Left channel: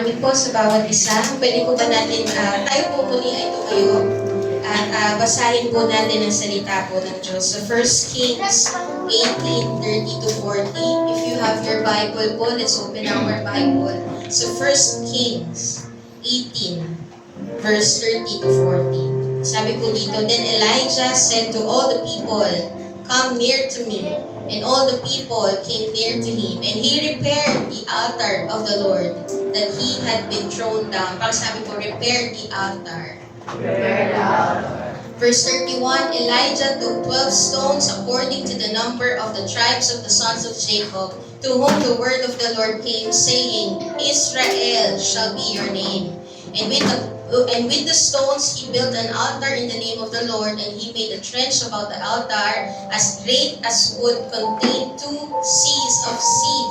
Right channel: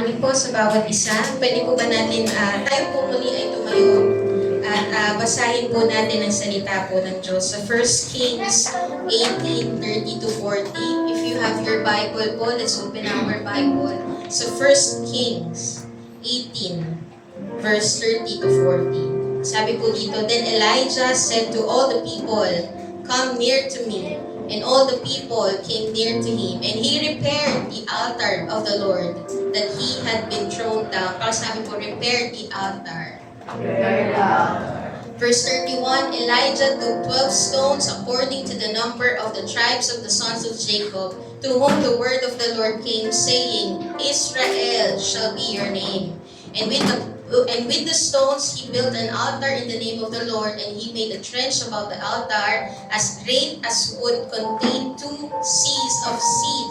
morning po sa bawat isa. Pwede po ba natin, tayo po muli ay tumayo at basahin po natin ang salita po ng Diyos. Sa 1 Kings 18:30-40. If you have your Bible po, let's open our Bible. So 1 Kings 18, verse 30-40. Sabi po dito, Then Elijah said to all the people, Come near to me. And all the people came near to him, and he repaired the altar of the Lord that he had been thrown down. Parang sabi ko, repaired the altar. Prepare the altar. Verse 31, Elijah took 12 stones according to the number of the tribes of the sons of Jacob, to whom the word of the Lord came, saying, Israel shall be your name. And with the stones he built an altar in the name of the Lord, and he made a trench about the altar as great as would contain 2 seahs of seed.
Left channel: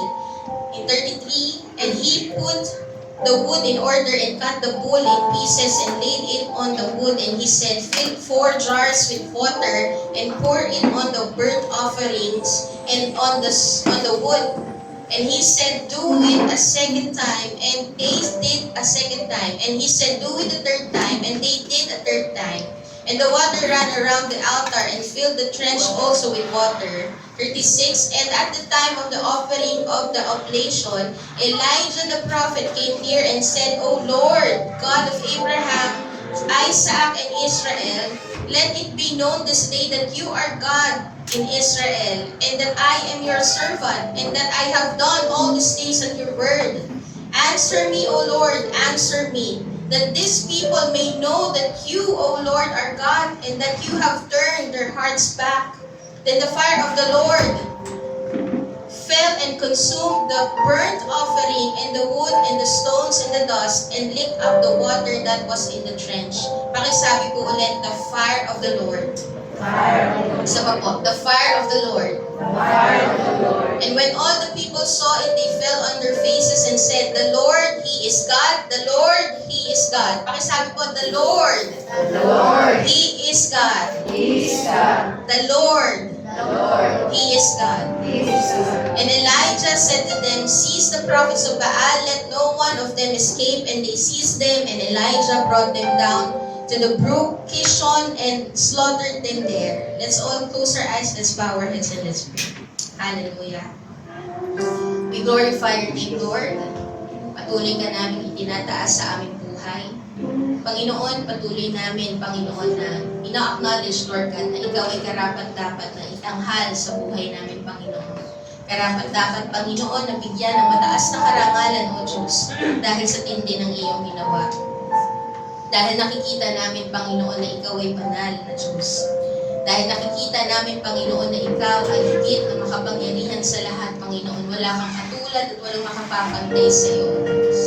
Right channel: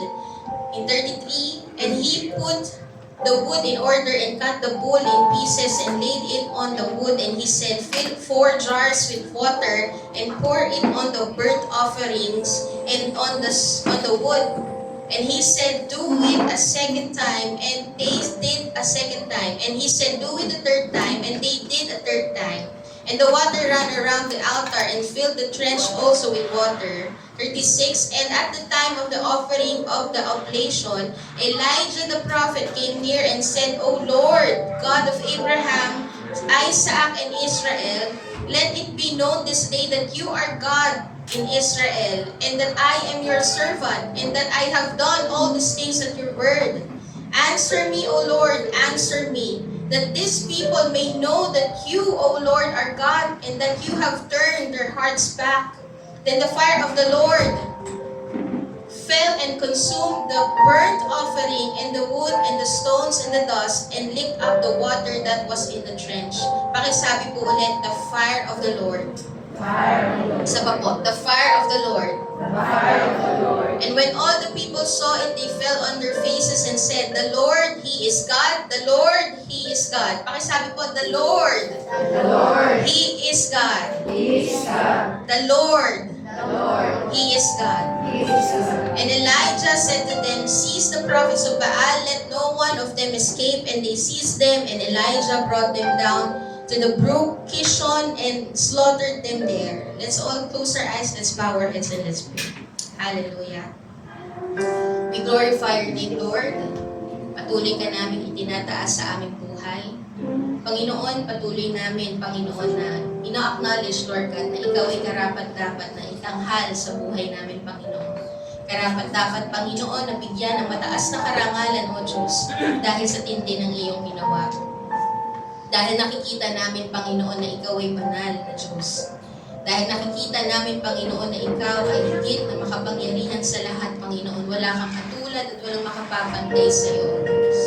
In 33, and he put the wood in order and cut the bull in pieces and laid it on the wood, and he said, Fill 4 jars with water and pour it on the burnt offerings and on the wood. And he said, Do it a second time, and they did a second time. And he said, Do it a third time, and they did a third time. And the water ran around the altar and filled the trench also with water. 36, and at the time of the offering of the oblation, Elijah the prophet came near and said, O Lord, God of Abraham, Isaac, and Israel, let it be known this day that you are God in Israel, and that I am your servant, and that I have done all these things at your word. Answer me, O Lord, answer me, that these people may know that you, O Lord, are God, and that you have turned their hearts back. Then the fire of the Lord fell and consumed the burnt offering, and the wood, and the stones, and the dust, and licked up the water that was in the trench. Pakisabi po ulit, the fire of the Lord. Isa pa po, the fire of the Lord. And when all the people saw it, they fell on their faces and said, The Lord, He is God. The Lord, He is God. Pakisabi po, the Lord. The Lord. He is God. He is God. The Lord. The Lord. He is God. He is God. And Elijah said to them, Seize the prophets of Baal, let no one of them escape. And they seized them, and Elijah brought them down to the brook Kishon and slaughtered them there. Let's all close our eyes, let's bow our heads, and let's pray. Hallelujah. We glorify your name, Lord. Patuloy ka namin itinataas sa aming buhay. Panginoon, patuloy namin, Panginoon, na ina-acknowledge, Lord God, na Ikaw ay karapat-dapat na itanghal sa buhay namin, Panginoon. Karapat-dapat, Panginoon, na bigyan ng mataas na karangalan, O Diyos, dahil sa tindi ng iyong ginawa. Dahil nakikita namin, Panginoon, na Ikaw ay banal na Diyos. Dahil nakikita namin, Panginoon, na Ikaw ay higit na makapangyarihan sa lahat, Panginoon. Wala kang katulad at walang makapapantay sa iyo, Diyos.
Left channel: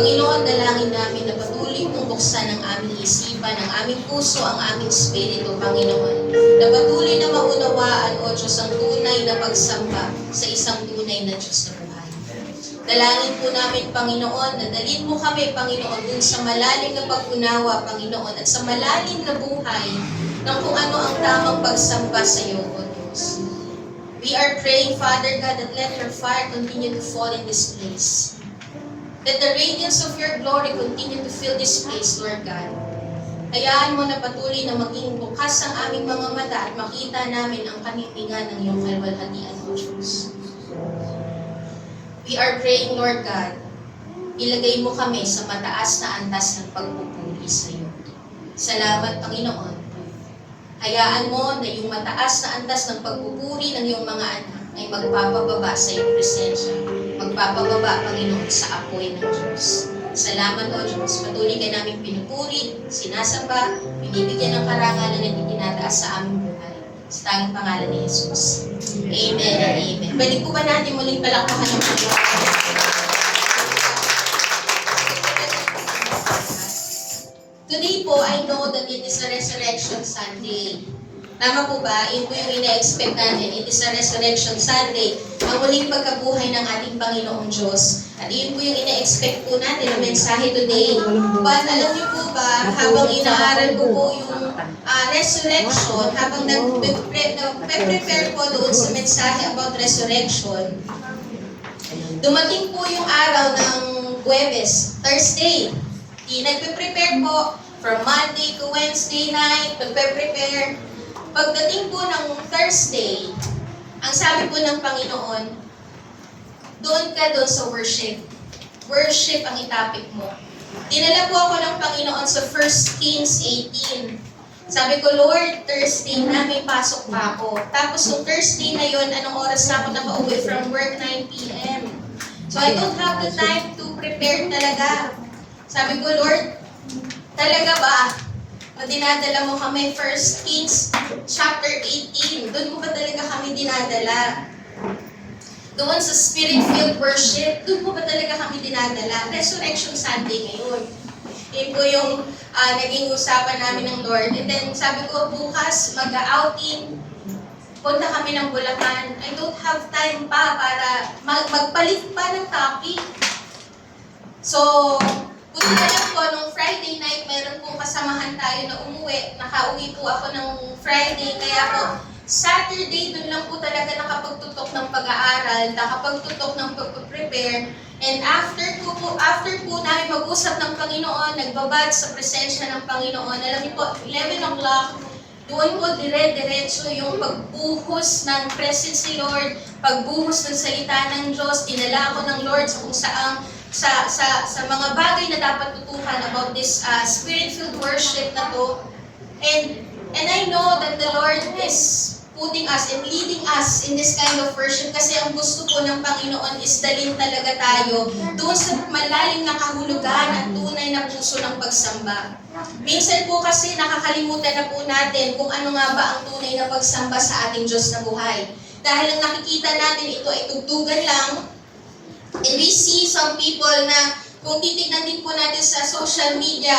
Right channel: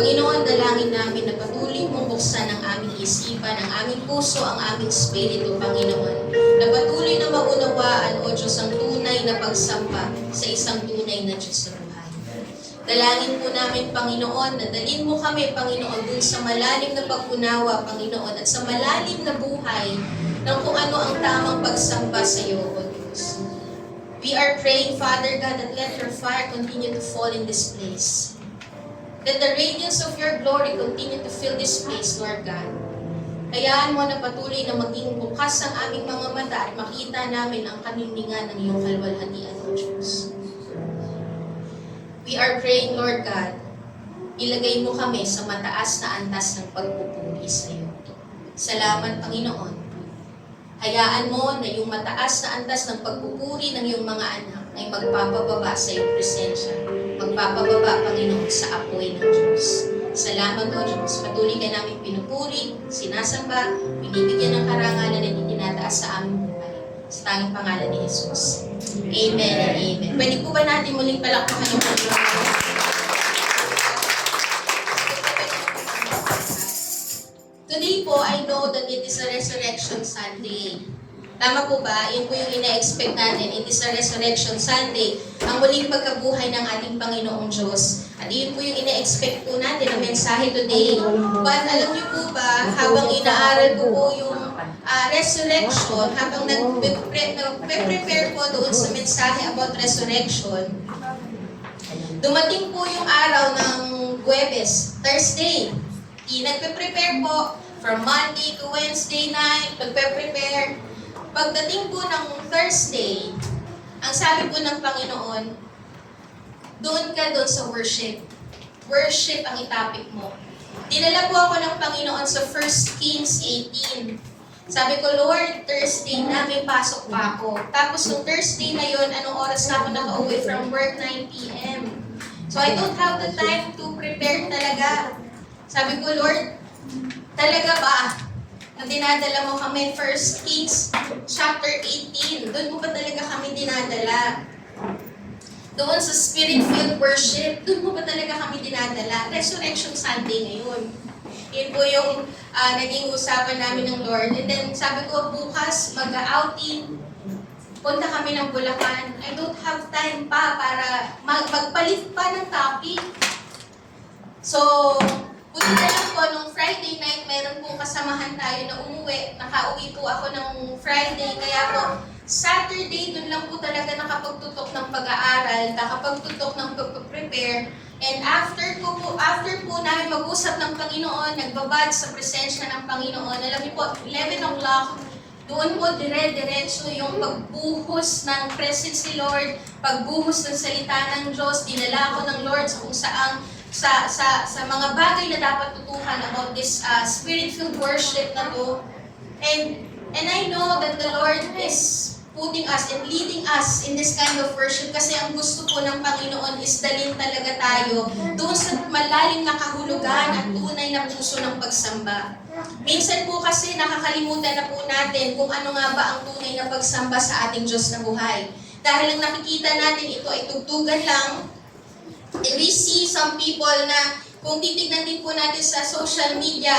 Panginoon, dalangin namin na patuloy mong buksan ang aming isipan, ang aming puso, ang aming spirito, Panginoon. Na patuloy na maunawaan, O Diyos, ang tunay na pagsamba sa isang tunay na Diyos na buhay. Dalangin po namin, Panginoon, na dalhin mo kami, Panginoon, dun sa malalim na pag-unawa, Panginoon, at sa malalim na buhay ng kung ano ang tamang pagsamba sa iyo, O Diyos. We are praying, Father God, that let your fire continue to fall in this place. Let the radiance of your glory continue to fill this place, Lord God. Hayaan mo na patuloy na maging bukas ang aming mga mata at makita namin ang kamitingan ng iyong kalwalhatian, O Diyos. We are praying, Lord God, ilagay mo kami sa mataas na antas ng pagpupuri sa iyo. Salamat, Panginoon. Hayaan mo na yung mataas na antas ng pagpupuri ng iyong mga anak ay magpapababa sa iyong presensya. Magpapababa, Panginoon, sa apoy ng Diyos. Salamat, O Diyos. Patuloy ka namin pinupuri, sinasamba, binibigyan ng karangalan at itinataas sa aming buhay. Sa tanging pangalan ni Jesus. Amen and amen. Pwede po ba natin muling palakpakan ng Panginoon? Today po, I know that it is a Resurrection Sunday. Tama po ba? Yun po yung ina-expect natin. It is a Resurrection Sunday. Ang muling pagkabuhay ng ating Panginoong Diyos. At yun po yung ina-expect po natin ng mensahe today. But alam niyo po ba, habang inaaral ko po yung resurrection, habang nag-prepare po doon sa mensahe about resurrection, dumating po yung araw ng Huwebes, Thursday. Nagpe-prepare po from Monday to Wednesday night, nagpe-prepare. Pagdating po ng Thursday, ang sabi po ng Panginoon, doon ka doon sa worship. Worship ang itapik mo. Dinala po ako ng Panginoon sa 1 Kings 18. Sabi ko, Lord, Thursday na, may pasok pa ako. Tapos yung Thursday na yon, anong oras na ako nakauwi from work? 9 p.m. So I don't have the time to prepare talaga. Sabi ko, Lord, talaga ba? Na dinadala mo kami, 1 Kings chapter 18. Doon mo ba talaga kami dinadala? Doon sa Spirit-filled worship, doon mo ba talaga kami dinadala? Resurrection Sunday ngayon. Yun po yung naging usapan namin ng Lord. And then sabi ko, bukas mag-outing, punta kami ng Bulacan. I don't have time pa para magpalit pa ng topic. So, buti na lang po, nung Friday night, meron po kasamahan tayo na umuwi. Nakauwi po ako ng Friday, kaya po, Saturday, dun lang po talaga nakapagtutok ng pag-aaral, nakapagtutok ng pag-prepare. And after po namin mag-usap ng Panginoon, nagbabad sa presensya ng Panginoon, alam niyo po, 11 o'clock, doon po dire-diretso yung pagbuhos ng presence ni Lord, pagbuhos ng salita ng Diyos, dinala ako ng Lord sa kung saang sa mga bagay na dapat tutukan about this spirit-filled worship na to. And I know that the Lord is putting us and leading us in this kind of worship kasi ang gusto po ng Panginoon is dalhin talaga tayo doon sa malalim na kahulugan at tunay na puso ng pagsamba. Minsan po kasi nakakalimutan na po natin kung ano nga ba ang tunay na pagsamba sa ating Diyos na buhay. Dahil ang nakikita natin ito ay tugtugan lang. And we see some people na kung titignan din po natin sa social media,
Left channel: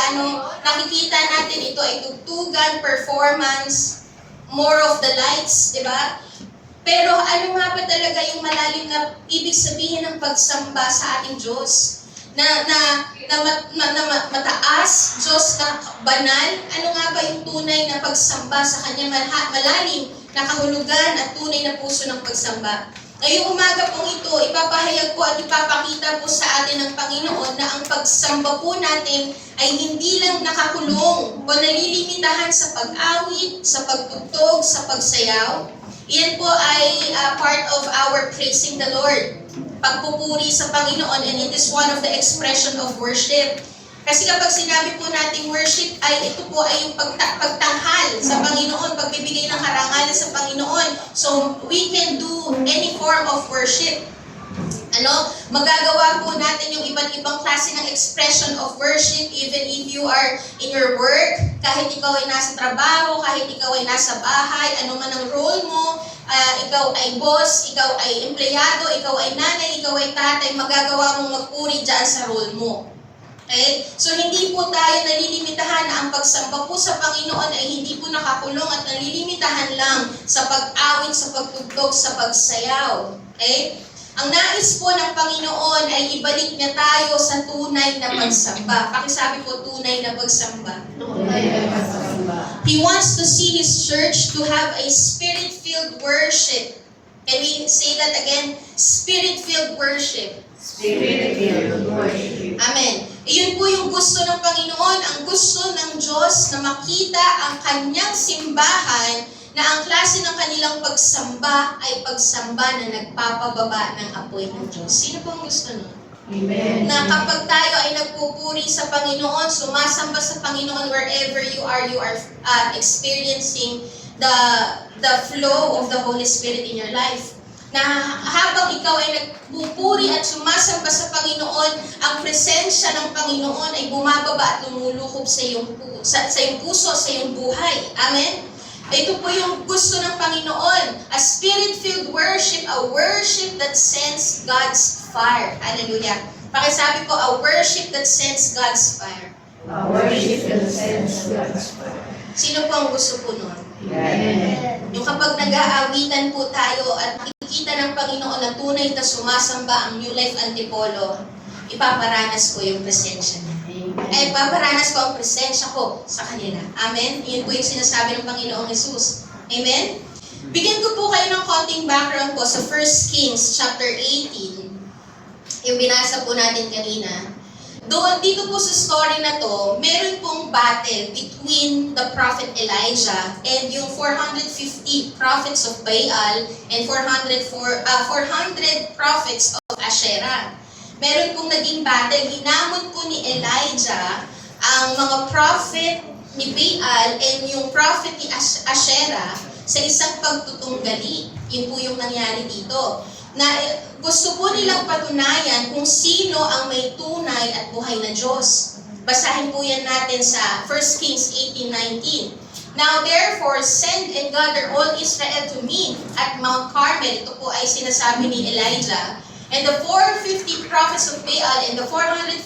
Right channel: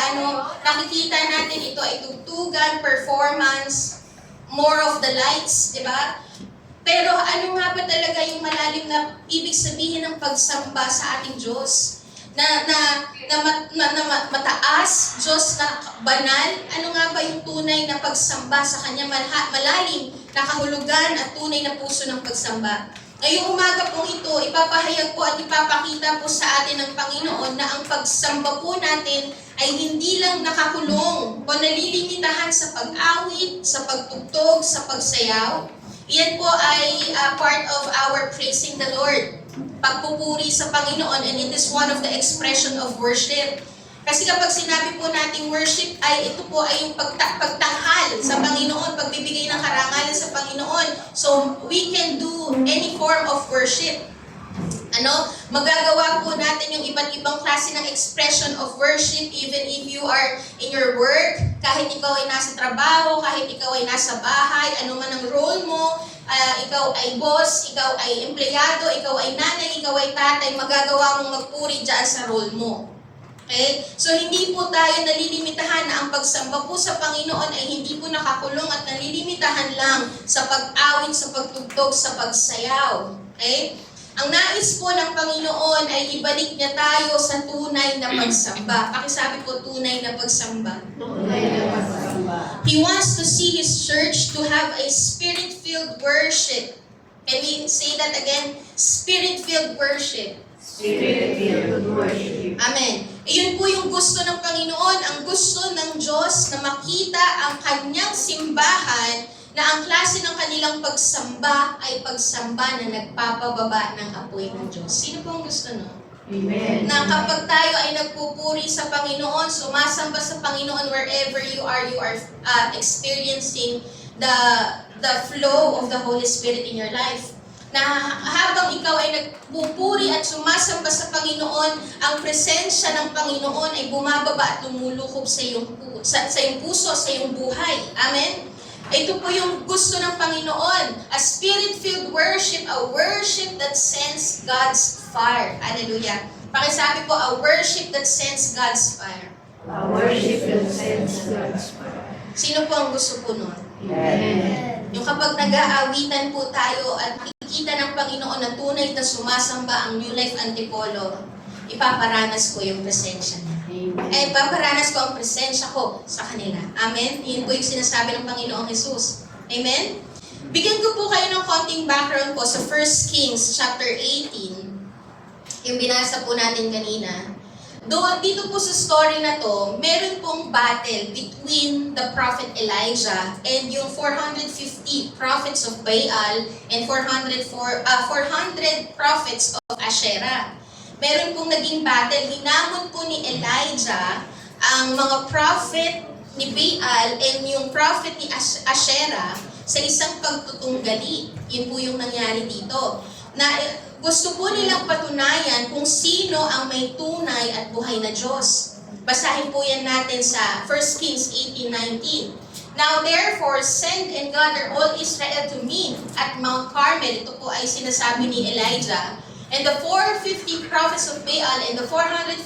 nakikita natin ito ay tugtugan, performance, more of the lights, di ba? Pero ano nga ba talaga yung malalim na ibig sabihin ng pagsamba sa ating Diyos? Na mataas, Diyos na banal? Ano nga ba yung tunay na pagsamba sa Kanya? Malalim na kahulugan at tunay na puso ng pagsamba. Ngayong umaga pong ito, ipapahayag po at ipapakita po sa atin ng Panginoon na ang pagsamba po natin ay hindi lang nakakulong o nalilimitahan sa pag-awit, sa pagtugtog, sa pagsayaw. Iyan po ay part of our praising the Lord. Pagpupuri sa Panginoon, and it is one of the expression of worship. Kasi kapag sinabi po nating worship, ay ito po ay yung pagtanghal sa Panginoon, pagbibigay ng karangalan sa Panginoon. So, we can do any form of worship. Magagawa po natin yung iba't ibang klase ng expression of worship even if you are in your work, kahit ikaw ay nasa trabaho, kahit ikaw ay nasa bahay, ano man ang role mo, ikaw ay boss, ikaw ay empleyado, ikaw ay nanay, ikaw ay tatay, magagawa mong magpuri dyan sa role mo. Okay? So, hindi po tayo nalilimitahan na ang pagsamba po sa Panginoon ay hindi po nakakulong at nalilimitahan lang sa pag-awit, sa pagtugtog, sa pagsayaw. Okay? Ang nais po ng Panginoon ay ibalik niya tayo sa tunay na pagsamba. Pakisabi po, tunay na pagsamba. Tunay na pagsamba. He wants to see His church to have a spirit-filled worship. Can we say that again? Spirit-filled worship. Spirit-filled worship. Amen. Iyon po yung gusto ng Panginoon, ang gusto ng Diyos na makita ang kanyang simbahan na ang klase ng kanilang pagsamba ay pagsamba na nagpapababa ng apoy ng Diyos. Sino po ang gusto nun? Amen. Na kapag tayo ay nagpupuri sa Panginoon, sumasamba sa Panginoon wherever you are experiencing the flow of the Holy Spirit in your life. Na habang ikaw ay nagpupuri at sumasamba sa Panginoon, ang presensya ng Panginoon ay bumababa at lumulukob sa iyong puso, sa iyong buhay. Amen? Ito po yung gusto ng Panginoon. A spirit-filled worship, a worship that sends God's fire. Hallelujah. Pakisabi po, a worship that sends God's fire. A worship that sends God's fire. Sino po ang gusto po nun? Amen. Yung kapag nag-aawitan po tayo at makikita ng Panginoon na tunay na sumasamba ang New Life Antipolo, ipaparanas ko yung presensya niya. Ay, paparanas ko ang presensya ko sa kanila. Amen? Yun po yung sinasabi ng Panginoong Jesus. Amen? Bigyan ko po kayo ng konting background po sa 1 Kings chapter 18. Yung binasa po natin kanina. Doon, dito po sa story na to, meron pong battle between the prophet Elijah and yung 450 prophets of Baal and 400 prophets of Asherah. Meron pong naging battle. Hinamon po ni Elijah ang mga prophet ni Baal and yung prophet ni Asherah sa isang pagtutunggali. Yun po yung nangyari dito. Na gusto po nilang patunayan kung sino ang may tunay at buhay na Diyos. Basahin po yan natin sa 1 Kings 18:19. Now therefore, send and gather all Israel to me at Mount Carmel. Ito po ay sinasabi ni Elijah. And the 450 prophets of Baal and the 400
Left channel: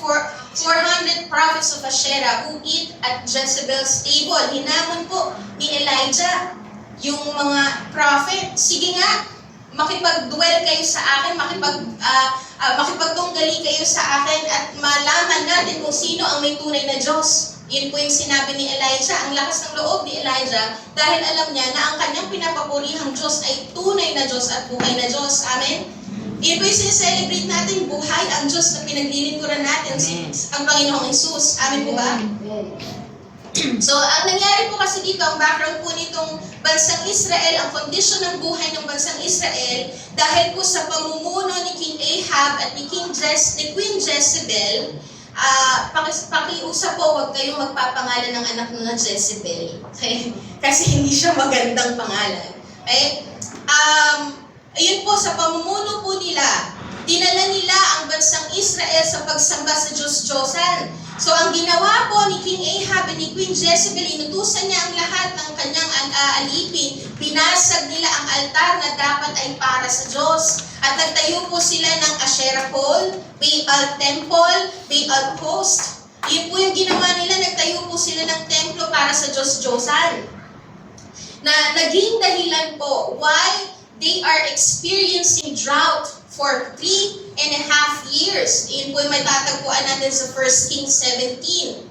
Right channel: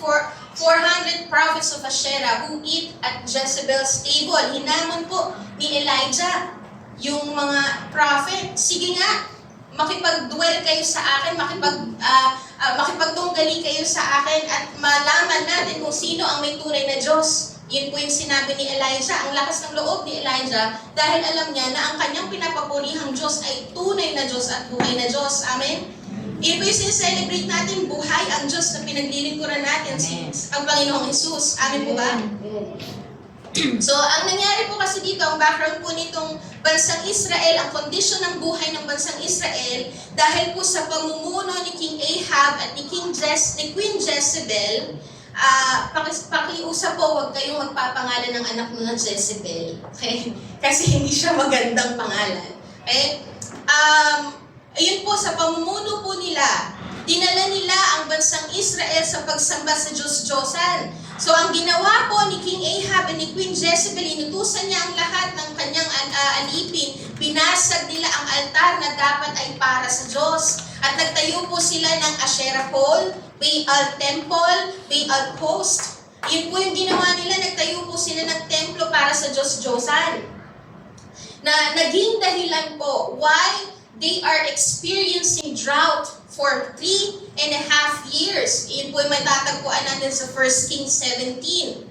prophets of Asherah who eat at Jezebel's table. Hinamon po ni Elijah yung mga prophet. Sige nga, makipag-dwell kayo sa akin, makipagtunggali kayo sa akin at malaman natin kung sino ang may tunay na Diyos. Yun po yung sinabi ni Elijah. Ang lakas ng loob ni Elijah dahil alam niya na ang kanyang pinapapurihang Diyos ay tunay na Diyos at buhay na Diyos. Amen? Yun po yung sineselebrate natin, buhay ang Diyos na pinaglilingkuran natin, ang Panginoong Jesus. Amen po ba? So, ang nangyari po kasi dito, ang background po nitong bansang Israel, ang kondisyon ng buhay ng bansang Israel, dahil po sa pamumuno ni King Ahab at ni Queen Jezebel, pakiusap po, huwag kayong magpapangalan ng anak mo na Jezebel. Okay? Kasi hindi siya magandang pangalan. Okay? Ayun po, sa pamumuno po nila, dinala nila ang bansang Israel sa pagsamba sa Diyos-Diyosan. So ang ginawa po ni King Ahab at ni Queen Jezebel, inutusan niya ang lahat ng kanyang alipin, binasag nila ang altar na dapat ay para sa Diyos. At nagtayo po sila ng Asherah pole, Baal temple, Baal post. Yun po yung ginawa nila, nagtayo po sila ng templo para sa Diyos-Diyosan. Na naging dahilan po why they are experiencing drought for 3.5 years. Yun po yung may tatagpuan natin sa 1 Kings 17.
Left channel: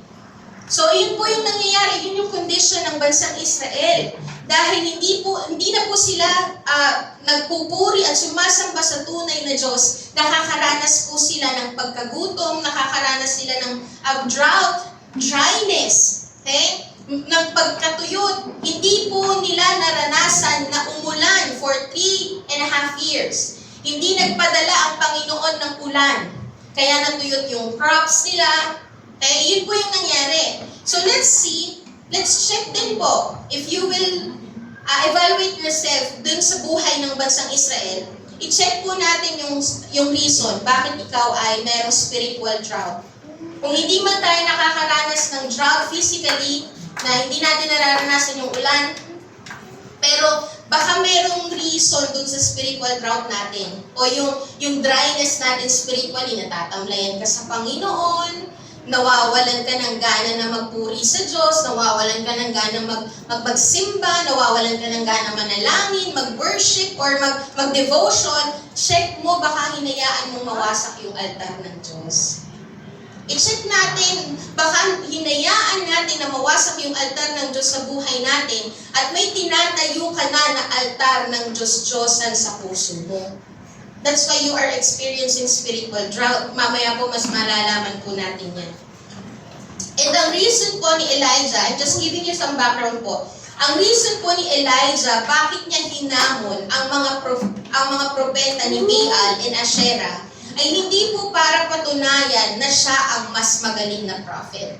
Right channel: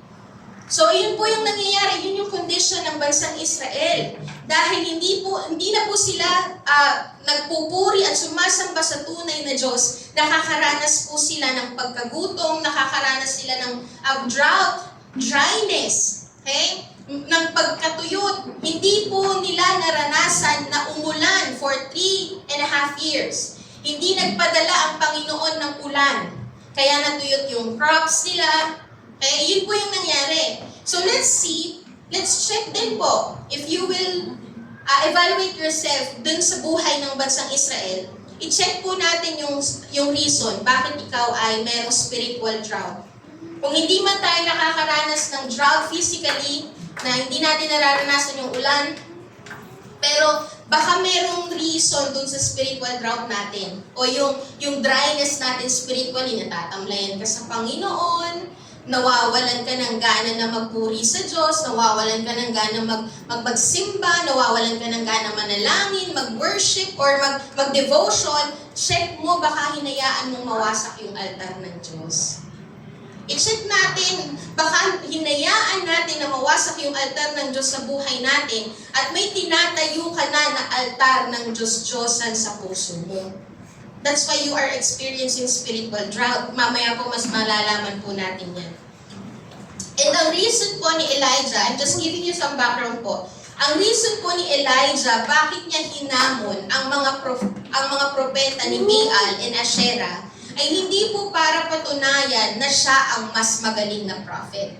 So, yun po yung nangyayari. Yun yung condition ng bansang Israel. Dahil hindi na po sila nagpupuri at sumasamba sa tunay na Diyos. Nakakaranas po sila ng pagkagutom, nakakaranas sila ng drought, dryness. Okay? Ng pagkatuyot. Hindi po nila naranasan na umulan for 3.5 years. Hindi nagpadala ang Panginoon ng ulan. Kaya natuyot yung crops nila. Yun po yung nangyari. So let's see, let's check din po. If you will evaluate yourself dun sa buhay ng bansang Israel, i-check po natin yung reason bakit ikaw ay merong spiritual drought. Kung hindi man tayo nakakaranas ng drought physically, na hindi natin nararanasan yung ulan, pero baka merong reason dun sa spiritual drought natin. O yung dryness natin spiritually, natatamlayan ka sa Panginoon, nawawalan ka ng gana na magpuri sa Diyos, nawawalan ka ng gana magsimba, nawawalan ka ng gana manalangin, mag-worship, or mag-devotion. Check mo, baka hinayaan mong mawasak yung altar ng Diyos. I-check natin, baka hinayaan natin na mawasak yung altar ng Diyos sa buhay natin at may tinatayo ka na altar ng Diyos-Diyosan sa puso mo. That's why you are experiencing spiritual drought. Mamaya po mas malalaman po natin yan. And ang reason po ni Elijah, I'm just giving you some background po. Ang reason po ni Elijah, bakit niya hinamon ang mga propeta ni Baal and Asherah, ay hindi po para patunayan na siya ang mas magaling na prophet.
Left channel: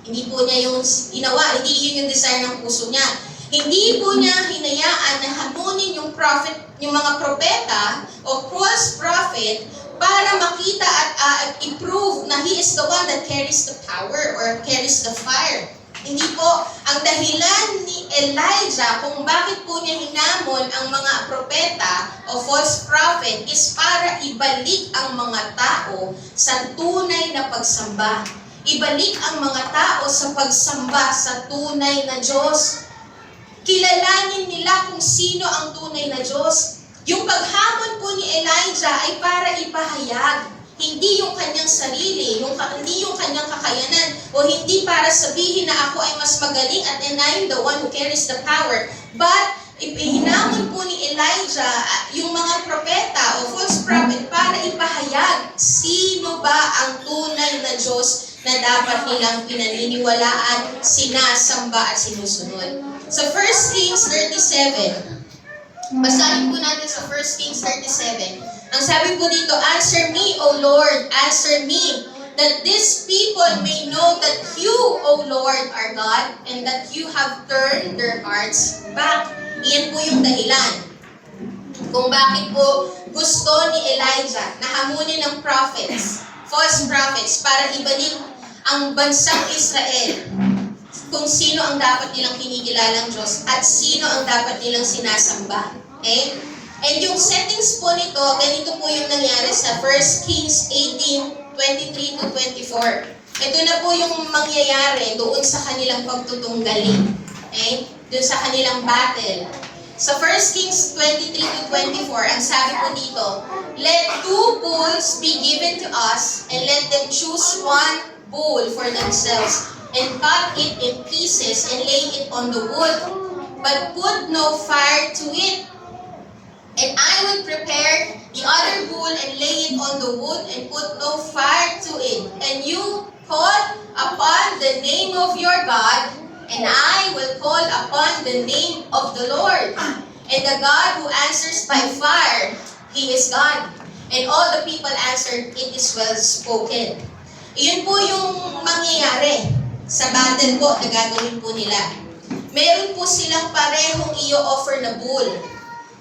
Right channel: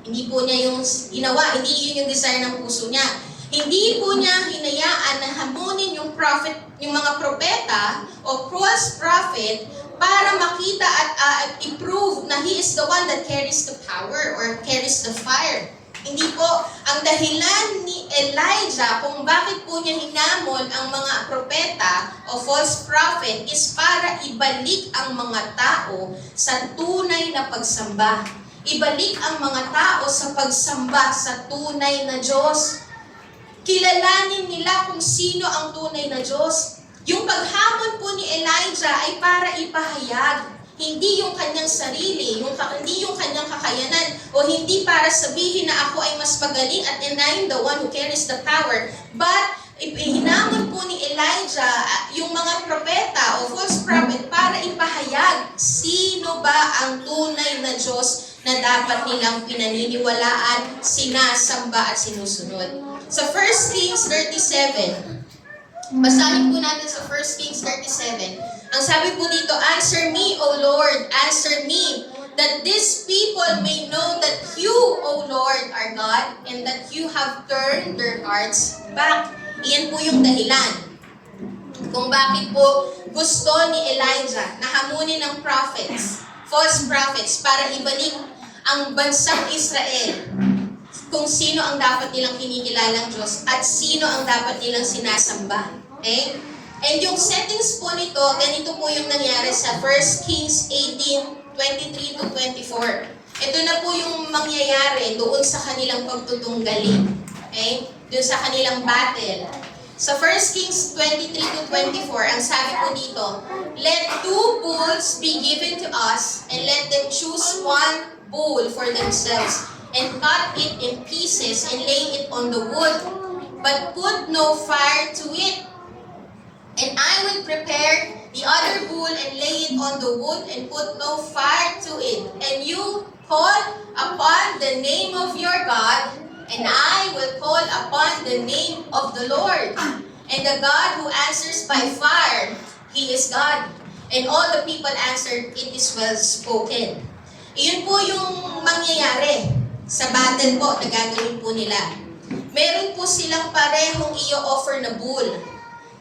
Hindi po niya yung ginawa, hindi yun yung desire ng puso niya. Hindi po niya hinayaan na hamunin yung mga propeta o false prophet para makita at i-prove na he is the one that carries the power or carries the fire. Hindi po. Ang dahilan ni Elijah kung bakit po niya hinamon ang mga propeta o false prophet is para ibalik ang mga tao sa tunay na pagsamba. Ibalik ang mga tao sa pagsamba sa tunay na Diyos. Kilalanin nila kung sino ang tunay na Diyos. Yung paghamon po ni Elijah ay para ipahayag. Hindi yung kanyang sarili, hindi yung kanyang kakayanan, o hindi para sabihin na ako ay mas magaling at I'm the one who carries the power. But Hinamon po ni Elijah yung mga propeta o false prophet para ipahayag sino ba ang tunay na Diyos na dapat nilang pinaniniwalaan, sinasamba at sinusunod. Sa 1 Kings 37, basahin po natin sa 1 Kings 37. Ang sabi po dito, "Answer me, O Lord, answer me, that these people may know that you, O Lord, are God, and that you have turned their hearts back." Iyan po yung dahilan kung bakit po gusto ni Elijah na hamunin ng prophets, false prophets, para ibalik ang bansang Israel kung sino ang dapat nilang kinikilalang Diyos at sino ang dapat nilang sinasamba. Okay? And yung settings po nito, ganito po yung nangyari sa 1 Kings 18:23 to 24. Ito na po yung mangyayari doon sa kanilang pagtutunggali. Okay? Doon sa kanilang battle. Sa 1 Kings 23 to 24, ang sabi po dito, "Let 2 bulls be given to us, and let them choose 1 bull for themselves, and cut it in pieces, and lay it on the wood, but put no fire to it. And I will prepare the other bull, and lay it on the wood, and put no fire to it. And you call upon the name of your God, and I will call upon the name of the Lord. And the God who answers by fire, He is God." And all the people answered, "It is well spoken." Iyon po yung mangyayari sa battle po na gagawin po nila. Meron po silang parehong i-offer na bull.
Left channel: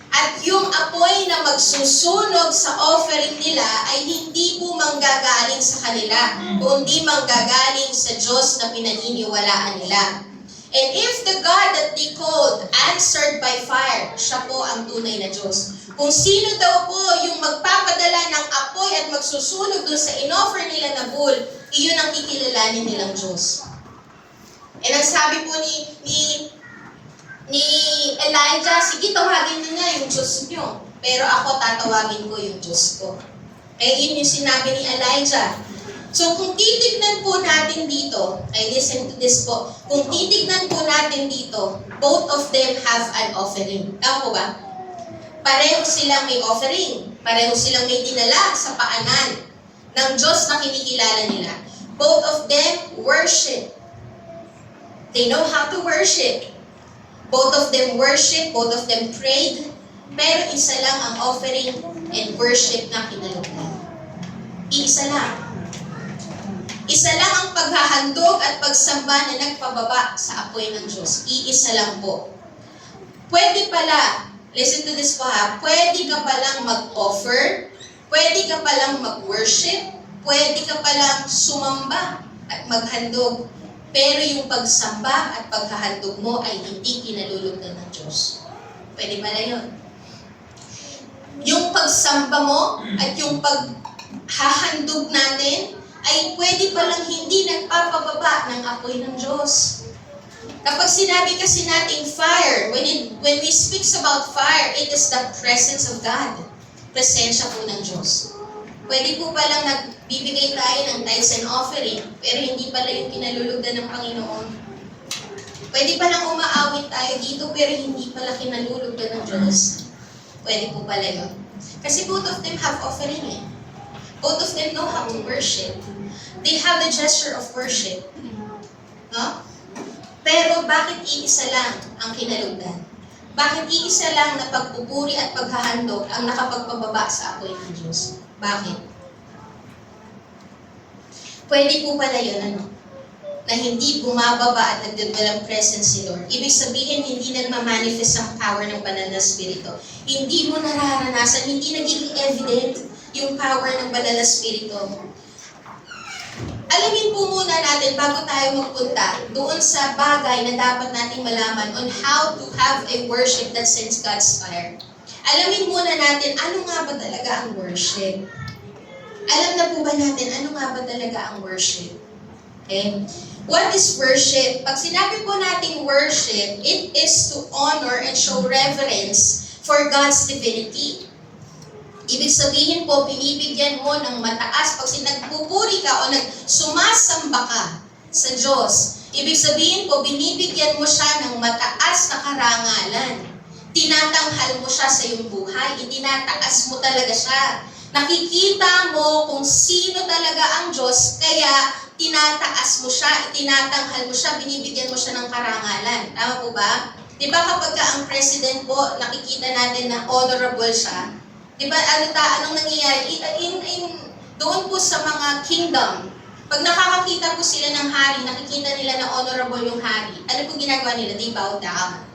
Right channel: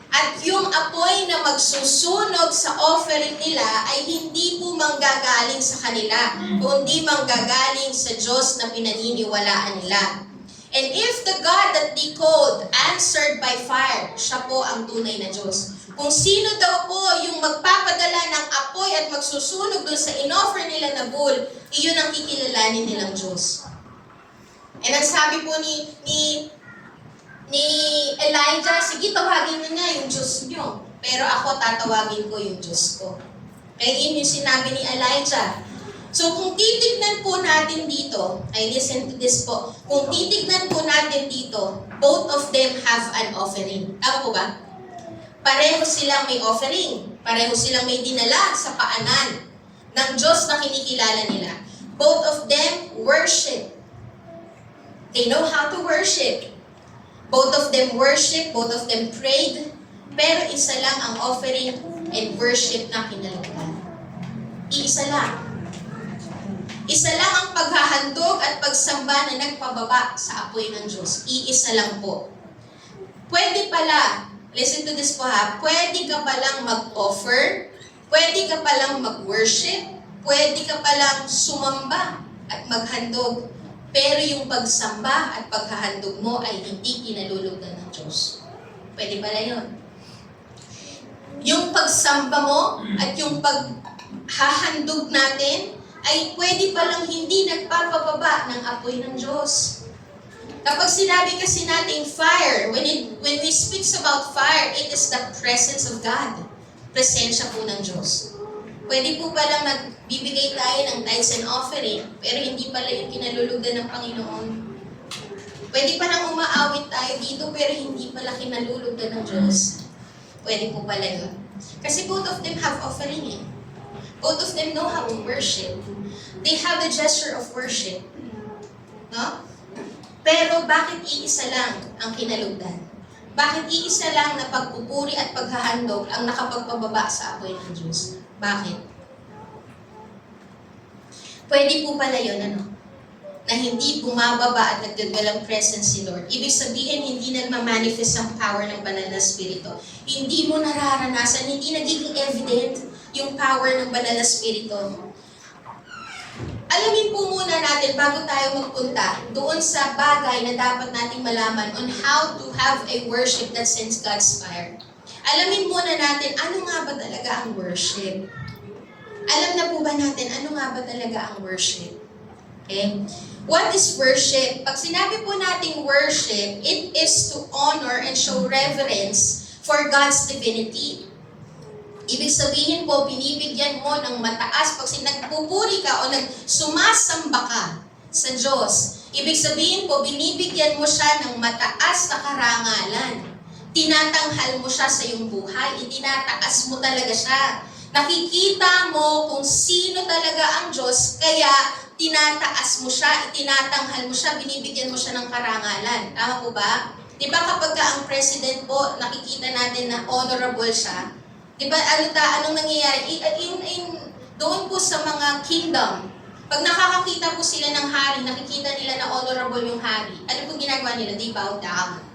At yung apoy na magsusunog sa offering nila ay hindi po manggagaling sa kanila, kundi manggagaling sa Diyos na pinaniniwalaan nila. And if the God that they called answered by fire, siya po ang tunay na Diyos. Kung sino daw po yung magpapadala ng apoy at magsusunog dun sa inoffer nila na bull, iyon ang kikilalanin nilang Diyos. And ang sabi po ni Elijah, "Sige, tawagin niyo na yung Diyos niyo. Pero ako, tatawagin ko yung Diyos ko." Kaya yun yung sinabi ni Elijah. So kung titignan po natin dito, I listen to this po, kung titignan po natin dito, both of them have an offering. Tama po ba? Pareho silang may offering. Pareho silang may dinala sa paanan ng Diyos na kinikilala nila. Both of them worship. They know how to worship. Both of them worship, both of them prayed, pero isa lang ang offering and worship na kinalugdan. Isa lang. Isa lang ang paghahandog at pagsamba na nagpababa sa apoy ng Diyos. Iisa lang po. Pwede pala, listen to this po ha, pwede ka palang mag-offer, pwede ka palang mag-worship, pwede ka palang sumamba at maghandog, pero yung pagsamba at paghahandog mo ay hindi kinalulugdan ng Diyos. Pwede pala yun. Yung pagsamba mo at yung paghahandog natin ay pwede palang hindi nagpapababa ng apoy ng Diyos. Kapag sinabi kasi nating fire, when we speak about fire, it is the presence of God. Presensya po ng Diyos. Pwede po palang nagbibigay tayo ng tithes and offering, pero hindi pala yung kinalulugdan ng Panginoon. Pwede palang umaawit tayo dito, pero hindi pala kinalulugdan ng Diyos. Pwede po pala yun. Kasi both of them have offering eh. Both of them know how to worship. They have the gesture of worship. No? Pero bakit iisa lang ang kinalugdan? Bakit iisa lang na pagpupuri at paghahandog ang nakapagpababa sa apoy ng Diyos? Bakit? Pwede po pala yun, na hindi bumababa at nagdadalang presence si Lord. Ibig sabihin, hindi nagmamanifest ang power ng banal na Espiritu. Hindi mo nararanasan, hindi nagiging evident yung power ng banal na Espiritu. Alamin po muna natin bago tayo magpunta doon sa bagay na dapat nating malaman on how to have a worship that sends God's fire. Alamin muna natin ano nga ba talaga ang worship. Alam na po ba natin ano nga ba talaga ang worship? Okay? What is worship? Pag sinabi po nating worship, it is to honor and show reverence for God's divinity. Ibig sabihin po, binibigyan mo ng mataas. Pag nagpupuri ka o sumasamba ka sa Diyos, ibig sabihin po, binibigyan mo siya ng mataas na karangalan. Tinatanghal mo siya sa iyong buhay. Itinataas mo talaga siya. Nakikita mo kung sino talaga ang Diyos, kaya tinataas mo siya, itinatanghal mo siya, binibigyan mo siya ng karangalan. Tama po ba? Di ba kapag ang president po, nakikita natin na honorable siya, di ba anong nangyayari? Doon po sa mga kingdom, pag nakakakita po sila ng hari, nakikita nila na honorable yung hari, ano po ginagawa nila? They bow down.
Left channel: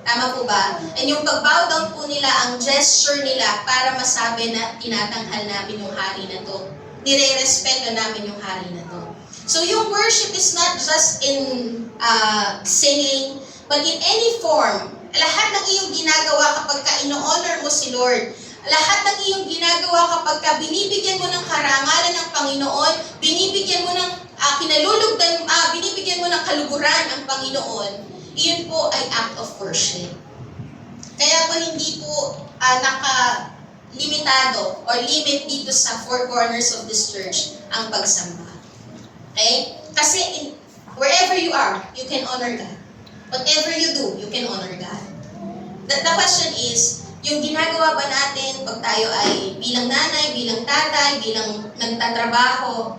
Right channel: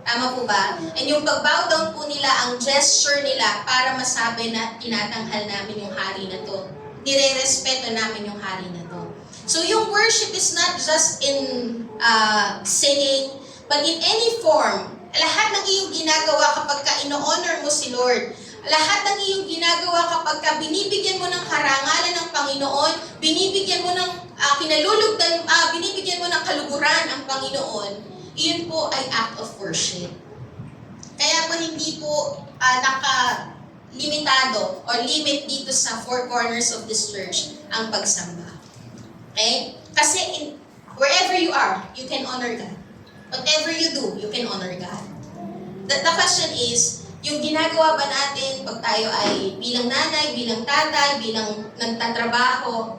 Tama po ba? And yung pag-bow down po nila, ang gesture nila para masabi na tinatanghal namin yung hari na to. Nire-respeto namin yung hari na to. So yung worship is not just in singing, but in any form. Lahat ng iyong ginagawa kapag ka ino-honor mo si Lord, lahat ng iyong ginagawa kapag ka binibigyan mo ng karangalan ng Panginoon, binibigyan mo ng binibigyan mo ng kaluguran ang Panginoon, iyon po ay act of worship. Kaya po hindi po limitado or limit dito sa four corners of this church ang pagsamba. Okay? Kasi wherever you are, you can honor God. Whatever you do, you can honor God. The question is, yung ginagawa ba natin pag tayo ay bilang nanay, bilang tatay, bilang nagtatrabaho,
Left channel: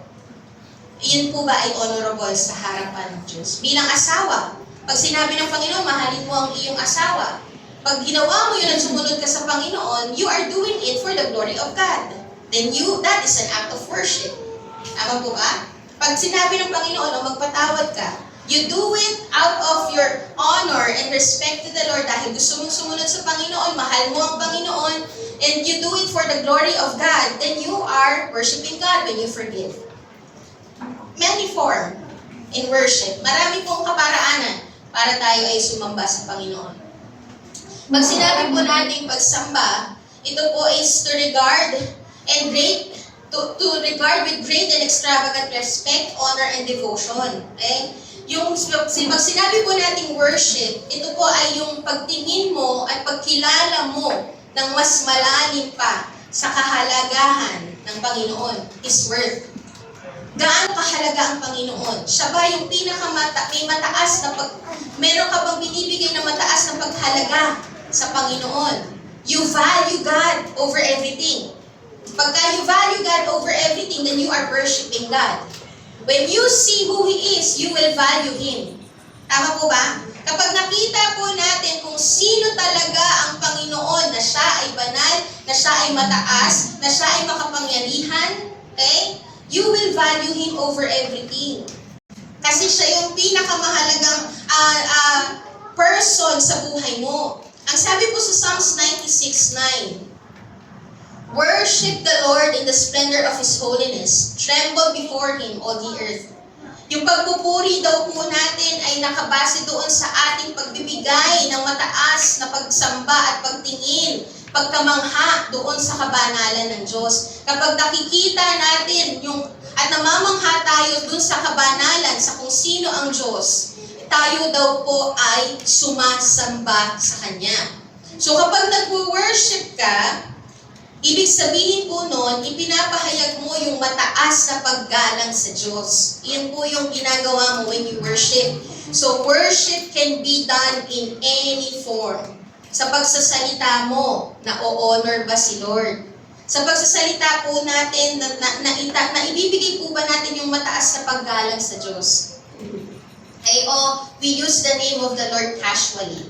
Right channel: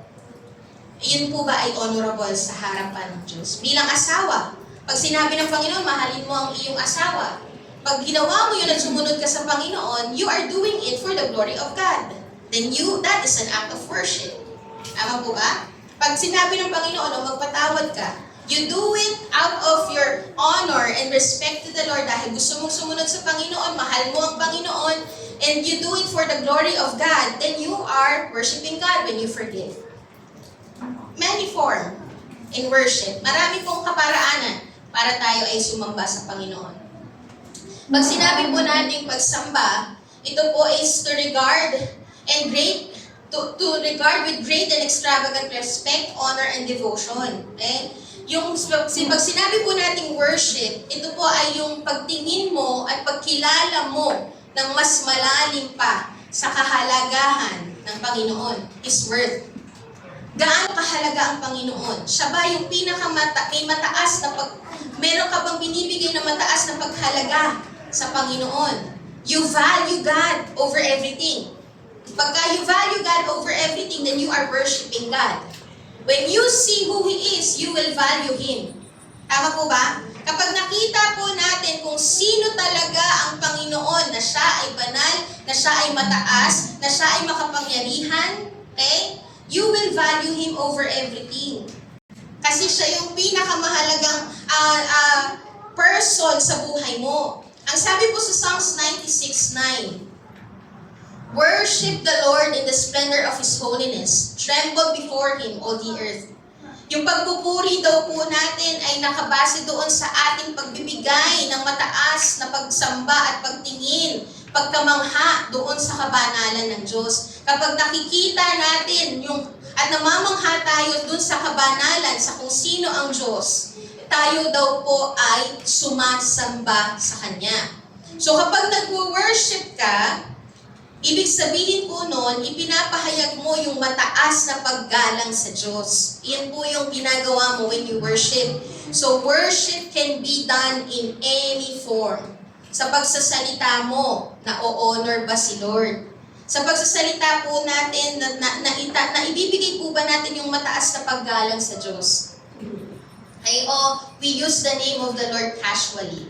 yun po ba ay honorable sa harapan ng Diyos? Bilang asawa, pag sinabi ng Panginoon, mahalin mo ang iyong asawa, pag ginawa mo yun at sumunod ka sa Panginoon, you are doing it for the glory of God. Then that is an act of worship. Tama po ba? Pag sinabi ng Panginoon, magpatawad ka, you do it out of your honor and respect to the Lord dahil gusto mong sumunod sa Panginoon, mahal mo ang Panginoon, and you do it for the glory of God, then you are worshiping God when you forgive. Many form in worship. Marami pong kaparaanan para tayo ay sumamba sa Panginoon. Pag sinabi po natin pagsamba, ito po is to regard and to regard with great and extravagant respect, honor, and devotion. Okay? Pag sinabi po nating worship, ito po ay yung pagtingin mo at pagkilala mo ng mas malalim pa sa kahalagahan ng Panginoon, His Word. Gaano kahalaga ang Panginoon? Siya ba yung may mataas na meron ka bang binibigay na mataas na paghalaga sa Panginoon? You value God over everything. Pagka you value God over everything, then you are worshiping God. When you see who He is, you will value Him. Tama po ba? Kapag nakita po natin kung sino talaga ang Panginoon, na siya ay banal, na siya ay mataas, na siya ay makapangyarihan, okay? You will value Him over everything. Kasi siya yung pinakamahalagang person sa buhay mo. Ang sabi po sa Psalms 96:9, worship the Lord in the splendor of His holiness. Tremble before Him, all the earth. Yung pagpupuri daw po natin ay nakabase doon sa ating pagbibigay ng mataas na pagsamba at pagtingin, pagkamangha doon sa kabanalan ng Diyos. Kapag nakikita natin at namamangha tayo doon sa kabanalan, sa kung sino ang Diyos, tayo daw po ay sumasamba sa Kanya. So kapag nag-worship ka, ibig sabihin po noon, ipinapahayag mo yung mataas na paggalang sa Diyos. Yan po yung ginagawa mo when you worship. So worship can be done in any form. Sa pagsasalita mo, na-o-honor ba si Lord? Sa pagsasalita po natin, na ibibigay po ba natin yung mataas na paggalang sa Diyos? Okay, we use the name of the Lord casually.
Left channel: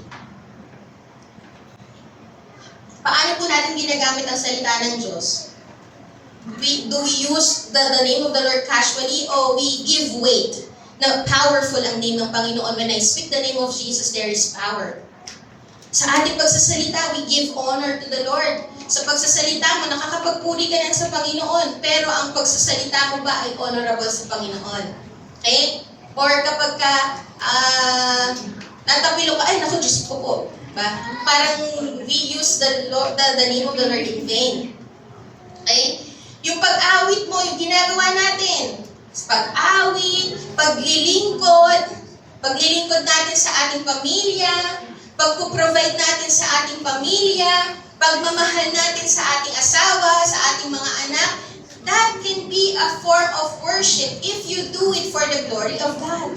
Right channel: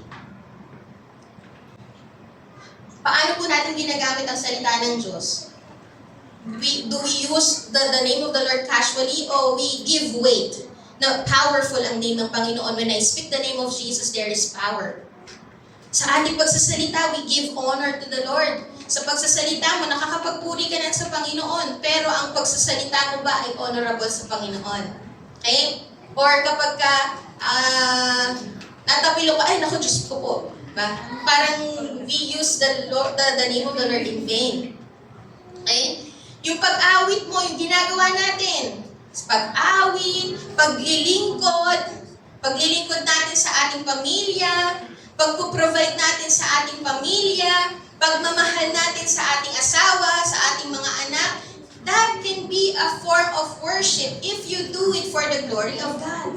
Paano po natin ginagamit ang salita ng Diyos? Do we use the name of the Lord casually o we give weight na powerful ang name ng Panginoon? When I speak the name of Jesus, there is power. Sa ating pagsasalita, we give honor to the Lord. Sa pagsasalita mo, nakakapagpuri ka na sa Panginoon, pero ang pagsasalita mo ba ay honorable sa Panginoon? Okay? Or kapag ka natapilo ka, ay naku, Diyos ko po. Ba? Parang we use the name of the Lord in vain. Okay? Yung pag-awit mo, yung ginagawa natin. Pag-awit, paglilingkod natin sa ating pamilya, pagpo-provide natin sa ating pamilya, pagmamahal natin sa ating asawa, sa ating mga anak, that can be a form of worship if you do it for the glory of God.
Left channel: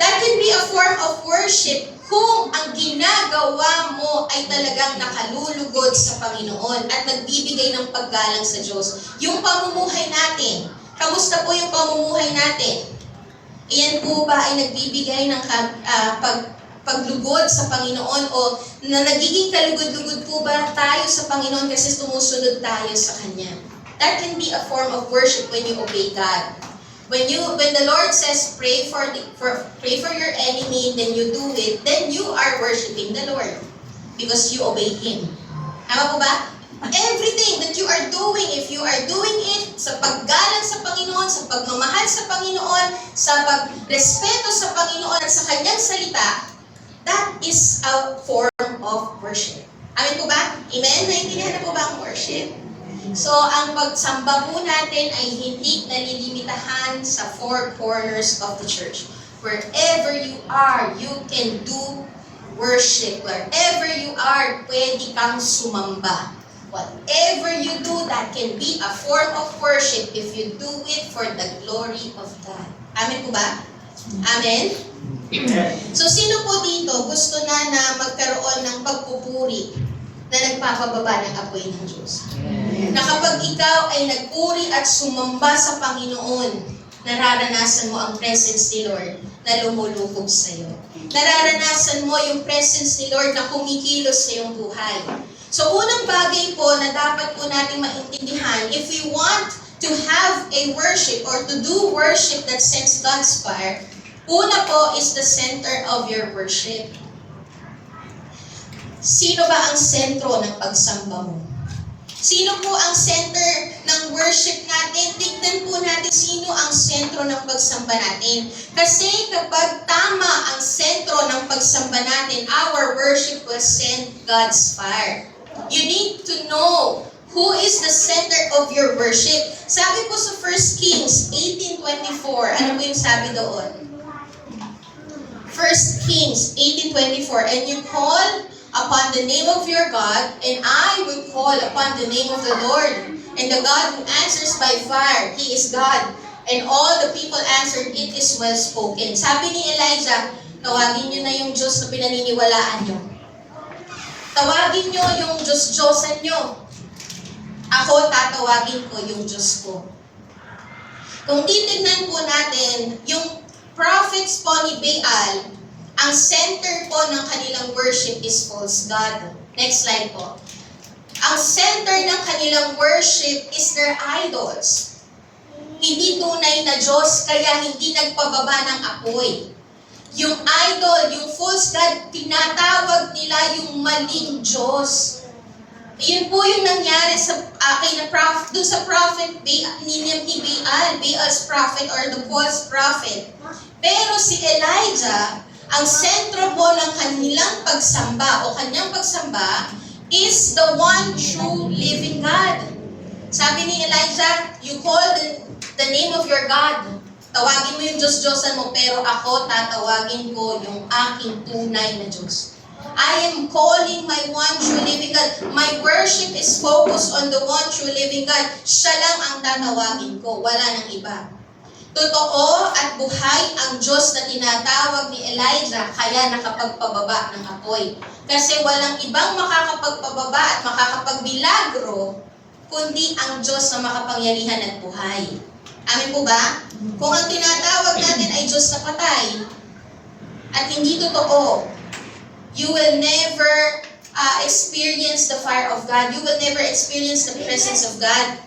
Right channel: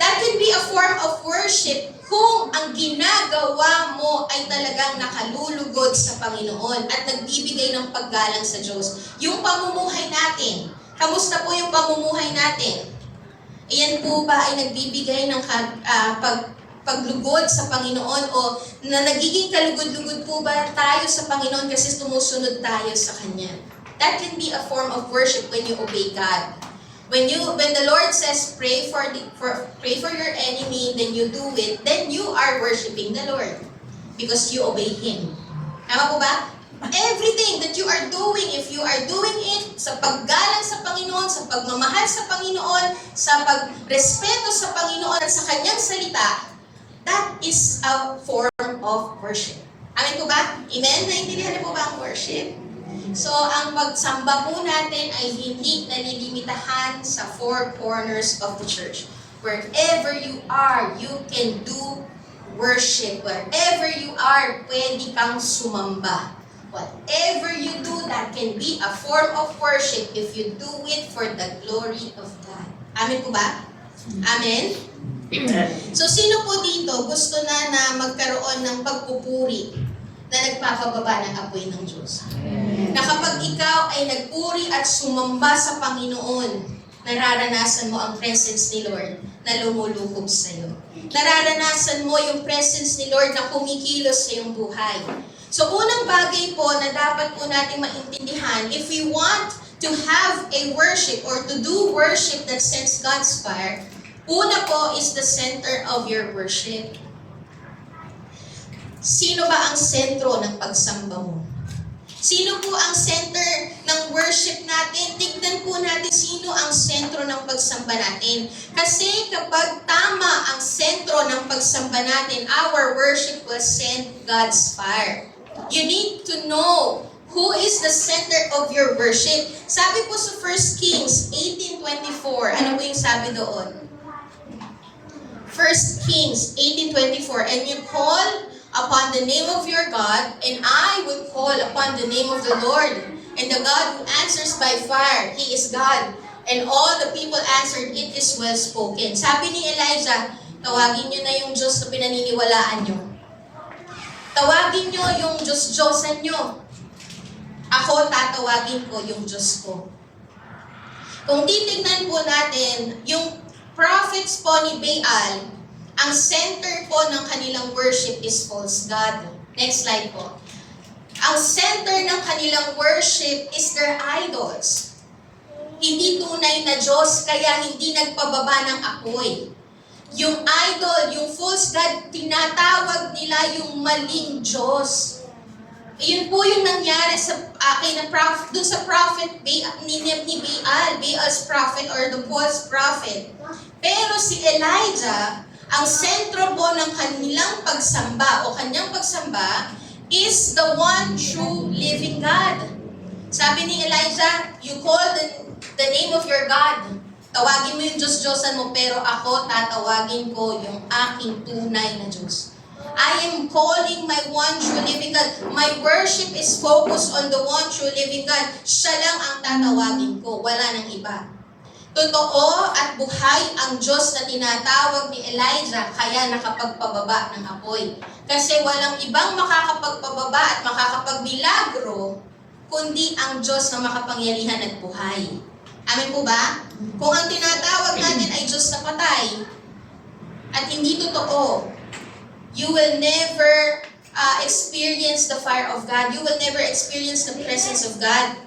That can be a form of worship worship kung ang ginagawa mo ay talagang nakalulugod sa Panginoon at nagbibigay ng paggalang sa Diyos. Yung pamumuhay natin, kamusta po yung pamumuhay natin? Iyan po ba ay nagbibigay ng paglugod sa Panginoon o na nagiging kalugod-lugod po ba tayo sa Panginoon kasi tumusunod tayo sa Kanya? That can be a form of worship when you obey God. When the Lord says pray for your enemy, then you do it, then you are worshiping the Lord because you obey Him. Tama po ba? Everything that you are doing, if you are doing it sa paggalang sa Panginoon, sa pagmamahal sa Panginoon, sa pagrespeto sa Panginoon at sa Kanyang salita, that is a form of worship. Amen po ba? Amen? Naintindihan na po ba ang worship? So, ang pagsamba po natin ay hindi nalilimitahan sa four corners of the church. Wherever you are, you can do worship. Wherever you are, pwede kang sumamba. Whatever you do, that can be a form of worship if you do it for the glory of God. Amen po ba? Amen? So, sino po dito gusto na magkaroon ng pagpupuri na nagpapababa ng apoy ng Diyos? Na kapag ikaw ay nagpuri at sumamba sa Panginoon, nararanasan mo ang presence ni Lord na lumulubog sa iyo. Nararanasan mo yung presence ni Lord na kumikilos sa iyong buhay. So, unang bagay po na dapat po nating maintindihan, if we want to have a worship or to do worship that sends God's fire, una po is the center of your worship. Sino ba ang sentro ng pagsamba mo? Sino po ang center ng worship natin? Tignan po natin sino ang sentro ng pagsamba natin. Kasi kapag tama ang sentro ng pagsamba natin, our worship will send God's fire. You need to know who is the center of your worship. Sabi po sa 1 Kings 18:24, ano po yung sabi doon? 1 Kings 18:24, and you call upon the name of your God, and I will call upon the name of the Lord, and the God who answers by fire, He is God. And all the people answered, it is well spoken. Sabi ni Elijah, tawagin nyo na yung Diyos na pinaniniwalaan nyo. Tawagin nyo yung Diyos-Diyosan nyo. Ako, tatawagin ko yung Diyos ko. Kung titignan po natin, yung prophets po ni Baal, ang center po ng kanilang worship is false god. Next slide po. Ang center ng kanilang worship is their idols. Hindi tunay na Diyos, kaya hindi nagpababa ng apoy. Yung idol, yung false god, tinatawag nila yung maling Diyos. Yun po yung nangyari sa dun sa prophet ni Baal, Baal's prophet or the false prophet. Pero si Elijah, ang sentro po ng kanilang pagsamba o kanyang pagsamba is the one true living God. Sabi ni Elijah, you call the name of your God. Tawagin mo yung Diyos-Diyosan mo, pero ako tatawagin ko yung aking tunay na Diyos. I am calling my one true living God. My worship is focused on the one true living God. Siya lang ang tatawagin ko, wala nang iba. Totoo at buhay ang Diyos na tinatawag ni Elijah, kaya nakapagpababa ng apoy. Kasi walang ibang makakapagpababa at makakapagbilagro, kundi ang Diyos na makapangyarihan at buhay. Amen po ba? Kung ang tinatawag natin ay Diyos na patay, at hindi totoo, you will never experience the fire of God. You will never experience the presence of God.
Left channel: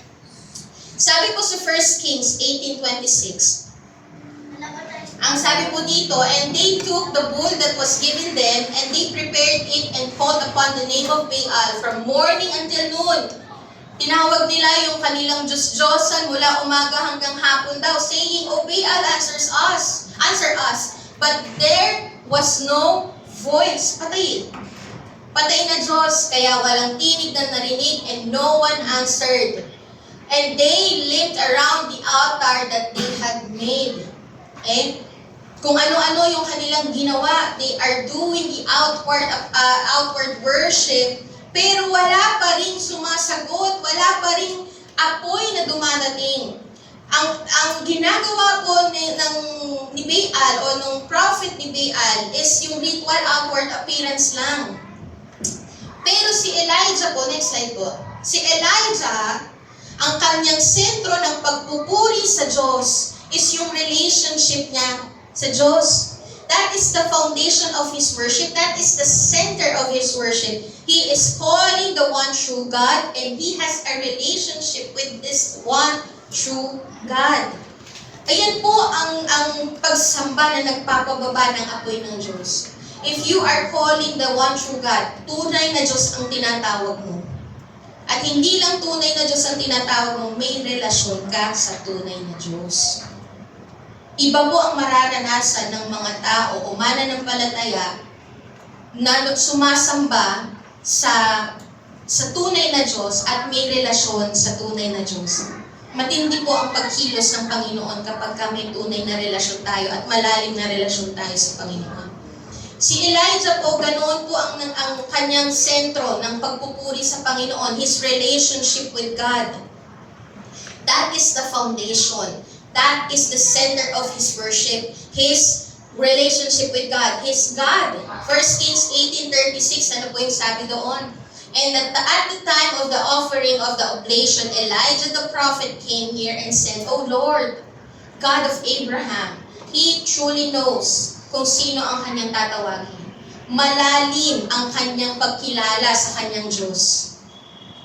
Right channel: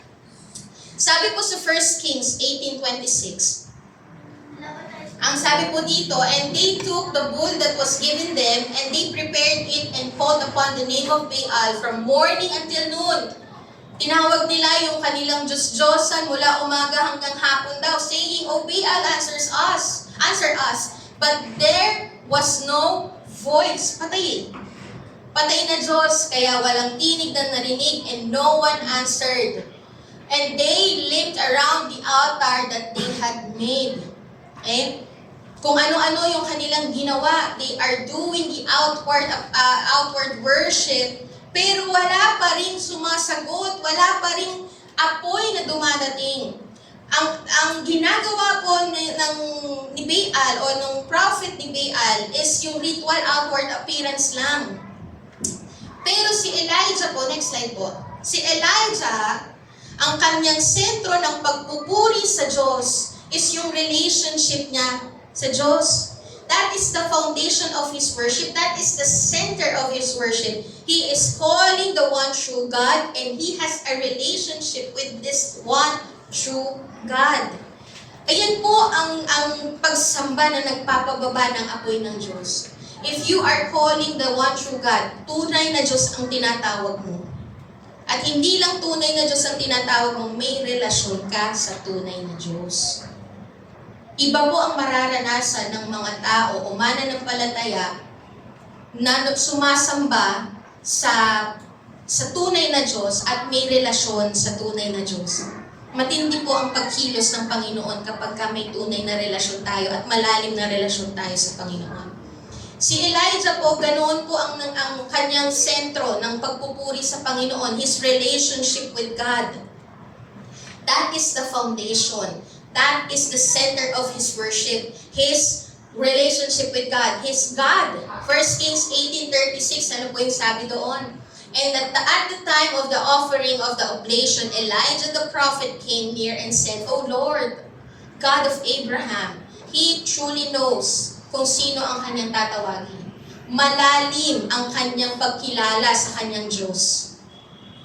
Sabi po sa 1 Kings 18:26, ang sabi po dito, and they took the bull that was given them, and they prepared it and called upon the name of Baal from morning until noon. Tinawag nila yung kanilang Diyos-Diyosan mula umaga hanggang hapon daw, saying, O Baal, answer us. But there was no voice. Patay. Patay na Diyos, kaya walang tinig na narinig, and no one answered. And they limped around the altar that they had made. Okay? Kung ano-ano yung kanilang ginawa, they are doing the outward worship, pero wala pa rin sumasagot, wala pa rin apoy na dumadating. Ang ginagawa po ni Baal o nung prophet ni Baal is yung ritual outward appearance lang. Pero si Elijah po, next slide po. Si Elijah, ang kanyang sentro ng pagpupuri sa Diyos is yung relationship niya sa Diyos. That is the foundation of his worship. That is the center of his worship. He is calling the one true God and he has a relationship with this one true God. Ayan po ang pagsamba na nagpapababa ng apoy ng Diyos. If you are calling the one true God, tunay na Diyos ang tinatawag mo. At hindi lang tunay na Diyos ang tinatawag mo, may relasyon ka sa tunay na Diyos. Iba po ang mararanasan ng mga tao o mananampalataya na sumasamba sa tunay na Diyos at may relasyon sa tunay na Diyos. Matindi po ang pagkilos ng Panginoon kapag may tunay na relasyon tayo at malalim na relasyon tayo sa Panginoon. Si Elijah po, ganoon po ang kanyang sentro ng pagpupuri sa Panginoon, his relationship with God. That is the foundation. That is the center of his worship, his relationship with God, his God. 1 Kings 18:36, ano po yung sabi doon? And at the time of the offering of the oblation, Elijah the prophet came near and said, O Lord, God of Abraham, he truly knows kung sino ang kanyang tatawagin. Malalim ang kanyang pagkilala sa kanyang Diyos.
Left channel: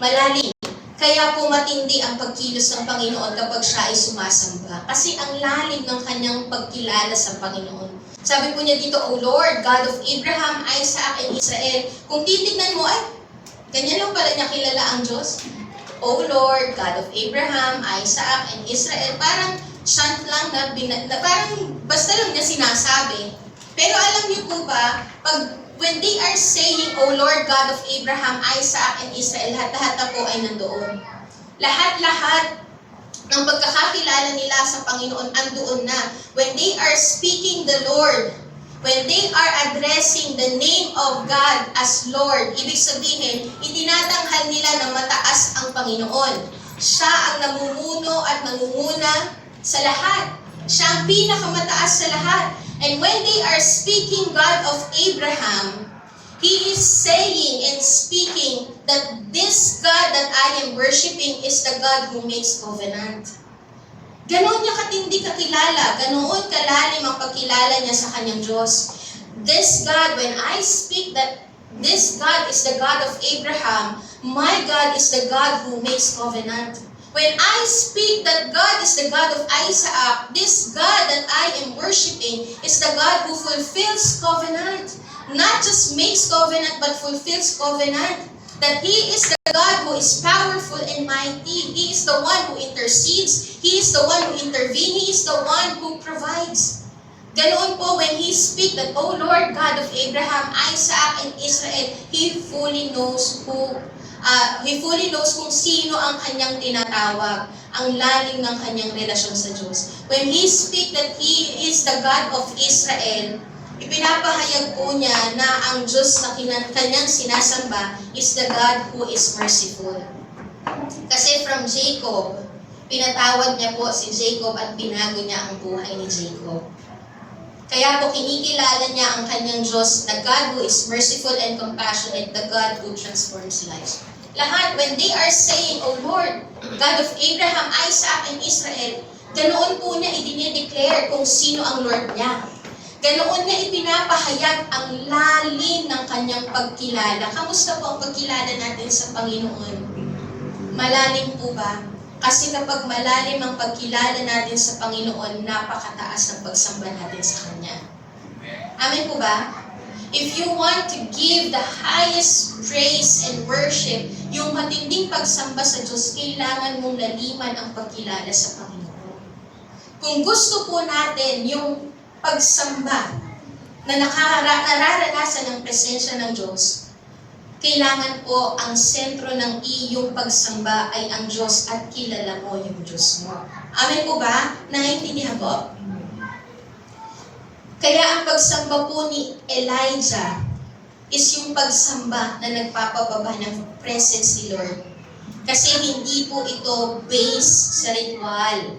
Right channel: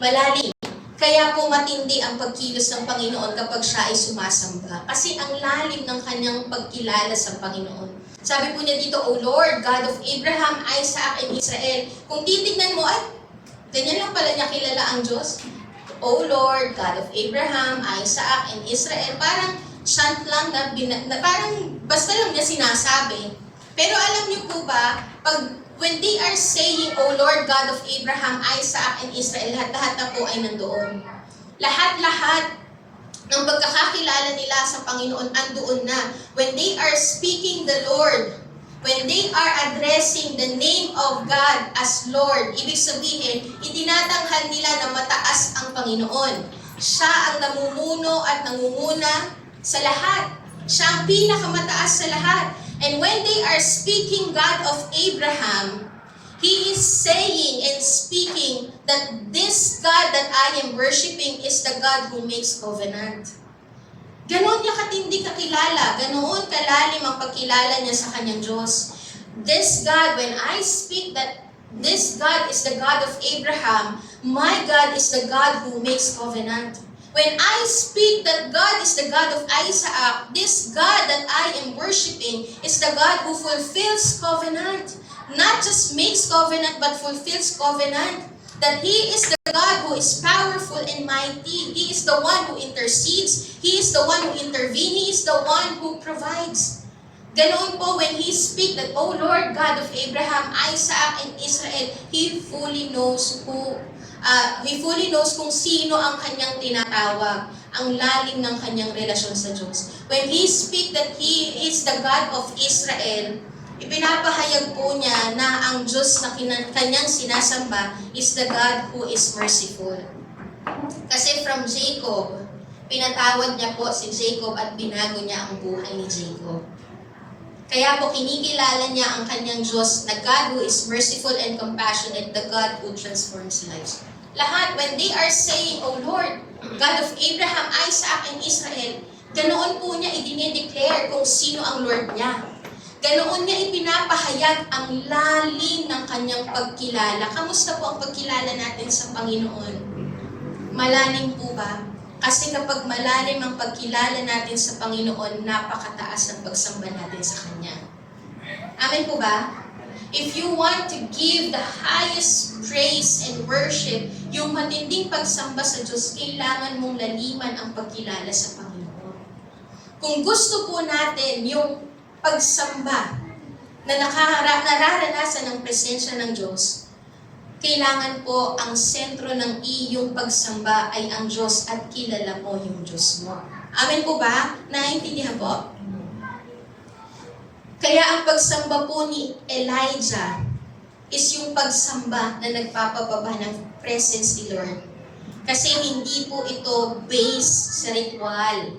Malalim. Kaya po matindi ang pagkilos ng Panginoon kapag siya ay sumasamba. Kasi ang lalim ng kanyang pagkilala sa Panginoon. Sabi po niya dito, O Lord, God of Abraham, Isaac, and Israel. Kung titignan mo, ay, ganyan lang pala niya kilala ang Diyos. O Lord, God of Abraham, Isaac, and Israel. Parang chant lang na parang basta lang niya sinasabi. Pero alam niyo po ba, when they are saying, O Lord God of Abraham, Isaac, and Israel, lahat-lahat na po ay nandoon. Lahat-lahat ng pagkakakilala nila sa Panginoon andoon na. When they are speaking the Lord, when they are addressing the name of God as Lord, ibig sabihin, itinatanghal nila na mataas ang Panginoon. Siya ang namumuno at nangunguna sa lahat. Siya ang pinakamataas sa lahat. And when they are speaking God of Abraham, he is saying and speaking that this God that I am worshiping is the God who makes covenant. Ganoon niya katindi kakilala, ganoon kalalim ang pagkilala niya sa kanyang Diyos. This God, when I speak that this God is the God of Abraham, my God is the God who makes covenant. When I speak that God is the God of Isaac, this God that I am worshiping is the God who fulfills covenant. Not just makes covenant, but fulfills covenant. That He is the God who is powerful and mighty. He is the one who intercedes. He is the one who intervenes. He is the one who provides. Ganoon po when He speak that, O Lord God of Abraham, Isaac, and Israel, He fully knows kung sino ang kanyang tinatawag, ang lalim ng kanyang relasyon sa Diyos. When He speak that He is the God of Israel, ipinapahayag po niya na ang Diyos na kanyang sinasamba is the God who is merciful. Kasi from Jacob, pinatawad niya po si Jacob at binago niya ang buhay ni Jacob. Kaya po kinikilala niya ang kanyang Diyos na God who is merciful and compassionate, the God who transforms lives. Lahat, when they are saying, O Lord, God of Abraham, Isaac, and Israel, ganoon po niya idinideclare kung sino ang Lord niya. Ganoon niya ipinapahayag ang lalim ng kanyang pagkilala. Kamusta po ang pagkilala natin sa Panginoon? Malalim po ba? Kasi kapag malalim ang pagkilala natin sa Panginoon, napakataas ng pagsamba natin sa Kanya. Amen po ba? If you want to give the highest praise and worship, yung matinding pagsamba sa Diyos, kailangan mong laliman ang pagkilala sa Panginoon. Kung gusto po natin yung pagsamba na nararanasan ng presensya ng Diyos, kailangan po ang sentro ng iyong pagsamba ay ang Diyos at kilala mo yung Diyos mo. Amen po ba? Naiintindihan po? Kaya ang pagsamba po ni Elijah is yung pagsamba na nagpapababa ng presence ni Lord. Kasi hindi po ito based sa ritual.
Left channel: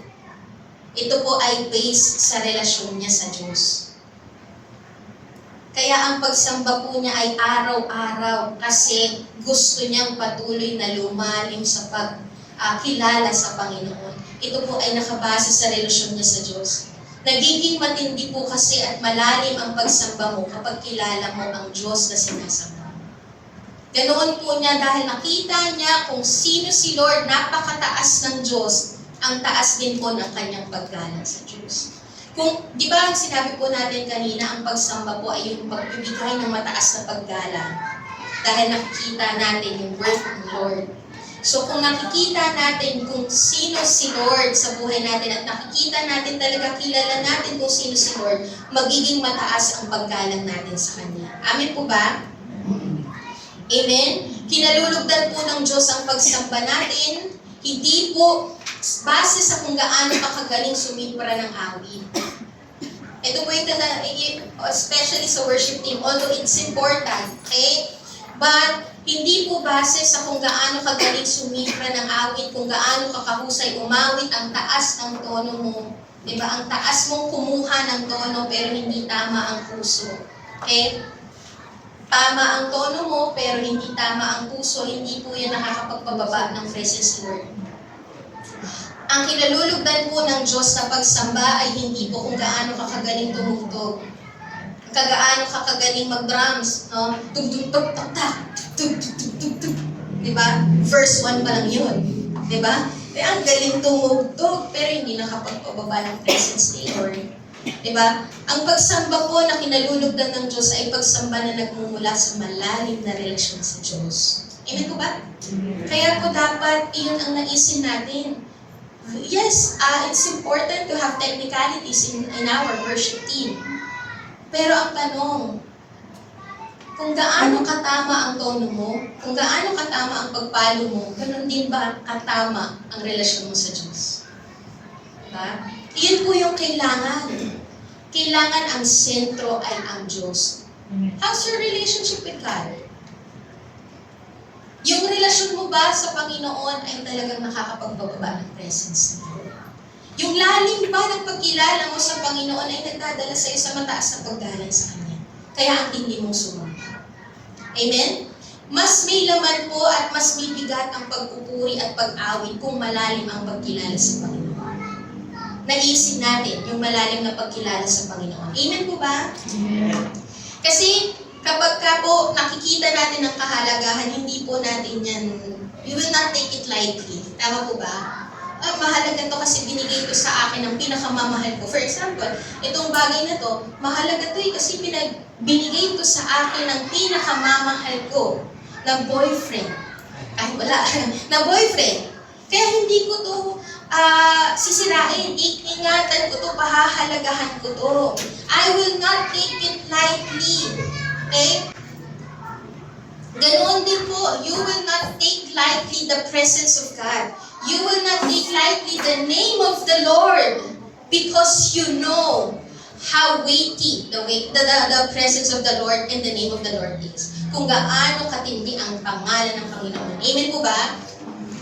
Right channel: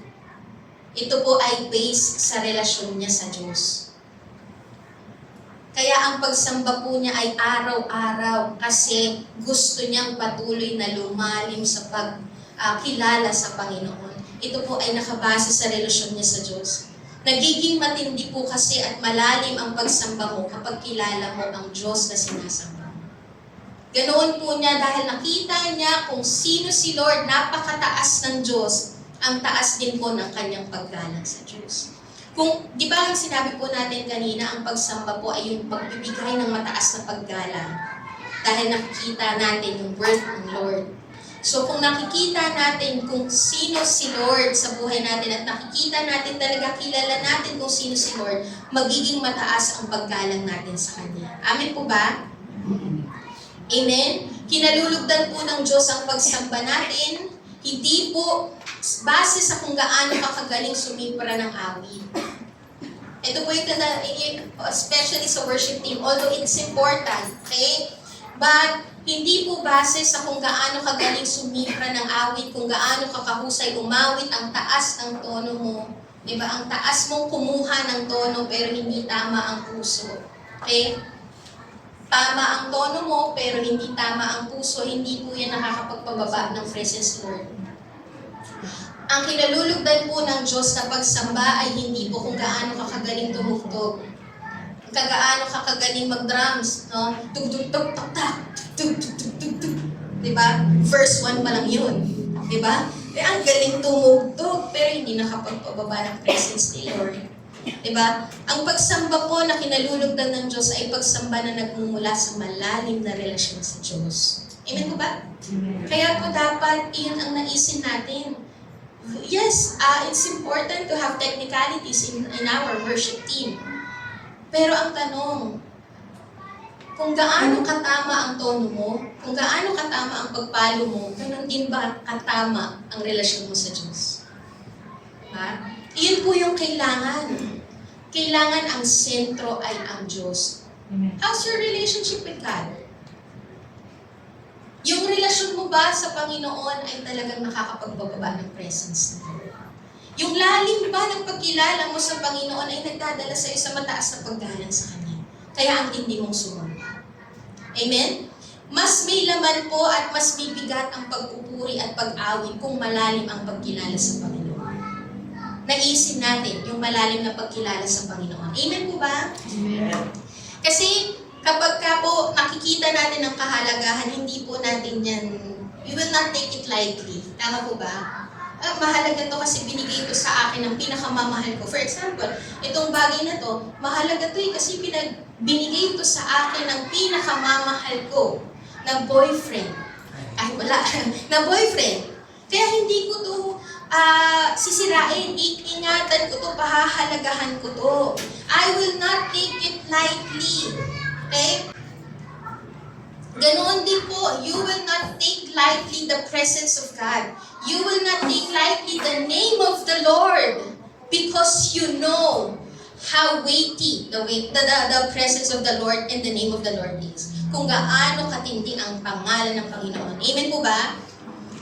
Ito po ay based sa relasyon niya sa Diyos. Kaya ang pagsamba po niya ay araw-araw kasi gusto niyang patuloy na lumalim sa pagkilala sa Panginoon. Ito po ay nakabase sa relasyon niya sa Diyos. Nagiging matindi po kasi at malalim ang pagsamba mo kapag kilala mo ang Diyos na sinasamba. Ganoon po niya dahil nakita niya kung sino si Lord, napakataas ng Diyos, ang taas din po ng kanyang paggalang sa Diyos. Kung, di ba ang sinabi po natin kanina, ang pagsamba po ay yung pagbibigay ng mataas na paggalang. Dahil nakikita natin yung worth ng Lord. So kung nakikita natin kung sino si Lord sa buhay natin at nakikita natin talaga, kilala natin kung sino si Lord, magiging mataas ang paggalang natin sa Kanya. Amen po ba? Amen? Kinalulugdan po ng Diyos ang pagsamba natin, hindi po base sa kung gaano kakagaling sumipra ng awit. Ito po yung especially sa worship team, although it's important, okay? But hindi po base sa kung gaano kagaling sumipra ng awit, kung gaano kakahusay umawit, ang taas ng tono mo. Diba? Ang taas mong kumuha ng tono pero hindi tama ang puso. Okay? Tama ang tono mo pero hindi tama ang puso, hindi po yan nakakapagpababa ng presence Lord. Ang kinalulugdan po ng Diyos sa pagsamba ay hindi po kung gaano kakagaling tumugtog. Gaano kakagaling mag-drums, no? Tug-tug-tug-tug-tug, tug-tug-tug-tug-tug. Diba? Verse 1 pa lang yun. Diba? Ang galing tumugtog, pero hindi nakapagpababa ng presence ni Lord. Diba? Ang pagsamba po na kinalulugdan ng Diyos ay pagsamba na nagmumula sa malalim na relasyon sa Diyos. Amen po ba? Kaya po dapat iyon ang naisin natin. Yes, it's important to have technicalities in our worship team. Pero ang tanong, kung gaano katama ang tono mo, kung gaano katama ang pagpalo mo, ganun din ba katama ang relasyon mo sa Diyos? Diba? Iyon po yung kailangan. Kailangan ang sentro ay ang Diyos. How's your relationship with God? Yung relasyon mo ba sa Panginoon ay talagang nakakapagbababa ng presence niya? Yung lalim ba ng pagkilala mo sa Panginoon ay nagdadala sa iyo sa mataas na paggalang sa Kanya. Kaya ang tindi mong sumamba. Amen? Mas may laman po at mas may bigat ang pagpupuri at pag-awit kung malalim ang pagkilala sa Panginoon. Naisin natin yung malalim na pagkilala sa Panginoon. Amen po ba? Amen. Kasi kapag ka po nakikita natin ang kahalagahan, hindi po natin yan, we will not take it lightly. Tama po ba? Mahalaga to kasi binigay ito sa akin ng pinakamamahal ko. For example, itong bagay na to, mahalaga to kasi binigay ito sa akin ng pinakamamahal ko na boyfriend. Ay, wala. Na boyfriend. Kaya hindi ko to sisirain. Ingatan ko to, pahahalagahan ko to. I will not take it lightly. Okay? Ganoon din po, you will not take lightly the presence of God. You will not take lightly the name of the Lord because you know how weighty the presence of the Lord and the name of the Lord is. Kung gaano katindi ang pangalan ng Panginoon. Amen po ba?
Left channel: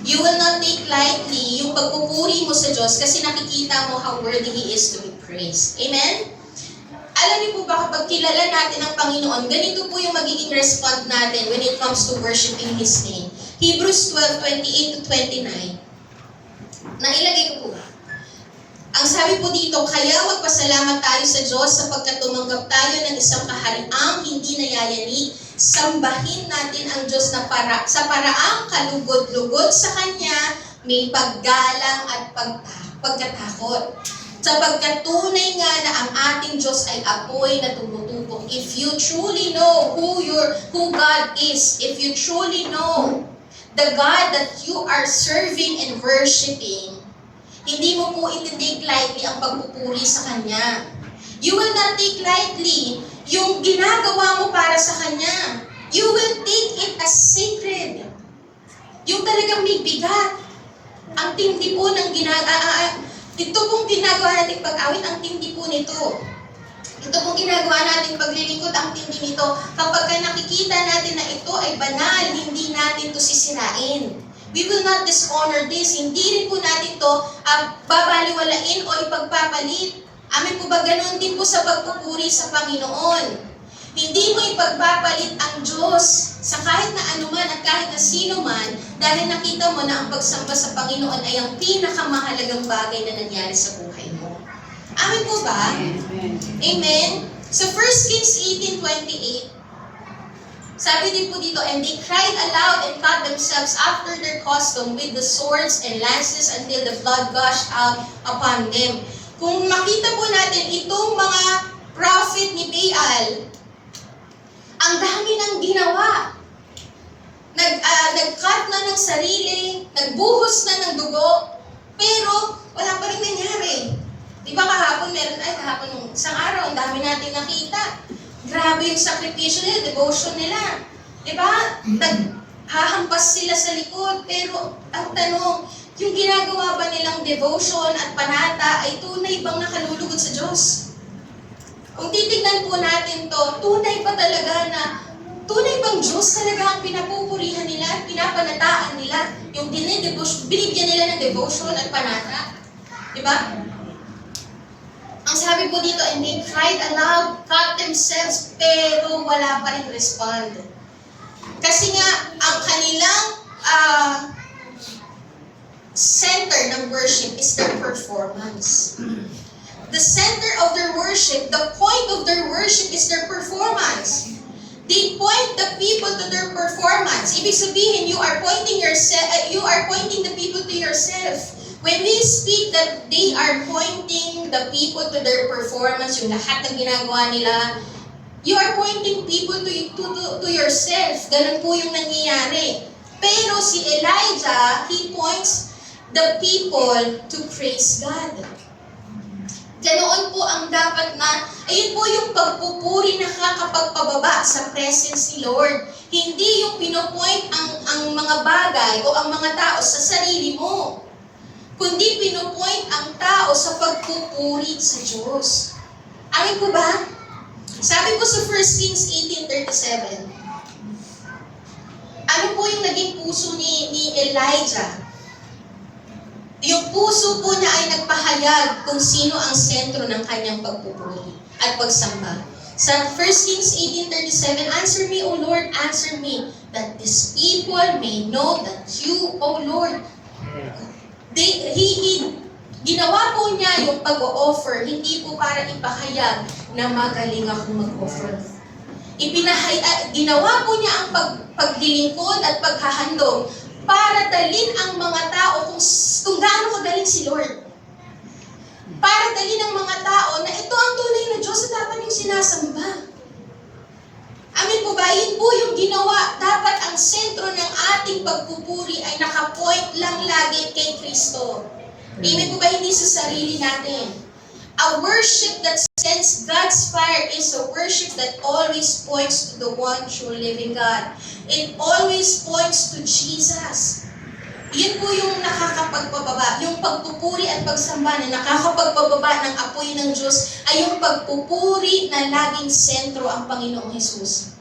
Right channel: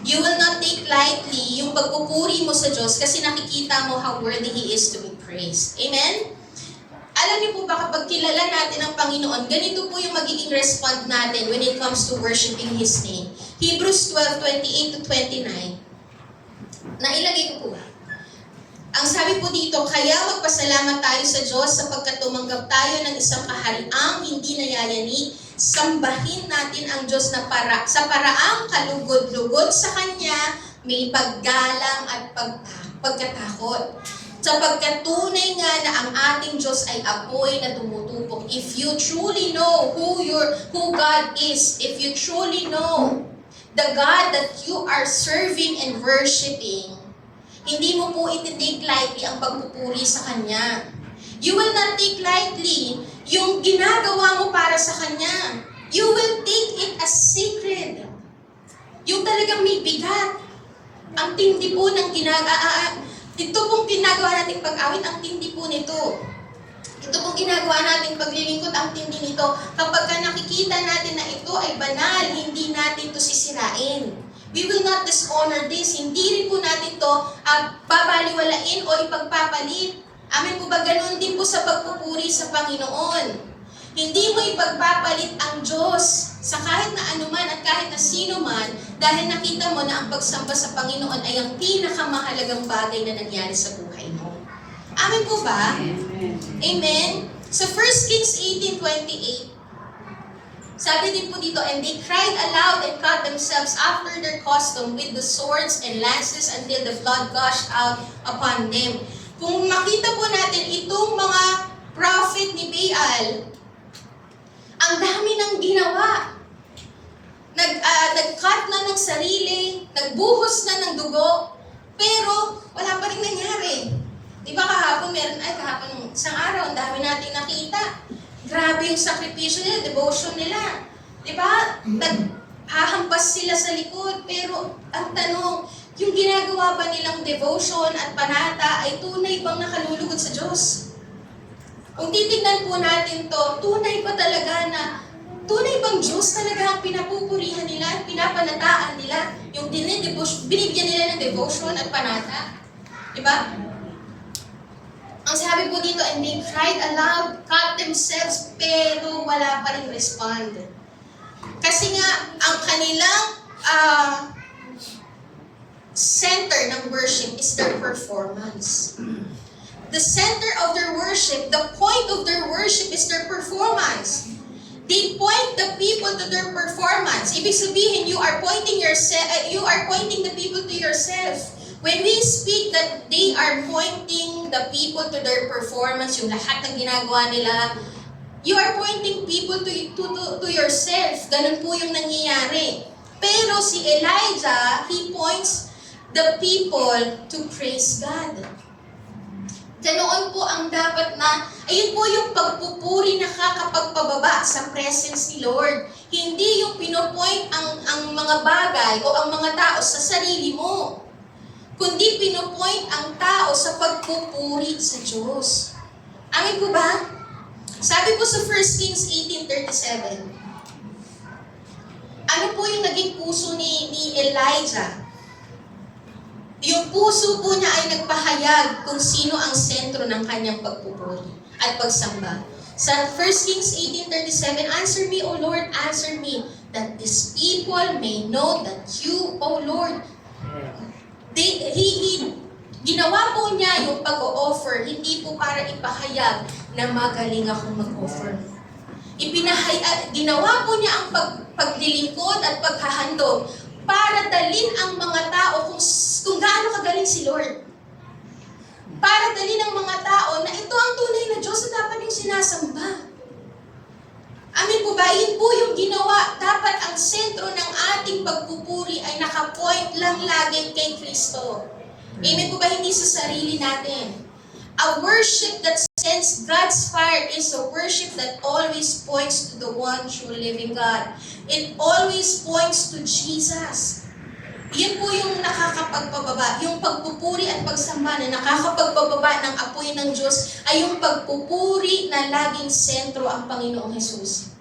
You will not take lightly yung pagpupuri mo sa Diyos kasi nakikita mo how worthy He is to be praised. Amen? Alam niyo po ba kapag kilala natin ang Panginoon, ganito po yung magiging response natin when it comes to worshiping His name. Hebrews 12:28-29. Nailagay ko po ba? Ang sabi po dito, kaya magpasalamat tayo sa Diyos sapagkat tumanggap tayo ng isang kahariang hindi nayayanig. Sambahin natin ang Diyos na sa paraang kalugod-lugod sa Kanya, may paggalang at pagkatakot. Sapagkat tunay nga na ang ating Diyos ay apoy na tumutupok. If you truly know who God is, if you truly know the God that you are serving and worshiping, hindi mo po iti-take lightly ang pagpupuri sa Kanya. You will not take lightly yung ginagawa mo para sa Kanya. You will take it as sacred. Yung talagang may bigat. Ang tindi po ng ito pong ginagawa nating pag-awit, ang tindi po nito. Ito pong ginagawa nating paglilingkod, ang tindi nito. Kapag nakikita natin na ito ay banal, hindi natin ito sisirain. We will not dishonor this. Hindi rin po natin ito babaliwalain o ipagpapalit. Amen po ba? Ganun din po sa pagpupuri sa Panginoon. Hindi mo ipagpapalit ang Diyos sa kahit na anuman at kahit na sino man dahil nakita mo na ang pagsamba sa Panginoon ay ang pinakamahalagang bagay na nangyari sa buhay mo. Amen po ba? Amen. Amen? Sa 1 Kings 18:28, sabi din po dito, and they cried aloud and cut themselves after their custom with the swords and lances until the blood gushed out upon them. Kung makita po natin itong mga prophet ni Baal, ang dami nang ginawa. Nag-cut na ng sarili, nagbuhos na ng dugo, pero wala pa rin nangyari. Di ba kahapon nung isang araw, ang dami natin nakita. Grabe yung sakripisyo nila, devotion nila. Di ba? Naghahampas sila sa likod, pero ang tanong, yung ginagawa ba nilang devotion at panata ay tunay bang nakalulugod sa Diyos? Kung titignan po natin to, tunay ba talaga na, tunay bang Diyos talaga ang pinapupurihan nila at pinapanataan nila? Yung binibigyan nila ng devotion at panata? Di ba? Ang sabi po dito, and they cried aloud, cut themselves, pero wala pa rin respond. Kasi nga, ang kanilang center ng worship is their performance. The center of their worship, the point of their worship is their performance. They point the people to their performance. Ibig sabihin, you are pointing the people to yourself. When we speak that they are pointing the people to their performance, yung lahat ng ginagawa nila, you are pointing people to yourself. Ganun po yung nangyayari. Pero si Elijah, he points the people to praise God. Ganoon po ang dapat na, ayun po yung pagpupuri na nakakapagpababa sa presence ni Lord. Hindi yung pinopoint ang mga bagay o ang mga tao sa sarili mo, kundi pinopoint ang tao sa pagpupuri sa Diyos. Amin po ba? Sabi po sa 1 Kings 18:37, ano po yung naging puso ni Elijah? Yung puso po niya ay nagpahayag kung sino ang sentro ng kanyang pagpupuri at pagsamba. Sa 1 Kings 18:37, answer me, O Lord, answer me, that these people may know that you, O Lord, ginawa po niya yung pag-o-offer, hindi po para ipahayag na magaling akong mag-offer. Ginawa po niya ang paglilingkod at paghahandog para dalin ang mga tao kung gaano kagaling si Lord. Para dalin ang mga tao na ito ang tunay na Diyos na dapat yung sinasamba. Amin po ba? Yun po yung ginawa. Dapat ang sentro ng ating pagpupuri ay nakapoint lang lagi kay Kristo. Amen po ba? Hindi sa sarili natin. A worship that sends God's fire is a worship that always points to the one true living God. It always points to Jesus. Yun po yung nakakapagpababa. Yung pagpupuri at pagsamba na nakakapagpababa ng apoy ng Diyos ay yung pagpupuri na laging sentro ang Panginoong Hesus.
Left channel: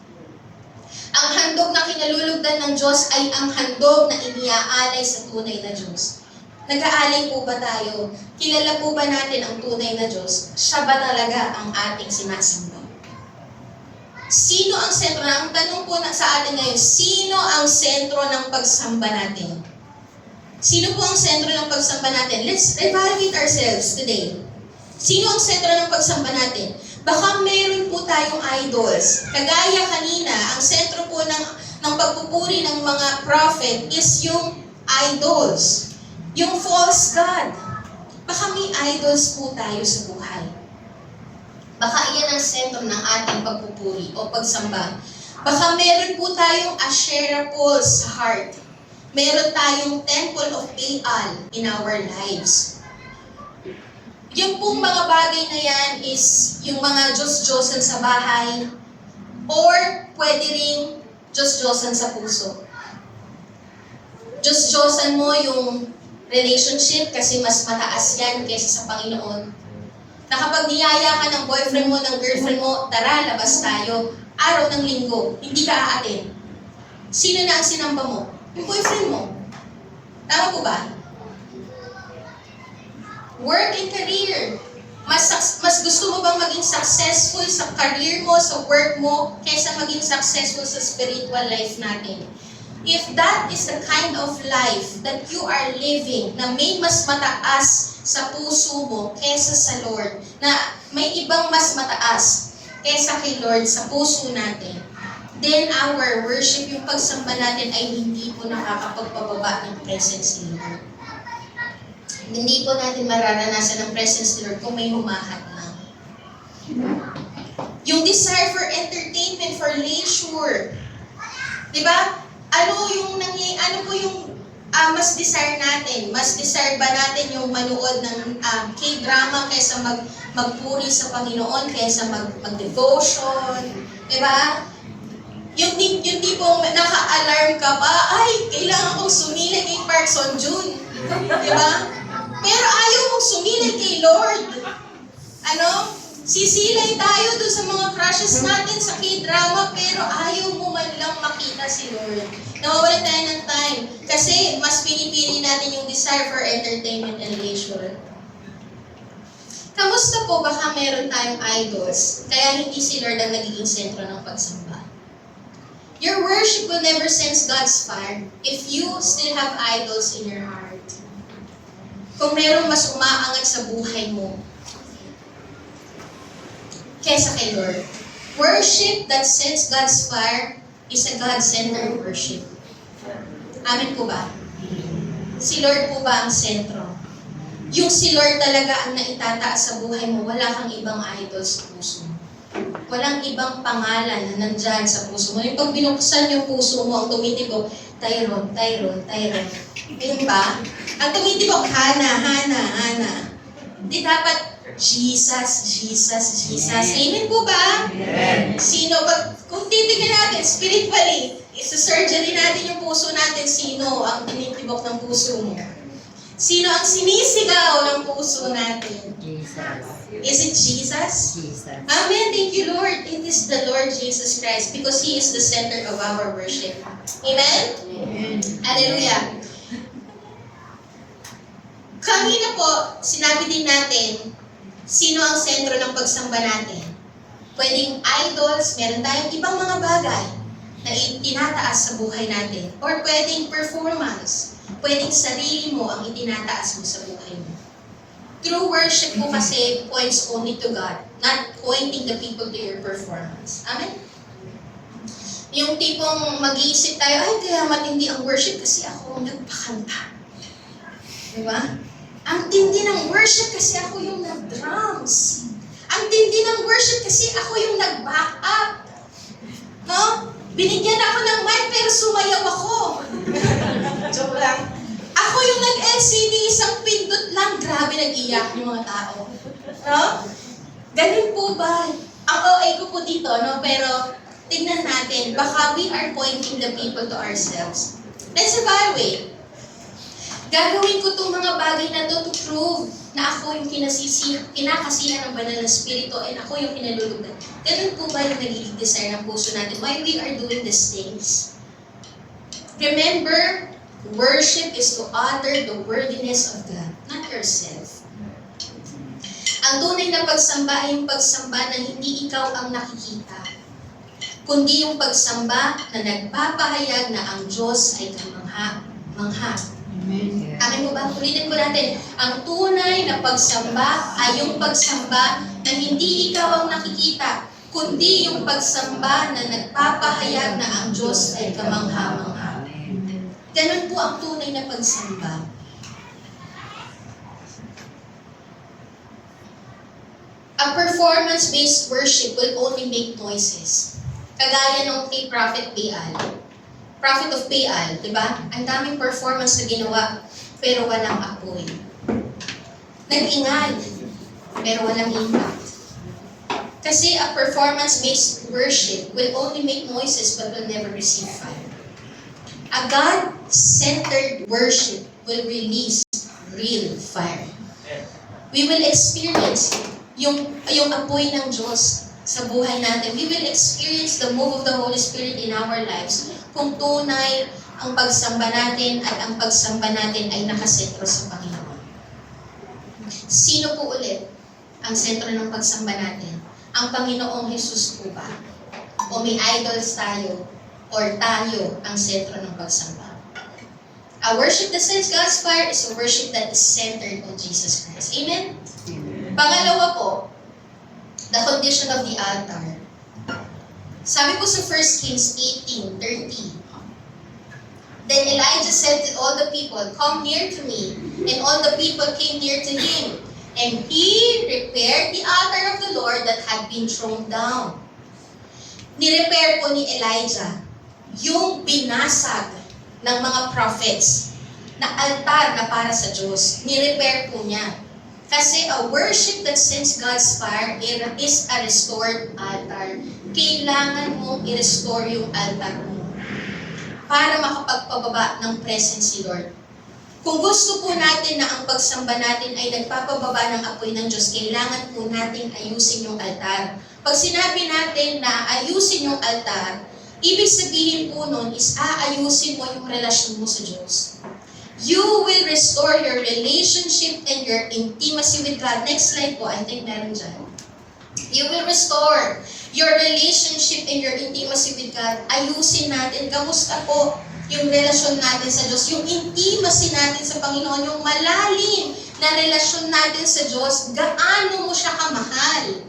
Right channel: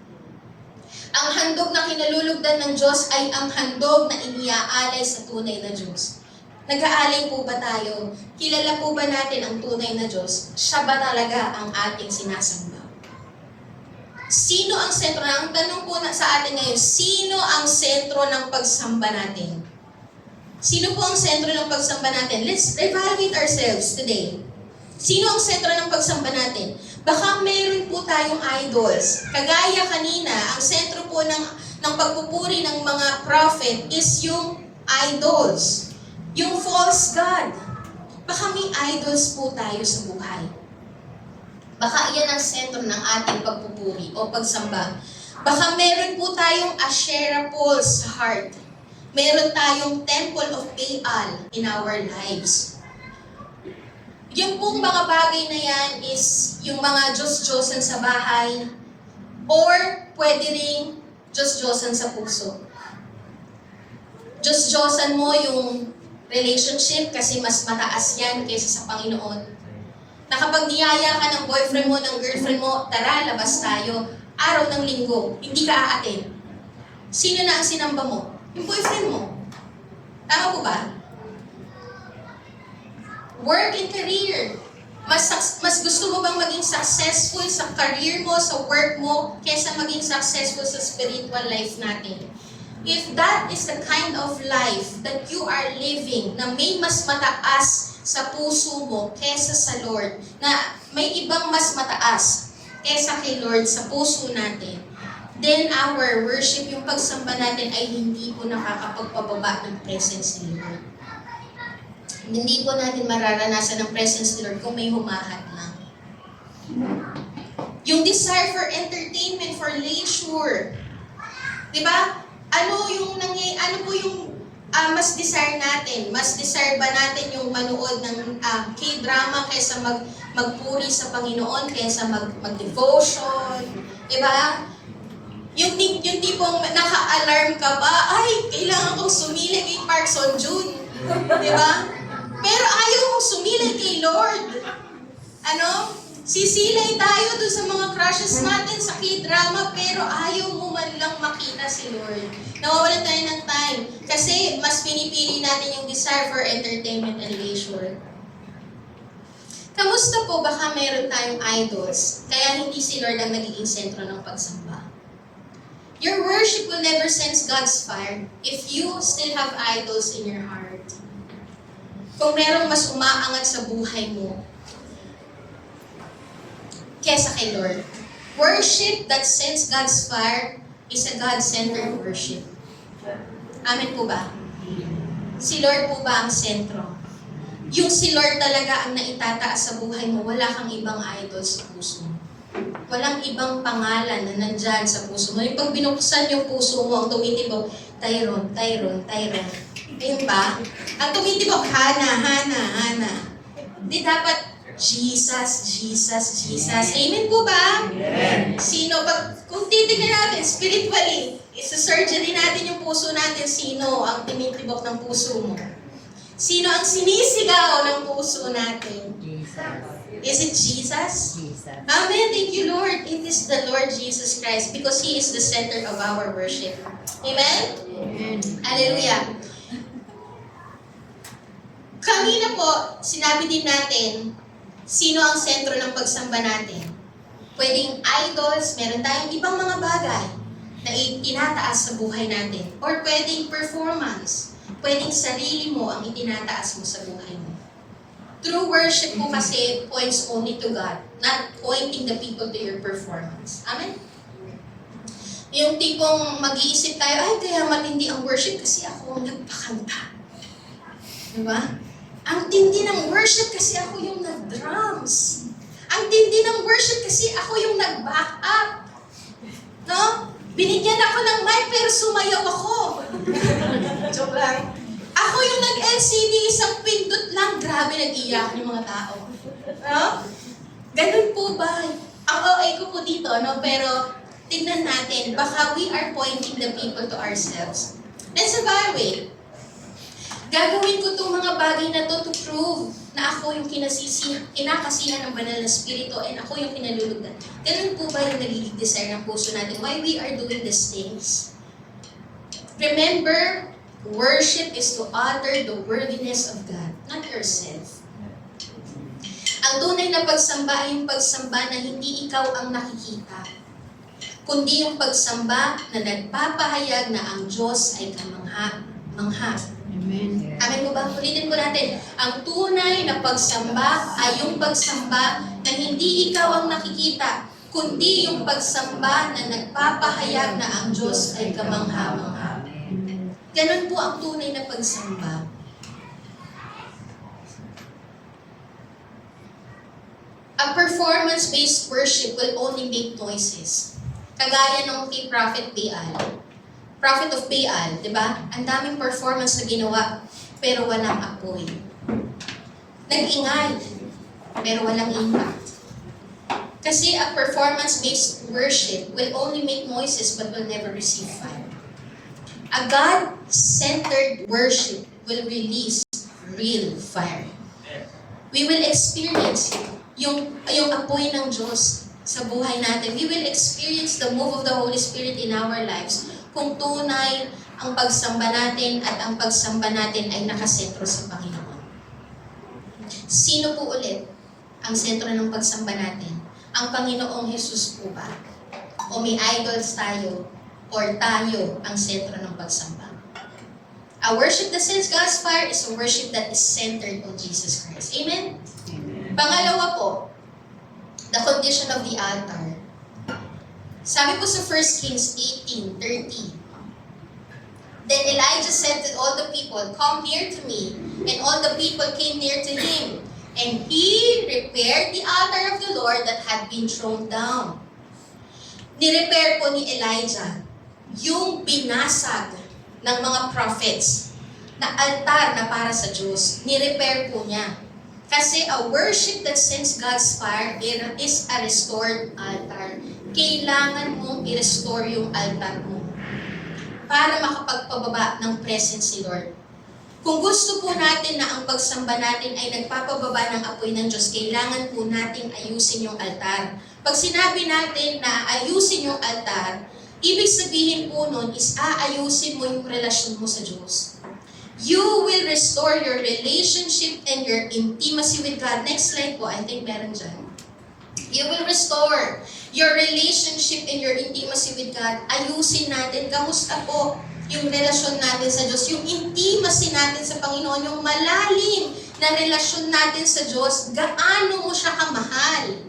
Ang handog na kinalulugdan ng Diyos ay ang handog na iniaalay sa tunay na Diyos. Nag-aalay po ba tayo? Kilala po ba natin ang tunay na Diyos? Siya ba talaga ang ating sinasamba? Sino ang sentro? Ang tanong po sa atin ngayon, sino ang sentro ng pagsamba natin? Sino po ang sentro ng pagsamba natin? Let's evaluate ourselves today. Sino ang sentro ng pagsamba natin? Baka mayroon po tayong idols. Kagaya kanina, ang sentro po ng pagpupuri ng mga prophet is yung idols. Yung false God. Baka may idols po tayo sa buhay. Baka iyan ang sentro ng ating pagpupuri o pagsamba. Baka meron po tayong Asherah poles sa heart. Meron tayong Temple of Baal in our lives. Yung pong mga bagay na yan is yung mga Diyos-Diyosan sa bahay or pwede ring Diyos-Diyosan sa puso. Diyos-Diyosan mo yung relationship kasi mas mataas yan kaysa sa Panginoon. Na kapag niyaya ka ng boyfriend mo, ng girlfriend mo, tara, labas tayo. Araw ng linggo, hindi ka aatin. Sino na ang sinamba mo? Yung boyfriend mo. Tama po ba? Work and career. Mas gusto mo bang maging successful sa career mo, sa work mo, kaysa maging successful sa spiritual life natin? If that is the kind of life that you are living, na may mas mataas sa puso mo kaysa sa Lord, na may ibang mas mataas kaysa kay Lord sa puso natin, then our worship, yung pagsamba natin ay hindi po nakakapagpababa ng presence ni Lord. Hindi po natin mararanasan ang presence ni Lord kung may humahat lang. Yung desire for entertainment, for leisure. Diba? Ano po yung mas desire natin? Mas desire ba natin yung manood ng K-drama kaysa magpuri sa Panginoon, kaysa mag-devotion? Diba? Yung tipong naka-alarm ka ba, ay, kailangan kong sumilay kay Park Seo-joon. Diba? Pero ayaw mong sumilay kay Lord. Sisilay tayo dun sa mga crushes natin sa K-drama, pero ayaw mo man lang makita si Lord. Nawawalan tayo ng time. Kasi mas pinipili natin yung desire for entertainment and leisure. Kamusta po? Baka meron tayong idols, kaya hindi si Lord ang nagiging sentro ng pagsamba. Your worship will never sense God's fire if you still have idols in your heart. Kung merong mas umaangat sa buhay mo kesa kay Lord. Worship that sends God's fire is a God-centered worship. Amen po ba? Si Lord po ba ang sentro? Yung si Lord talaga ang naitataas sa buhay mo, wala kang ibang idol sa puso mo. Walang ibang pangalan na nandyan sa puso mo. Yung pag binuksan yung puso mo, ang tumitibok, Tyron. Ayun ba? Ang tumitibok, Hana. Di dapat Jesus. Amen po ba? Amen. Kung titignan natin spiritually, isa-surgery natin yung puso natin, sino ang tinitibok ng puso mo? Sino ang sinisigaw ng puso natin? Jesus. Is it Jesus? Jesus. Amen. Thank you, Lord. It is the Lord Jesus Christ because He is the center of our worship. Amen? Amen. Hallelujah. Kanina po, sinabi din natin, sino ang sentro ng pagsamba natin? Pwedeng idols, meron tayong ibang mga bagay na itinataas sa buhay natin. Or pwedeng performance. Pwedeng sarili mo ang itinataas mo sa buhay mo. True worship mo kasi points only to God, not pointing the people to your performance. Amen? Yung tipong mag-iisip tayo, ay kaya matindi ang worship kasi ako ang nagpakanta. Diba? Ang tindi ng worship kasi ako yung nag-drums. Ang tindi ng worship kasi ako yung nag-back up. No? Binigyan ako ng mic pero sumayaw ako. Joke lang. Ako yung nag-LCD, isang pindot lang. Grabe, nag-iyak yung mga tao. No? Ganun po ba? Ang OA ko po dito, no? Pero tignan natin, baka we are pointing the people to ourselves. Let's evaluate. Gagawin ko itong mga bagay na to prove na ako yung kinakasihan ng banal na spirito and ako yung kinalulugan. Ganun po ba yung nagiging desire ng puso natin? Why we are doing these things? Remember, worship is to utter the worthiness of God, not yourself. Ang tunay na pagsamba ay yung pagsamba na hindi ikaw ang nakikita, kundi yung pagsamba na nagpapahayag na ang Diyos ay kamangha-mangha. Amen. Amen mo ba? Ulitin po natin. Ang tunay na pagsamba ay yung pagsamba na hindi ikaw ang nakikita, kundi yung pagsamba na nagpapahayag na ang Diyos ay kamangha-mangha. Ganun po ang tunay na pagsamba. A performance-based worship will only make noises. Kagaya nung kay Prophet Baal. Prophet of Baal, di ba? Ang daming performance na ginawa, pero walang apoy. Nag-ingay, pero walang impact. Kasi a performance-based worship will only make noises but will never receive fire. A God-centered worship will release real fire. We will experience yung apoy ng Diyos sa buhay natin. We will experience the move of the Holy Spirit in our lives kung tunay ang pagsamba natin at ang pagsamba natin ay nakasentro sa Panginoon. Sino po ulit ang sentro ng pagsamba natin? Ang Panginoong Jesus po ba? O may idols tayo? Or tayo ang sentro ng pagsamba? A worship that sends God's fire is a worship that is centered on Jesus Christ. Amen? Pangalawa po, the condition of the altar. Sabi po sa 1 Kings 18:30, Then Elijah said to all the people, Come near to me. And all the people came near to him. And he repaired the altar of the Lord that had been thrown down. Nirepair po ni Elijah yung binasag ng mga prophets na altar na para sa Diyos. Nirepair po niya. Kasi a worship that sends God's fire is a restored altar. Kailangan mong i-restore yung altar mo para makapagpababa ng presence ni Lord. Kung gusto po natin na ang pagsamba natin ay nagpapababa ng apoy ng Diyos, kailangan po natin ayusin yung altar. Pag sinabi natin na ayusin yung altar, ibig sabihin po nun is aayusin mo yung relasyon mo sa Diyos. You will restore your relationship and your intimacy with God. Next slide po, I think meron dyan. You will restore your relationship and your intimacy with God. Ayusin natin. Kamusta po yung relasyon natin sa Diyos? Yung intimacy natin sa Panginoon, yung malalim na relasyon natin sa Diyos, gaano mo siya kamahal?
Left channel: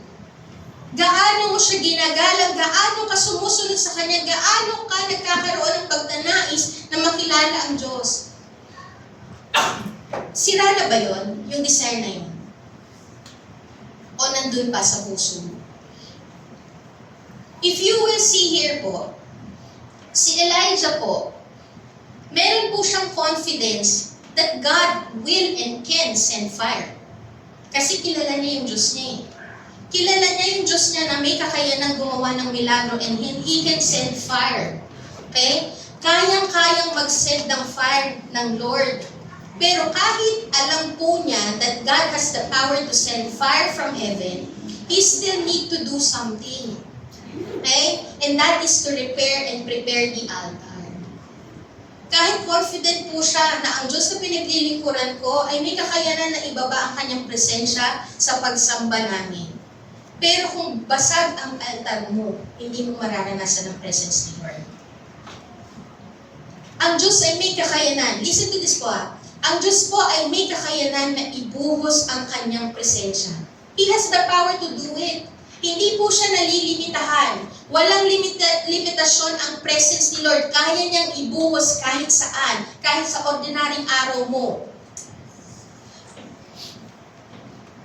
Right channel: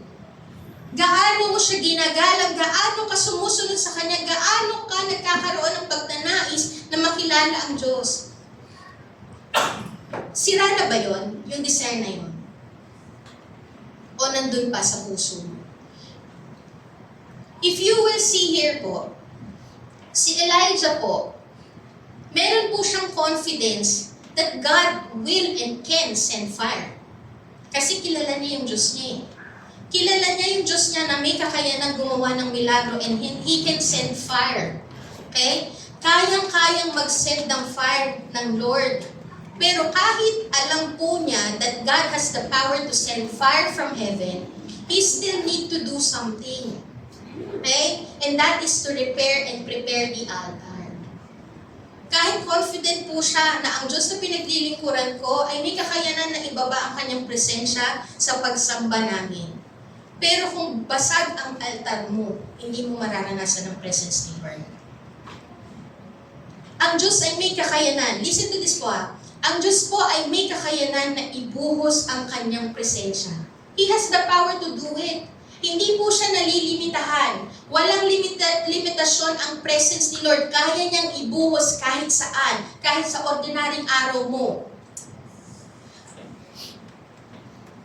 Gaano mo siya ginagalang? Gaano ka sumusunod sa Kanya? Gaano ka nagkakaroon ng pagtanais na makilala ang Diyos? Sira na ba yun? Yung desire na yun? O nandun pa sa puso mo? If you will see here po, si Elijah po, meron po siyang confidence that God will and can send fire. Kasi kilala niya yung Diyos niya eh. Kilala niya yung Diyos niya na may kakayanang gumawa ng milagro and He can send fire. Okay? Kayang-kayang mag-send ng fire ng Lord. Pero kahit alam po niya that God has the power to send fire from heaven, He still need to do something. Okay? And that is to repair and prepare the altar. Kahit confident po siya na ang Diyos na pinaglilingkuran ko ay may kakayanan na ibaba ang Kanyang presensya sa pagsamba namin. Pero kung basag ang altar mo, hindi mo mararanasan ang presence ni Lord. Ang Diyos ay may kakayanan. Listen to this po Ang Diyos po ay may kakayanan na ibuhos ang Kanyang presensya. He has the power to do it. Hindi po siya nalilimitahan. Walang limitasyon ang presence ni Lord. Kaya niyang ibuhos kahit saan, kahit sa ordinaryong araw mo.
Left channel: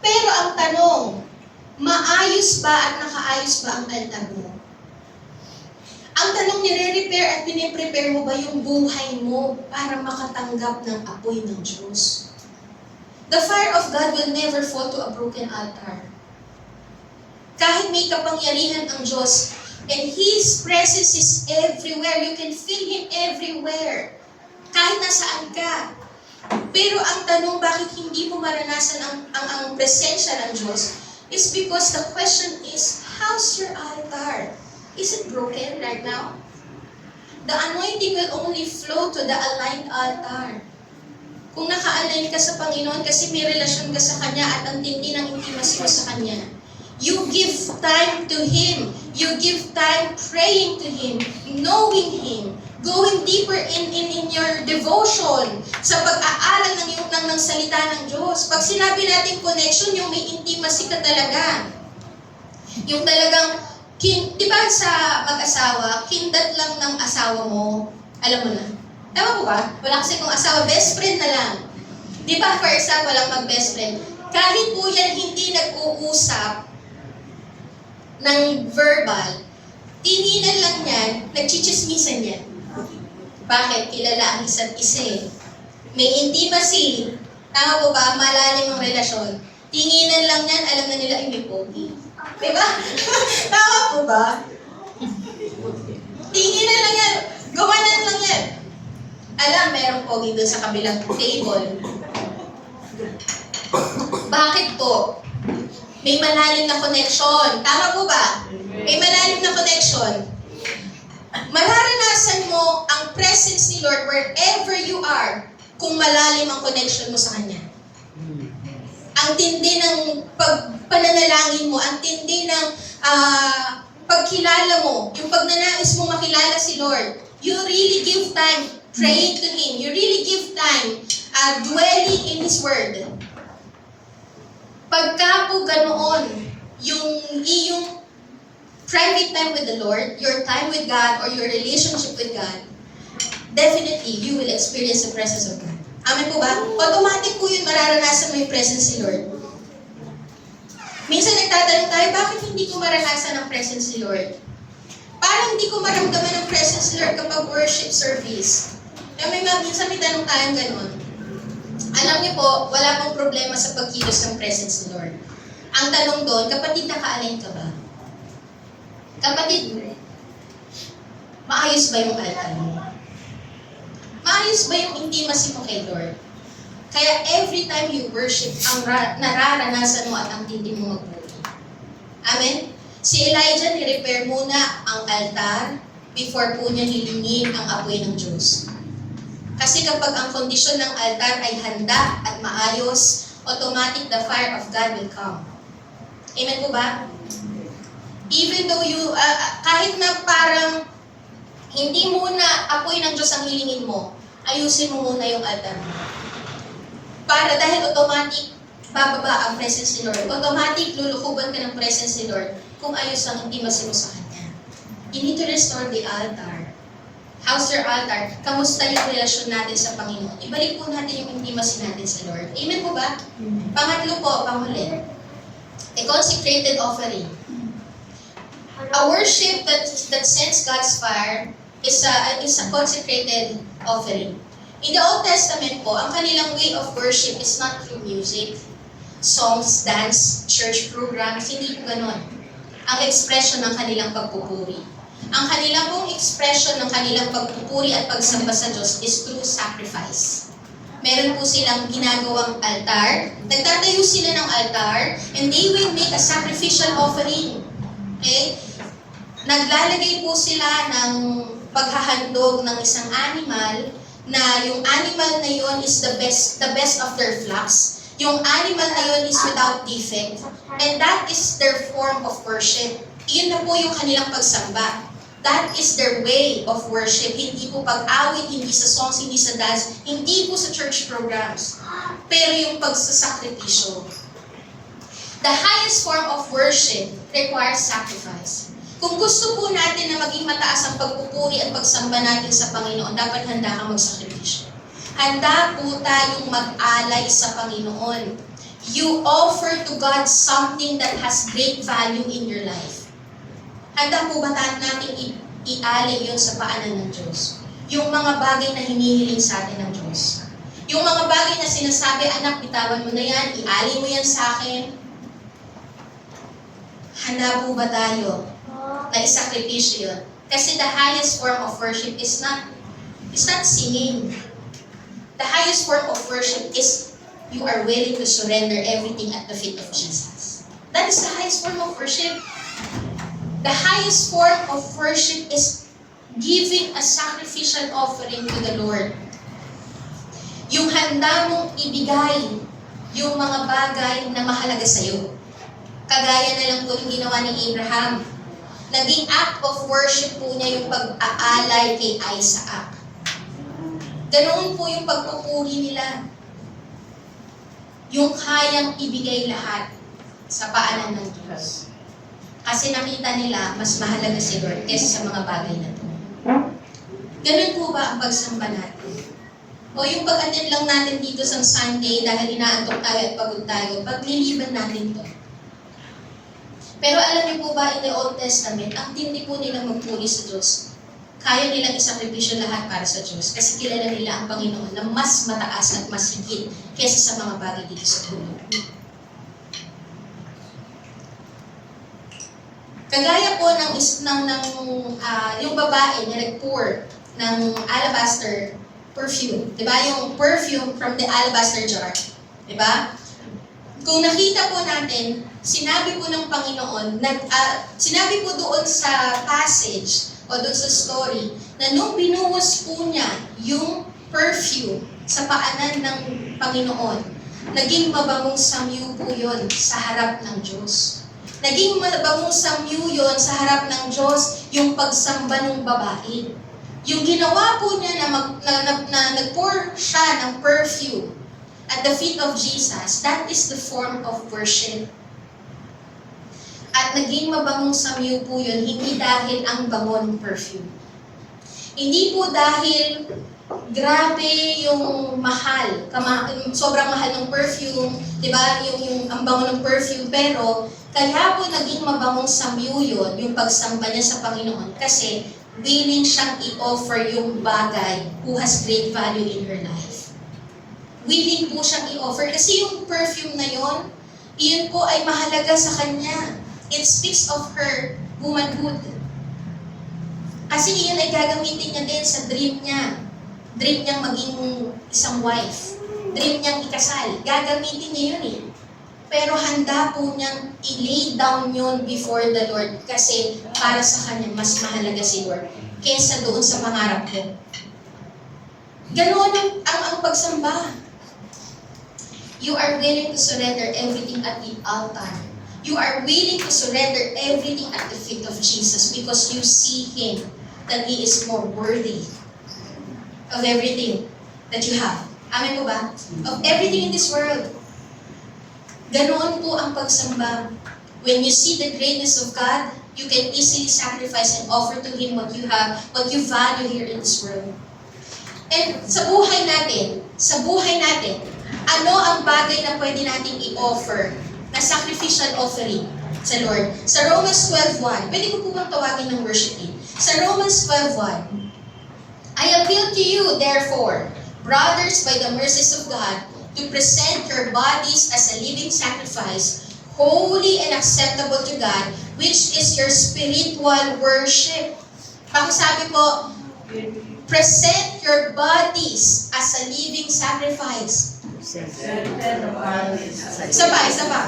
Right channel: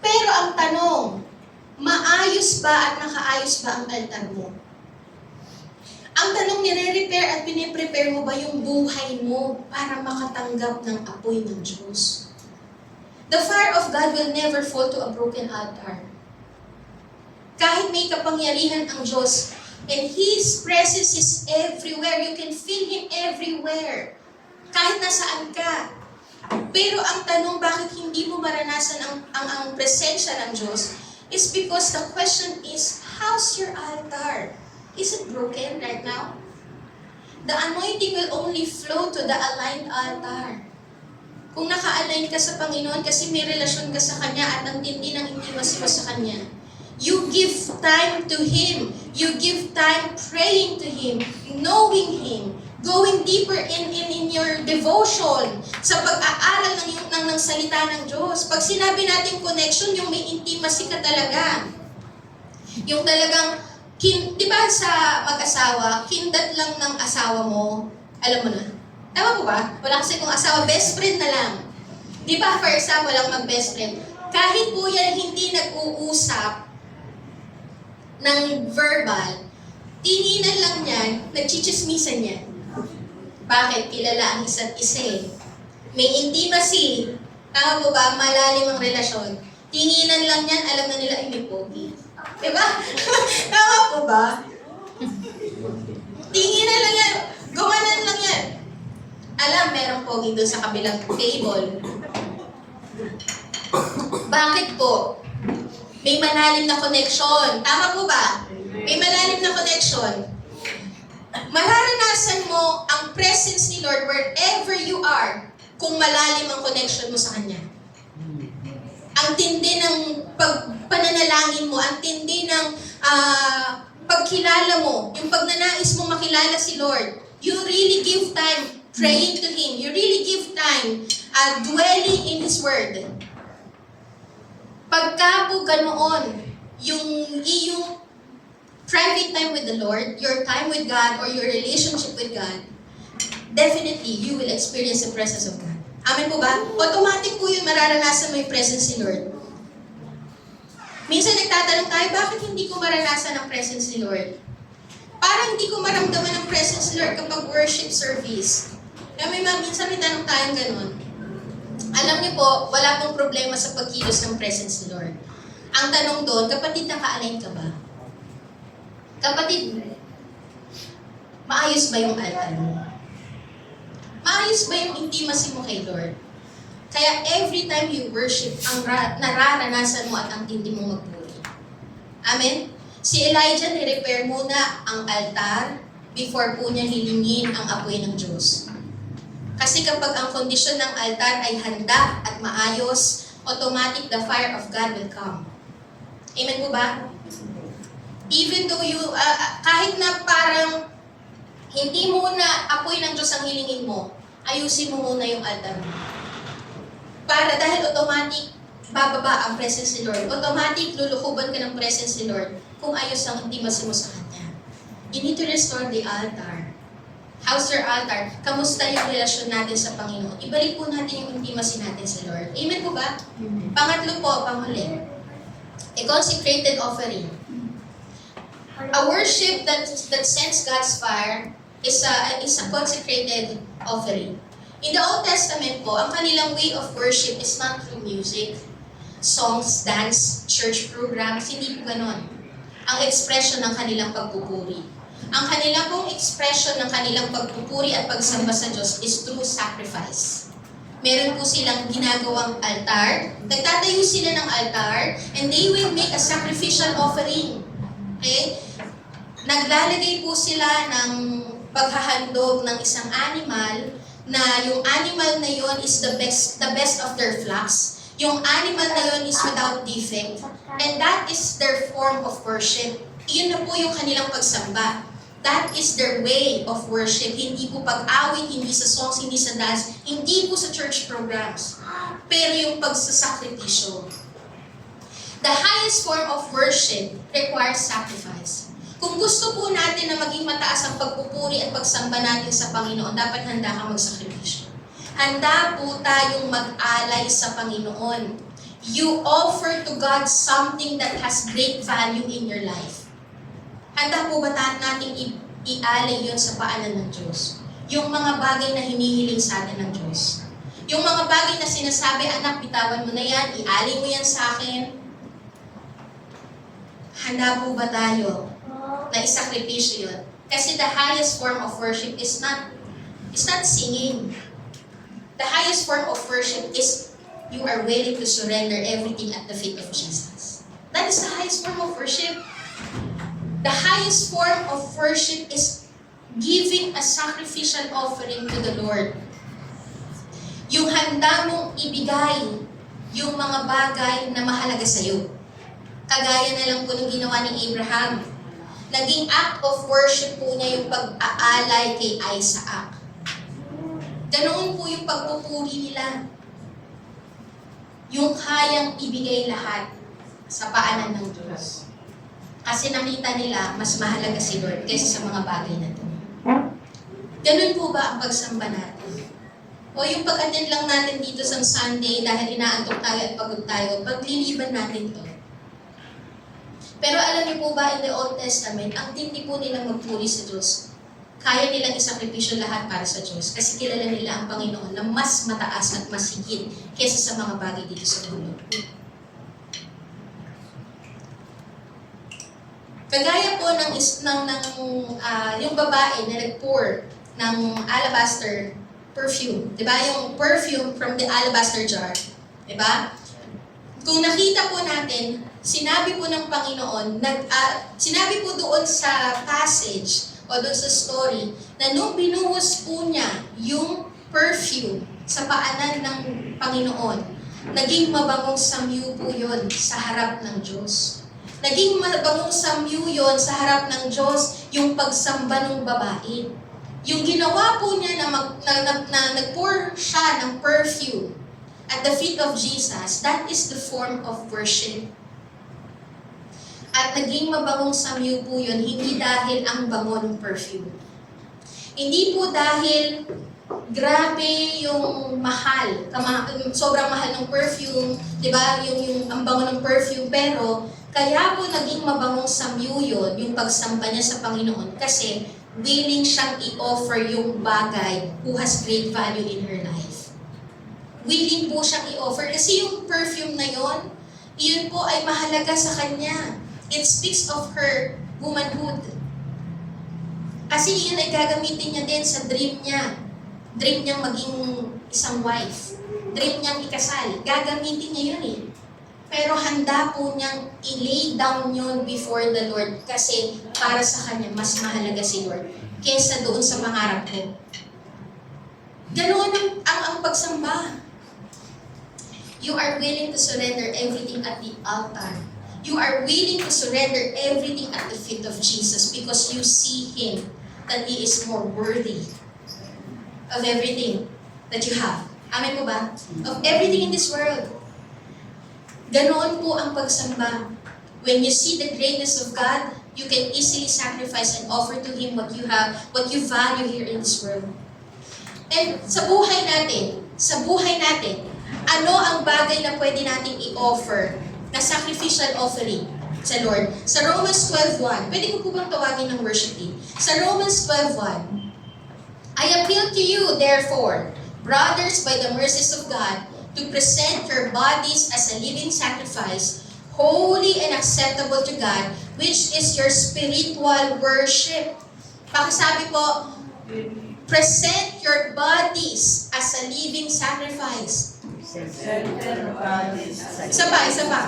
Pero ang tanong, maayos ba at nakaayos ba ang altar mo? Ang tanong, nire-repair at piniprepare mo ba yung buhay mo para makatanggap ng apoy ng Diyos? The fire of God will never fall to a broken altar. Kahit may kapangyarihan ang Diyos, and His presence is everywhere. You can feel Him everywhere. Kahit nasaan ka. Pero ang tanong, bakit hindi mo maranasan ang presensya ng Diyos is because the question is, how's your altar? Is it broken right now? The anointing will only flow to the aligned altar. Kung naka-align ka sa Panginoon kasi may relasyon ka sa Kanya at ang tindi ng intimacy mo sa Kanya, you give time to Him. You give time praying to Him, knowing Him, going deeper in your devotion sa pag-aaral ng salita ng Diyos. Pag sinabi natin connection, yung may intimacy ka talaga. Yung talagang di ba sa mag-asawa, kindat lang ng asawa mo, alam mo na. Ewan ko ba? Wala kasi kung asawa, best friend na lang. Di ba, for example, lang mag-best friend. Kahit po yan hindi nag-uusap ng verbal, tinginan lang yan, nagchichismisan yan. Bakit? Kilala ang isa't isa eh. May intimacy. Tama po ba? Malalim ang relasyon. Tinginan lang yan, alam na nila ay may pogi. Diba? Tama po ba? Tinginan lang yan. Gawanan lang yan. Alam, merong pogi doon sa kabilang table. Bakit po? May malalim na connection. Tama po ba? May malalim na connection. Mararanasan mo ang presence ni Lord wherever you are kung malalim ang connection mo sa Kanya. Ang tindi ng pananalangin mo, ang tindi ng pagkilala mo, yung pagnanais mo makilala si Lord, you really give time praying to Him. You really give time dwelling in His Word. Pagka po ganoon, yung iyong private time with the Lord, your time with God, or your relationship with God, definitely, you will experience the presence of God. Amen po ba? Automatic po yun, mararanasan mo yung presence ni Lord. Minsan nagtatanong tayo, bakit hindi ko maranasan ang presence ni Lord? Parang hindi ko maramdaman ang presence ni Lord kapag worship service. Kaya minsan may tanong tayong ganun. Alam niyo po, wala pong problema sa pagkilos ng presence ni Lord. Ang tanong doon, kapatid, naka-align ka ba? Kapatid, maayos ba yung altar mo? Maayos ba yung intimacy mo kay Lord? Kaya every time you worship, ang nararanasan mo at ang tindi mo magpuri. Amen? Si Elijah, ni-repair muna ang altar before po niya hilingin ang apoy ng Diyos. Kasi kapag ang kondisyon ng altar ay handa at maayos, automatic the fire of God will come. Amen po ba? Even though kahit na parang hindi muna apoy ng Diyos ang hilingin mo, ayusin mo muna yung altar mo. Para dahil automatic, bababa ang presence ni Lord. Automatic, lulukuban ka ng presence ni Lord kung ayos ang intimacy mo sa Kanya. You need to restore the altar. How's your altar? Kamusta yung relasyon natin sa Panginoon? Ibalik po natin yung intimacy natin sa Lord. Amen po ba? Amen. Pangatlo po, panghuli. A consecrated offering. A worship that sends God's fire is a consecrated offering. In the Old Testament po, ang kanilang way of worship is not through music, songs, dance, church programs, hindi po ganon. Ang expression ng kanilang pagpupuri. Ang kanilang pong expression ng kanilang pagpupuri at pagsamba sa Diyos is through sacrifice. Meron po silang ginagawang altar, nagtatayo sila ng altar, and they will make a sacrificial offering. Okay? Naglalagay po sila ng paghahandog ng isang animal, na yung animal na yun is the best of their flocks. Yung animal na yun is without defect. And that is their form of worship. Iyon na po yung kanilang pagsamba. That is their way of worship. Hindi po pag-awit, hindi sa songs, hindi sa dance, hindi po sa church programs. Pero yung pagsasakripisyo. The highest form of worship requires sacrifice. Kung gusto po natin na maging mataas ang pagpupuri at pagsamba natin sa Panginoon, dapat handa kang magsakripisyo. Handa po tayong mag-alay sa Panginoon. You offer to God something that has great value in your life. Handa po ba natin i-alay yun sa paanan ng Diyos? Yung mga bagay na hinihiling sa atin ng Diyos. Yung mga bagay na sinasabi, anak, bitawan mo na yan, i-alay mo yan sa akin. Handa po ba tayo na isakripisyo yun? Kasi the highest form of worship is not singing. The highest form of worship is you are willing to surrender everything at the feet of Jesus. That is the highest form of worship. The highest form of worship is giving a sacrificial offering to the Lord. Yung handa mong ibigay yung mga bagay na mahalaga sa iyo. Kagaya na lang po yung ginawa ni Abraham. Naging act of worship po niya yung pag-aalay kay Isaac. Ganoon po yung pagpupuri nila. Yung kayang ibigay lahat sa paanan ng Diyos. Kasi nakita nila, mas mahalaga si Lord kaysa sa mga bagay na ito. Ganun po ba ang pagsamba natin? O yung pag-attend lang natin dito sa Sunday dahil inaantok tayo at pagod tayo, pagliliban natin to. Pero alam niyo po ba, in the Old Testament, ang tindi po nila magpuri sa Diyos. Kaya nilang isakripisyo lahat para sa Diyos kasi kilala nila ang Panginoon na mas mataas at mas higit kaysa sa mga bagay dito sa mundo. Kagaya po yung babae na nag-pour ng alabaster perfume. Diba? Yung perfume from the alabaster jar. Diba? Kung nakita po natin, sinabi po ng Panginoon, sinabi po doon sa passage o doon sa story, na nung binuhos po niya yung perfume sa paanan ng Panginoon, Naging mabangong samyu po yun sa harap ng Diyos. Naging mabangong samyu yun sa harap ng Diyos yung pagsamba ng babae. Yung ginawa po niya na nag-pour siya ng perfume at the feet of Jesus, that is the form of worship. At naging mabangong samyu po yun, hindi dahil ang bango ng perfume. Hindi po dahil grabe yung mahal, sobrang mahal ng perfume, di ba? Yung ang bango ng perfume, pero kaya po naging mabangong samyu yun, yung pagsamba niya sa Panginoon, kasi willing siyang i-offer yung bagay who has great value in her life. Willing po siyang i-offer, kasi yung perfume na yun, iyon po ay mahalaga sa kanya. It speaks of her womanhood. Kasi iyon ay gagamitin niya din sa dream niya. Dream niyang maging isang wife. Dream niyang ikasal. Gagamitin niya yun eh. Pero handa po niyang i-lay down yun before the Lord kasi para sa kanya, mas mahalaga si Lord kesa doon sa pangarap ko. Ganoon ang pagsamba. You are willing to surrender everything at the altar. You are willing to surrender everything at the feet of Jesus because you see Him that He is more worthy of everything that you have. Amen po ba? Of everything in this world. Ganoon po ang pagsamba. When you see the greatness of God, you can easily sacrifice and offer to Him what you have, what you value here in this world. And sa buhay natin, ano ang bagay na pwede nating i-offer na sacrificial offering sa Lord? Sa Romans 12:1, pwede ko po bang tawagin ng worship team? Sa Romans 12:1, I appeal to you, therefore, brothers, by the mercies of God, to present your bodies as a living sacrifice, holy and acceptable to God, which is your spiritual worship. Pakisabi po, present your bodies as a living sacrifice. Isa pa.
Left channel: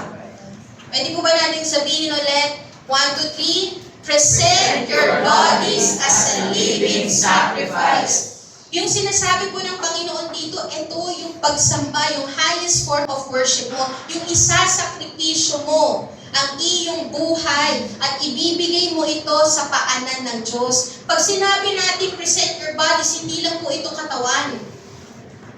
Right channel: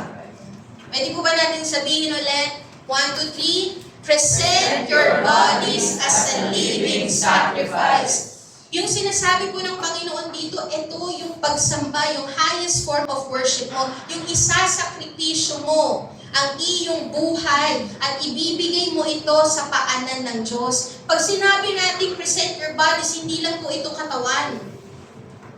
Pwede po ba natin sabihin ulit? 1, 2, 3. Present your bodies as a living sacrifice. Yung sinasabi po ng Panginoon dito, ito yung pagsamba, yung highest form of worship mo, yung isasakripisyo mo ang iyong buhay at ibibigay mo ito sa paanan ng Diyos. Pag sinabi natin present your bodies, hindi lang po ito katawan,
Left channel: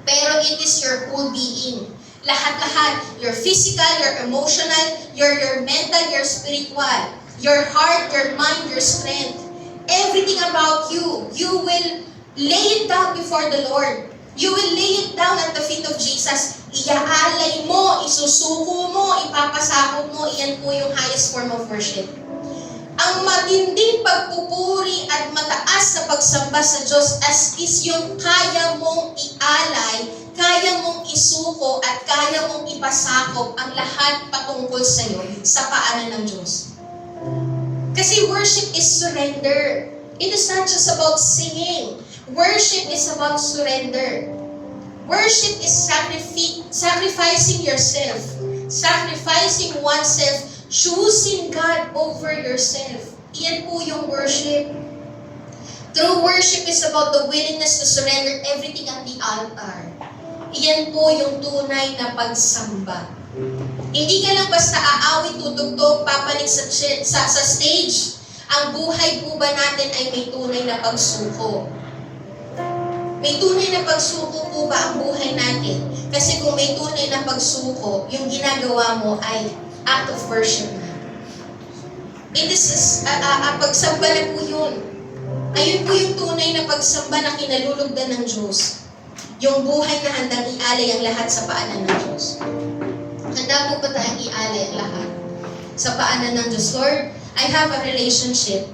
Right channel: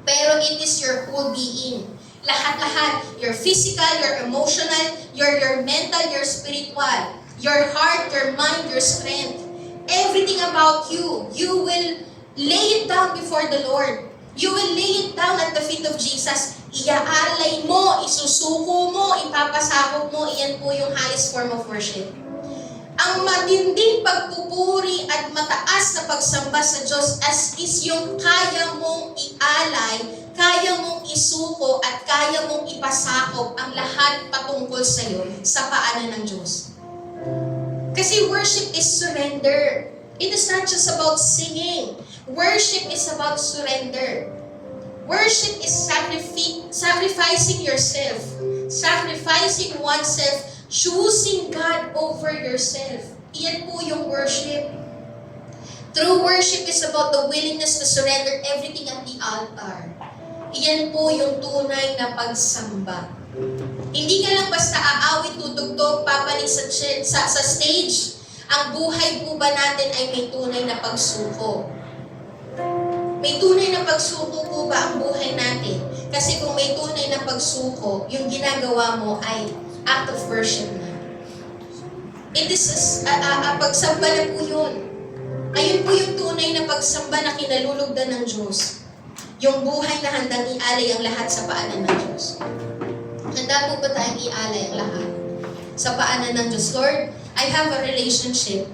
pero it is your whole being. Lahat-lahat, your physical, your emotional, your mental, your spiritual, your heart, your mind, your strength, everything about you, you will lay it down before the Lord. You will lay it down at the feet of Jesus. Iaalay mo, isusuko mo, ipapasakop mo, iyan po yung highest form of worship. Ang matinding pagpupuri at mataas na pagsamba sa Diyos is yung kaya mong ialay, kaya mong isuko, at kaya mong ipasakop ang lahat patungkol sa iyo sa paanan ng Diyos. Kasi worship is surrender. It is not just about singing. Worship is about surrender. Worship is sacrificing yourself, sacrificing oneself, choosing God over yourself. Iyan po yung worship. True worship is about the willingness to surrender everything at the altar. Iyan po yung tunay na pagsamba. Hindi ka lang basta aawit, tutugtog, papanig sa stage. Ang buhay po ba natin ay may tunay na pagsuko? May tunay na pagsuko po ba ang buhay natin? Kasi kung may tunay na pagsuko, yung ginagawa mo ay act of worship na. It is pagsamba na po yun. Ayun po yung tunay na pagsamba na kinalulugdan ng Diyos. Yung buhay na handang ialay ang lahat sa paanan ng Diyos. Handa po ba tayong ialay ang lahat sa paanan ng Diyos? Lord, I have a relationship.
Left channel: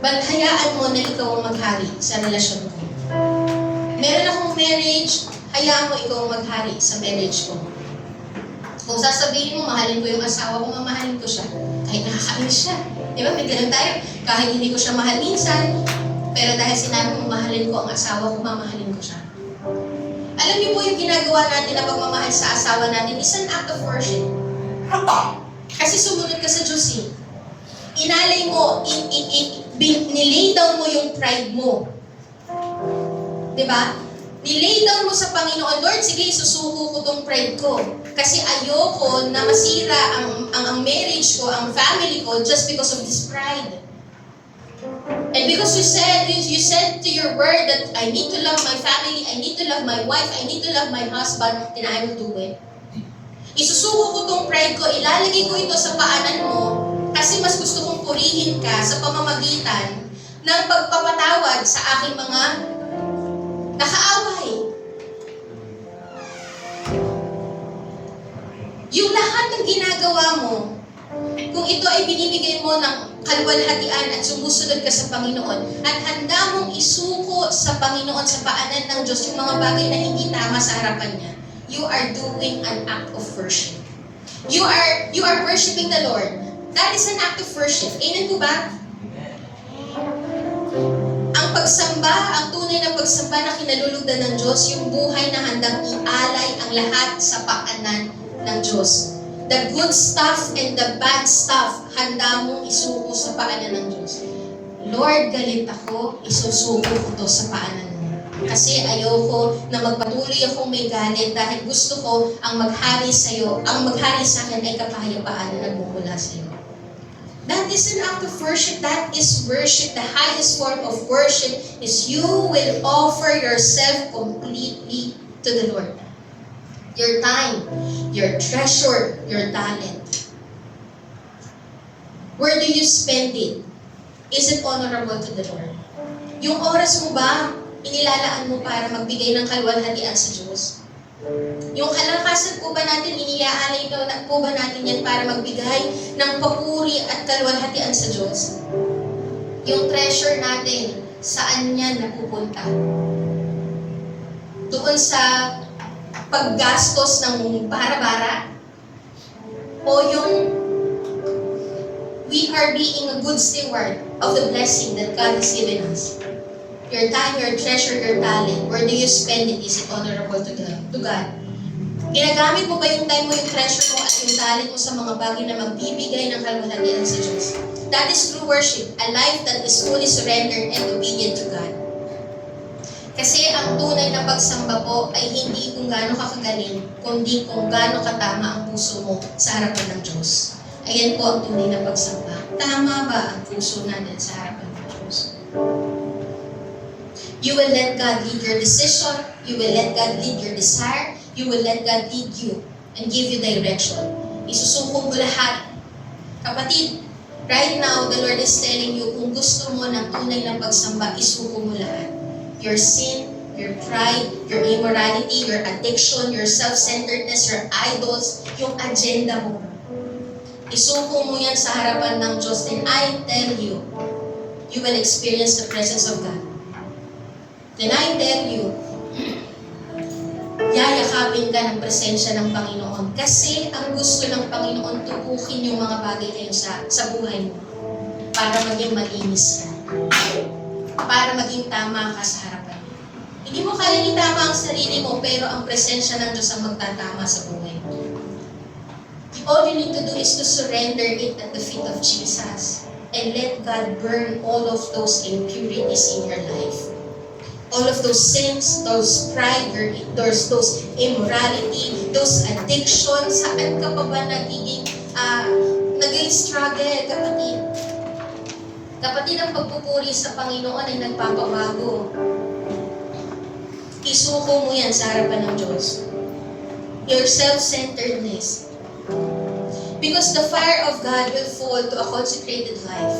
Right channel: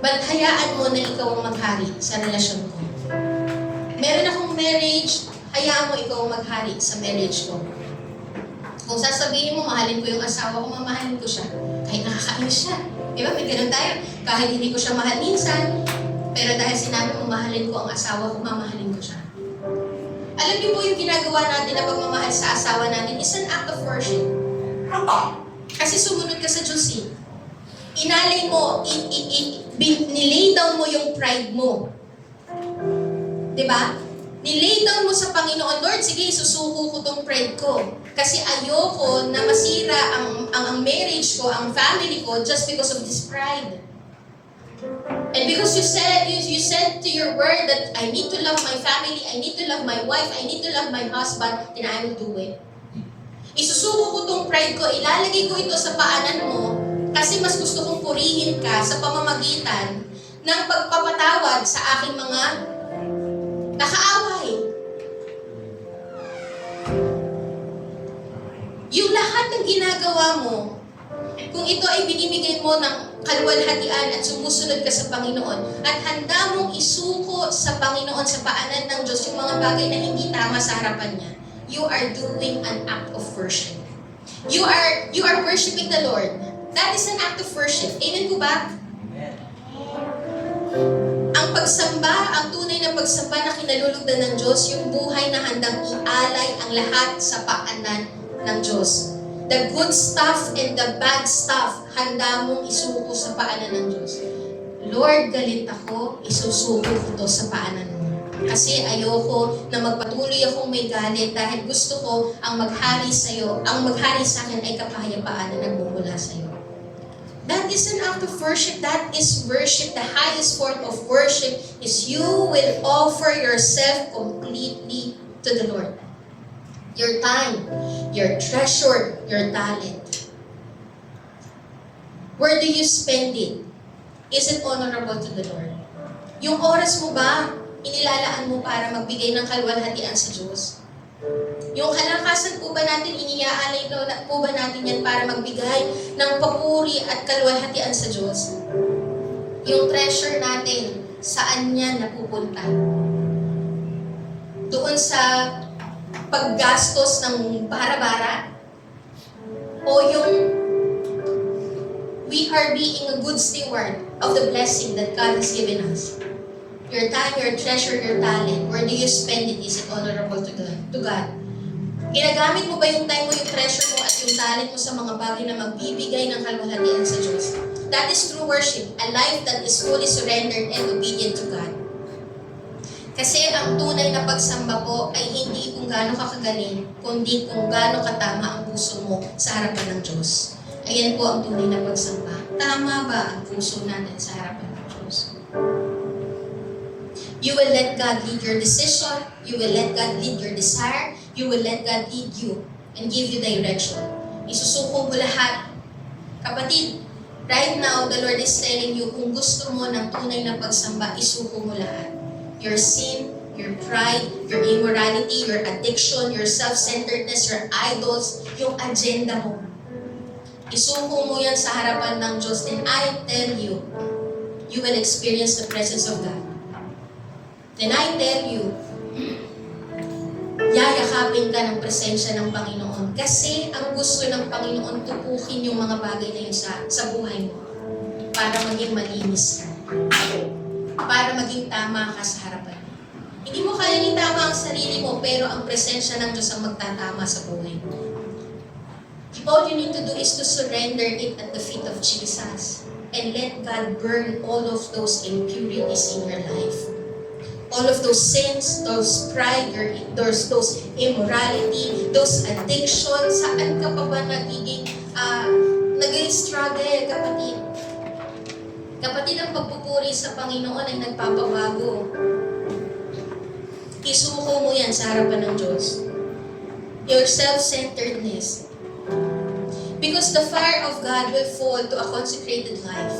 But hayaan mo na ikaw ang maghari sa relasyon ko. Meron akong marriage, hayaan mo ikaw ang maghari sa marriage ko. Kung sasabihin mo, mahalin ko yung asawa ko, mamahalin ko siya. Kahit nakakainis siya. Diba? May ganun tayo. Kahit hindi ko siya mahal minsan, pero dahil sinabi mo, mahalin ko ang asawa ko, mamahalin ko siya. Alam niyo po yung ginagawa natin na pagmamahal sa asawa natin is an act of worship. Kasi sumunod ka sa Diyos eh. Inalay mo, nilay down mo yung pride mo. Diba? Nilay down mo sa Panginoon, Lord, sige, susuko ko tong pride ko. Kasi ayoko na masira ang marriage ko, ang family ko, just because of this pride. And because you said to your word that I need to love my family, I need to love my wife, I need to love my husband, then I will do it. Isusuko ko tong pride ko, ilalagay ko ito sa paanan mo, kasi mas gusto kong purihin ka sa pamamagitan ng pagpapatawad sa aking mga nakaaway. Yung lahat ng ginagawa mo, kung ito ay binibigay mo ng kaluwalhatian at sumusunod ka sa Panginoon at handa mong isuko sa Panginoon sa paanan ng Diyos yung mga bagay na hindi tama sa harapan niya, you are doing an act of worship. You are worshiping the Lord. That is an act of worship. Amen po ba? Ang pagsamba, ang tunay na pagsamba na kinalulugdan ng Diyos, yung buhay na handang ialay ang lahat sa paanan ng Diyos. The good stuff and the bad stuff, handa mong isuko sa paanan ng Diyos. Lord, galit ako, isusuko ko to sa paanan mo. Kasi ayoko na magpatuloy akong may galit dahil gusto ko ang maghari sa'yo, ang maghari sa akin ay kapahayapaan na nagmumula sa'yo. That is an act of worship. That is worship. The highest form of worship is you will offer yourself completely to the Lord. Your time, your treasure, your talent. Where do you spend it? Is it honorable to the Lord? Yung oras mo ba, inilalaan mo para magbigay ng kaluwalhatian sa Diyos? Yung kalakasan po ba natin, iniaalay po ba natin yan para magbigay ng papuri at kaluwalhatian sa Diyos? Yung treasure natin, saan yan napupunta? Doon sa paggastos ng bara-bara? O yung we are being a good steward of the blessing that God has given us? Your time, your treasure, your talent, where do you spend it? Is it honorable to God? Ginagamit mo ba yung time mo, yung treasure mo, at yung talent mo sa mga bagay na magbibigay ng kaluwalhatian sa Diyos? That is true worship, a life that is fully surrendered and obedient to God. Kasi ang tunay na pagsamba po ay hindi kung gaano ka kagaling, kundi kung gaano katama ang puso mo sa harapan ng Diyos. Ayan po ang tunay na pagsamba. Tama ba ang puso natin sa harapan ng Diyos? You will let God lead your decision. You will let God lead your desire. You will let God lead you and give you direction. Isusuko mo lahat. Kapatid, right now, the Lord is telling you, kung gusto mo ng tunay na pagsamba, isuko mo lahat. Your sin, your pride, your immorality, your addiction, your self-centeredness, your idols, yung agenda mo. Isuko mo yan sa harapan ng Diyos, then I tell you, you will experience the presence of God. Then I tell you, yayakapin ka ng presensya ng Panginoon. Kasi ang gusto ng Panginoon, tukukin yung mga bagay na yun sa buhay mo. Para maging malinis ka. Para maging tama ka sa harapan mo. Hindi mo kaya itama ang sarili mo, pero ang presensya ng Diyos ang magtatama sa buhay mo. All you need to do is to surrender it at the feet of Jesus. And let God burn all of those impurities in your life. All of those sins, those pride, those immorality, those addictions, saan ka pa ba nag-struggle, kapatid? Kapatid, ang pagpupuri sa Panginoon ay nagpapabago. Isuko mo yan sa harapan ng Diyos. Your self-centeredness. Because the fire of God will fall to a consecrated life.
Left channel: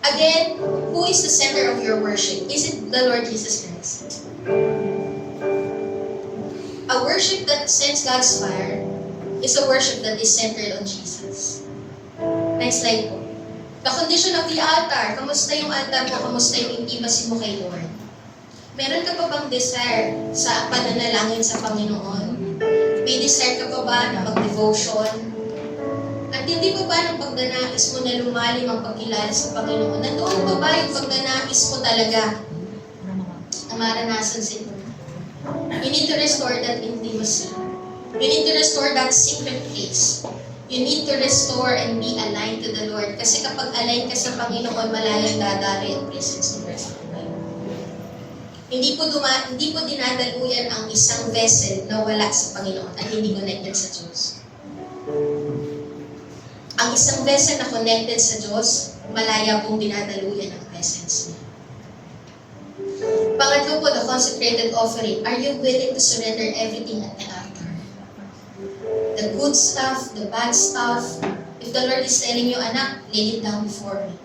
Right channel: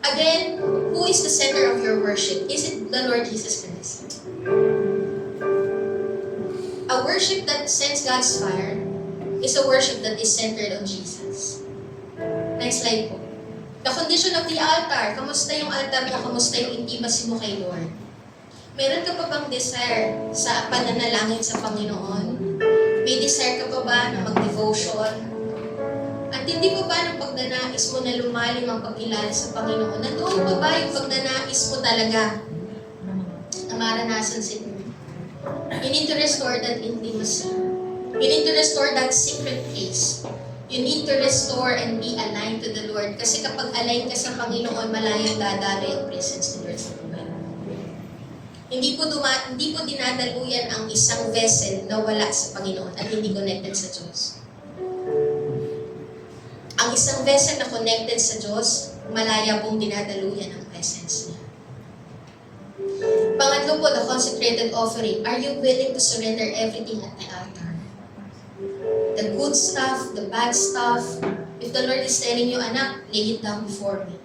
Again, who is the center of your worship? Is it the Lord Jesus Christ? A worship that sends God's fire is a worship that is centered on Jesus. Next slide po. The condition of the altar. Kamusta yung altar mo? Kamusta yung intimacy mo kay Lord? Meron ka pa bang desire sa pananalangin sa Panginoon? May desire ka pa ba na mag-devotion? At hindi pa ba ng pagnanais mo na lumalim ang pagkilala sa Panginoon? Nandoon pa ba yung pagnanais mo talaga na maranasan sa inyo? You need to restore that intimacy. You need to restore that secret place. You need to restore and be aligned to the Lord. Kasi kapag aligned ka sa Panginoon, malayang dadari ang presence ni Lord sa buhay mo. Hindi po dinadaluyan ang isang vessel na wala sa Panginoon at hindi connected sa Diyos. Ang isang vessel na connected sa Diyos, malaya pong dinadaluyan ang presence niya. Pangatlo po, the consecrated offering. Are you willing to surrender everything at the altar? The good stuff, the bad stuff. If the Lord is telling you, anak, lay it down before me.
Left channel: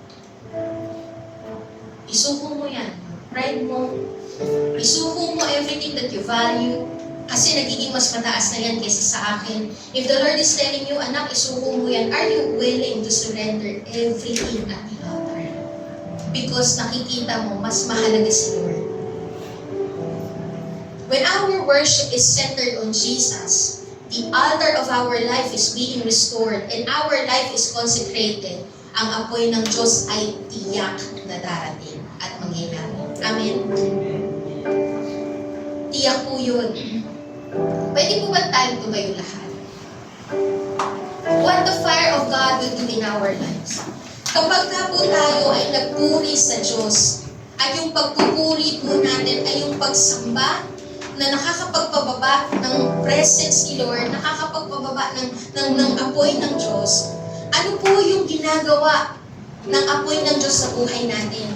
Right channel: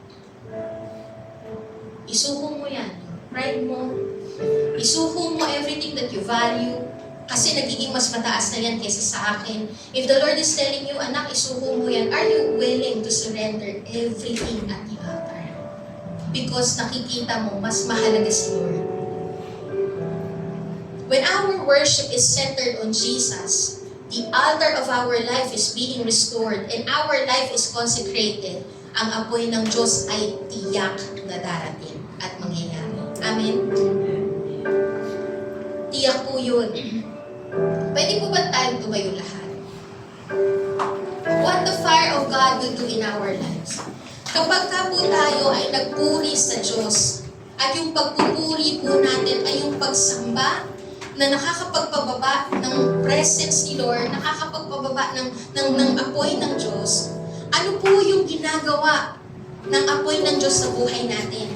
Isuko mo yan. Pride mo. Isuko mo everything that you value. Kasi nagiging mas mataas na yan kaysa sa akin. If the Lord is telling you, anak, isuko mo yan, are you willing to surrender everything at the altar? Because nakikita mo, mas mahalaga si Lord. When our worship is centered on Jesus, the altar of our life is being restored and our life is consecrated, ang apoy ng Diyos ay tiyak na darating at mangyayari. Amen? Tiyak po yun. Pwede po ba tayong tumayo lahat? What the fire of God will do in our lives. Kapag ka po tayo ay nagpuri sa Diyos, at yung pagpupuri po natin ay yung pagsamba na nakakapagpababa ng presence ni Lord, nakakapagpababa ng apoy ng Diyos, ano po yung ginagawa ng apoy ng Diyos sa buhay natin?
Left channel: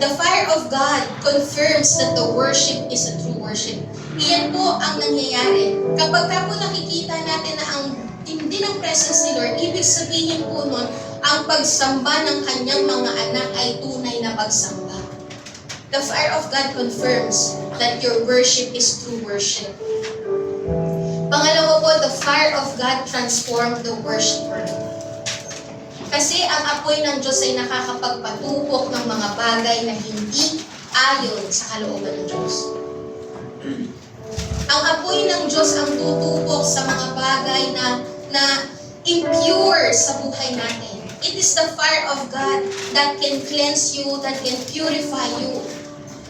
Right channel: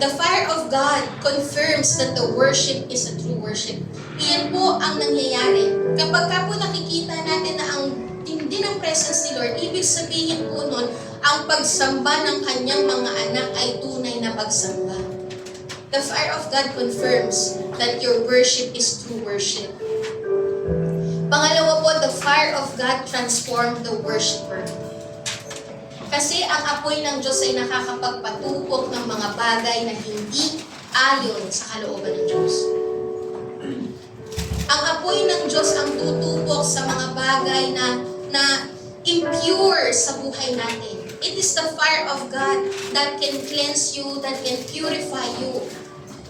The fire of God confirms that the worship is a true worship. Iyan po ang nangyayari. Kapag ka po nakikita natin na ang tindi ng presence ni Lord, ibig sabihin po nun, ang pagsamba ng kanyang mga anak ay tunay na pagsamba. The fire of God confirms that your worship is true worship. Pangalawa po, the fire of God transformed the worshiper. Kasi ang apoy ng Diyos ay nakakapagpatupok ng mga bagay na hindi ayon sa kalooban ng Diyos. Ang apoy ng Diyos ang tutupok sa mga bagay na impure sa buhay natin. It is the fire of God that can cleanse you, that can purify you.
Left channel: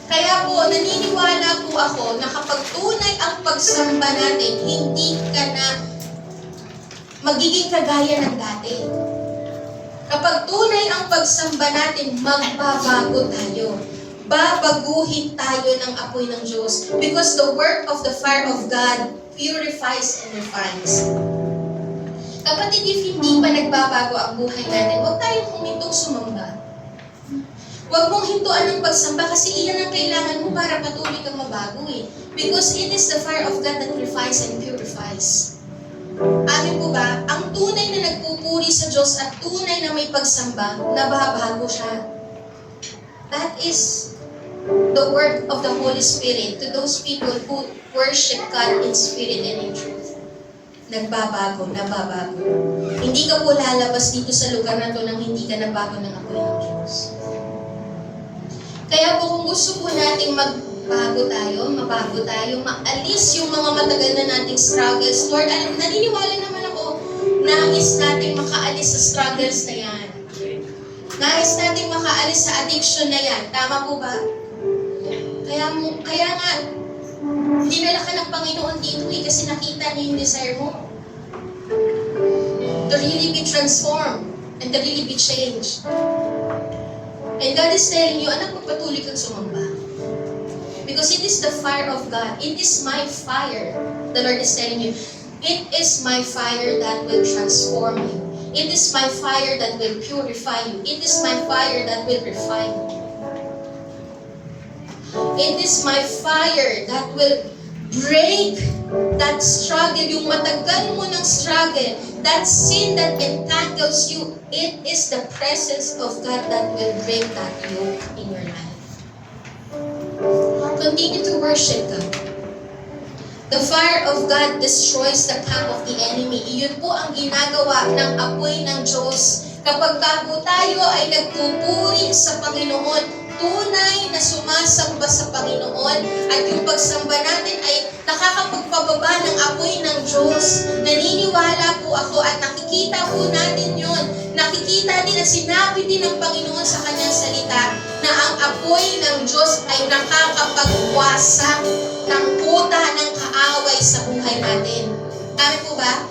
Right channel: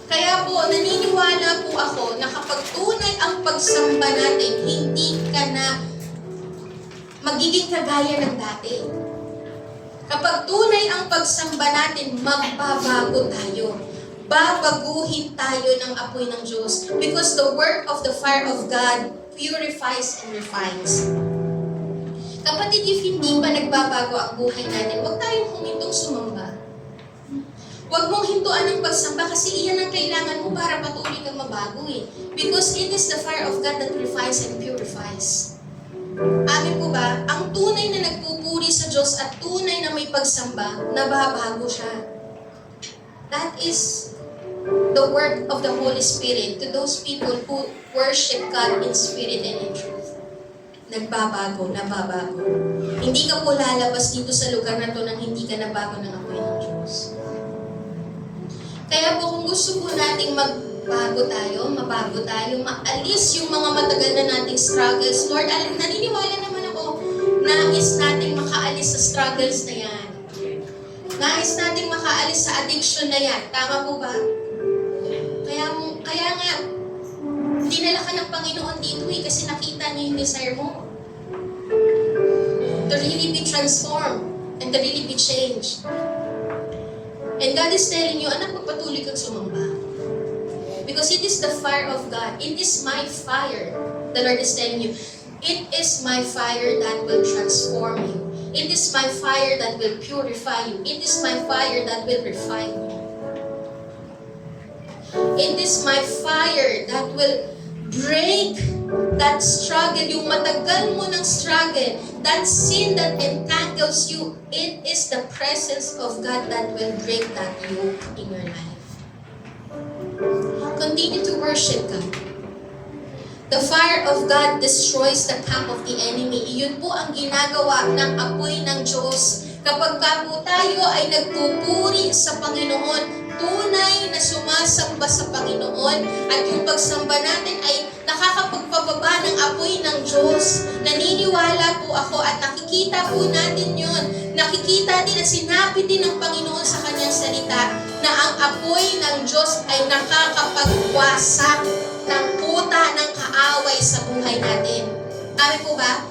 Kaya po, naniniwala po ako na kapag tunay ang pagsamba natin, hindi ka na magiging kagaya ng dati. Kapag tunay ang pagsamba natin, magbabago tayo. Babaguhin tayo ng apoy ng Diyos. Because the work of the fire of God purifies and refines. Kapatid, if hindi pa nagbabago ang buhay natin, huwag tayong humintong sumamba. Huwag mong hintuan ng pagsamba kasi iyan ang kailangan mo para patuloy kang mabago eh. Because it is the fire of God that refines and purifies. Amin po ba? Ang tunay na nagpupuri sa Diyos at tunay na may pagsamba, nababago siya. That is the work of the Holy Spirit to those people who worship God in spirit and in truth. Nagbabago, nababago. Hindi ka po lalabas dito sa lugar na to nang hindi ka nabago ng apoy ng Diyos. Kaya po kung gusto po nating mabago tayo, maalis yung mga matagal na nating struggles. Lord, naniniwala naman ako, nais nating makaalis sa struggles na yan. Nais nating makaalis sa addiction na yan. Tama po ba? Kaya nga, dinala ka ng Panginoon dito kasi nakita niya yung desire mo. To really be transformed and to really be changed. And God is telling you, anak, magpatuloy kang sumamba. Because it is the fire of God. It is my fire. The Lord is telling you, it is my fire that will transform you. It is my fire that will purify you. It is my fire that will refine you. It is my fire that will break that struggle, yung matagal mo ng struggle, that sin that entangles you. It is the presence of God that will break that yoke in your life. Continue to worship God. The fire of God destroys the camp of the enemy. Iyon po ang ginagawa ng apoy ng Diyos. Kapag po tayo ay nagpupuri sa Panginoon, tunay na sumasamba sa Panginoon, at yung pagsamba natin ay nakakapagpababa ng apoy ng Diyos. Naniniwala po ako at nakikita po natin yun. Nakikita din at sinabi din ng Panginoon sa kanyang salita na ang apoy ng Diyos ay nakakapagwasak ng kuta ng kaaway sa buhay natin. Amin po ba?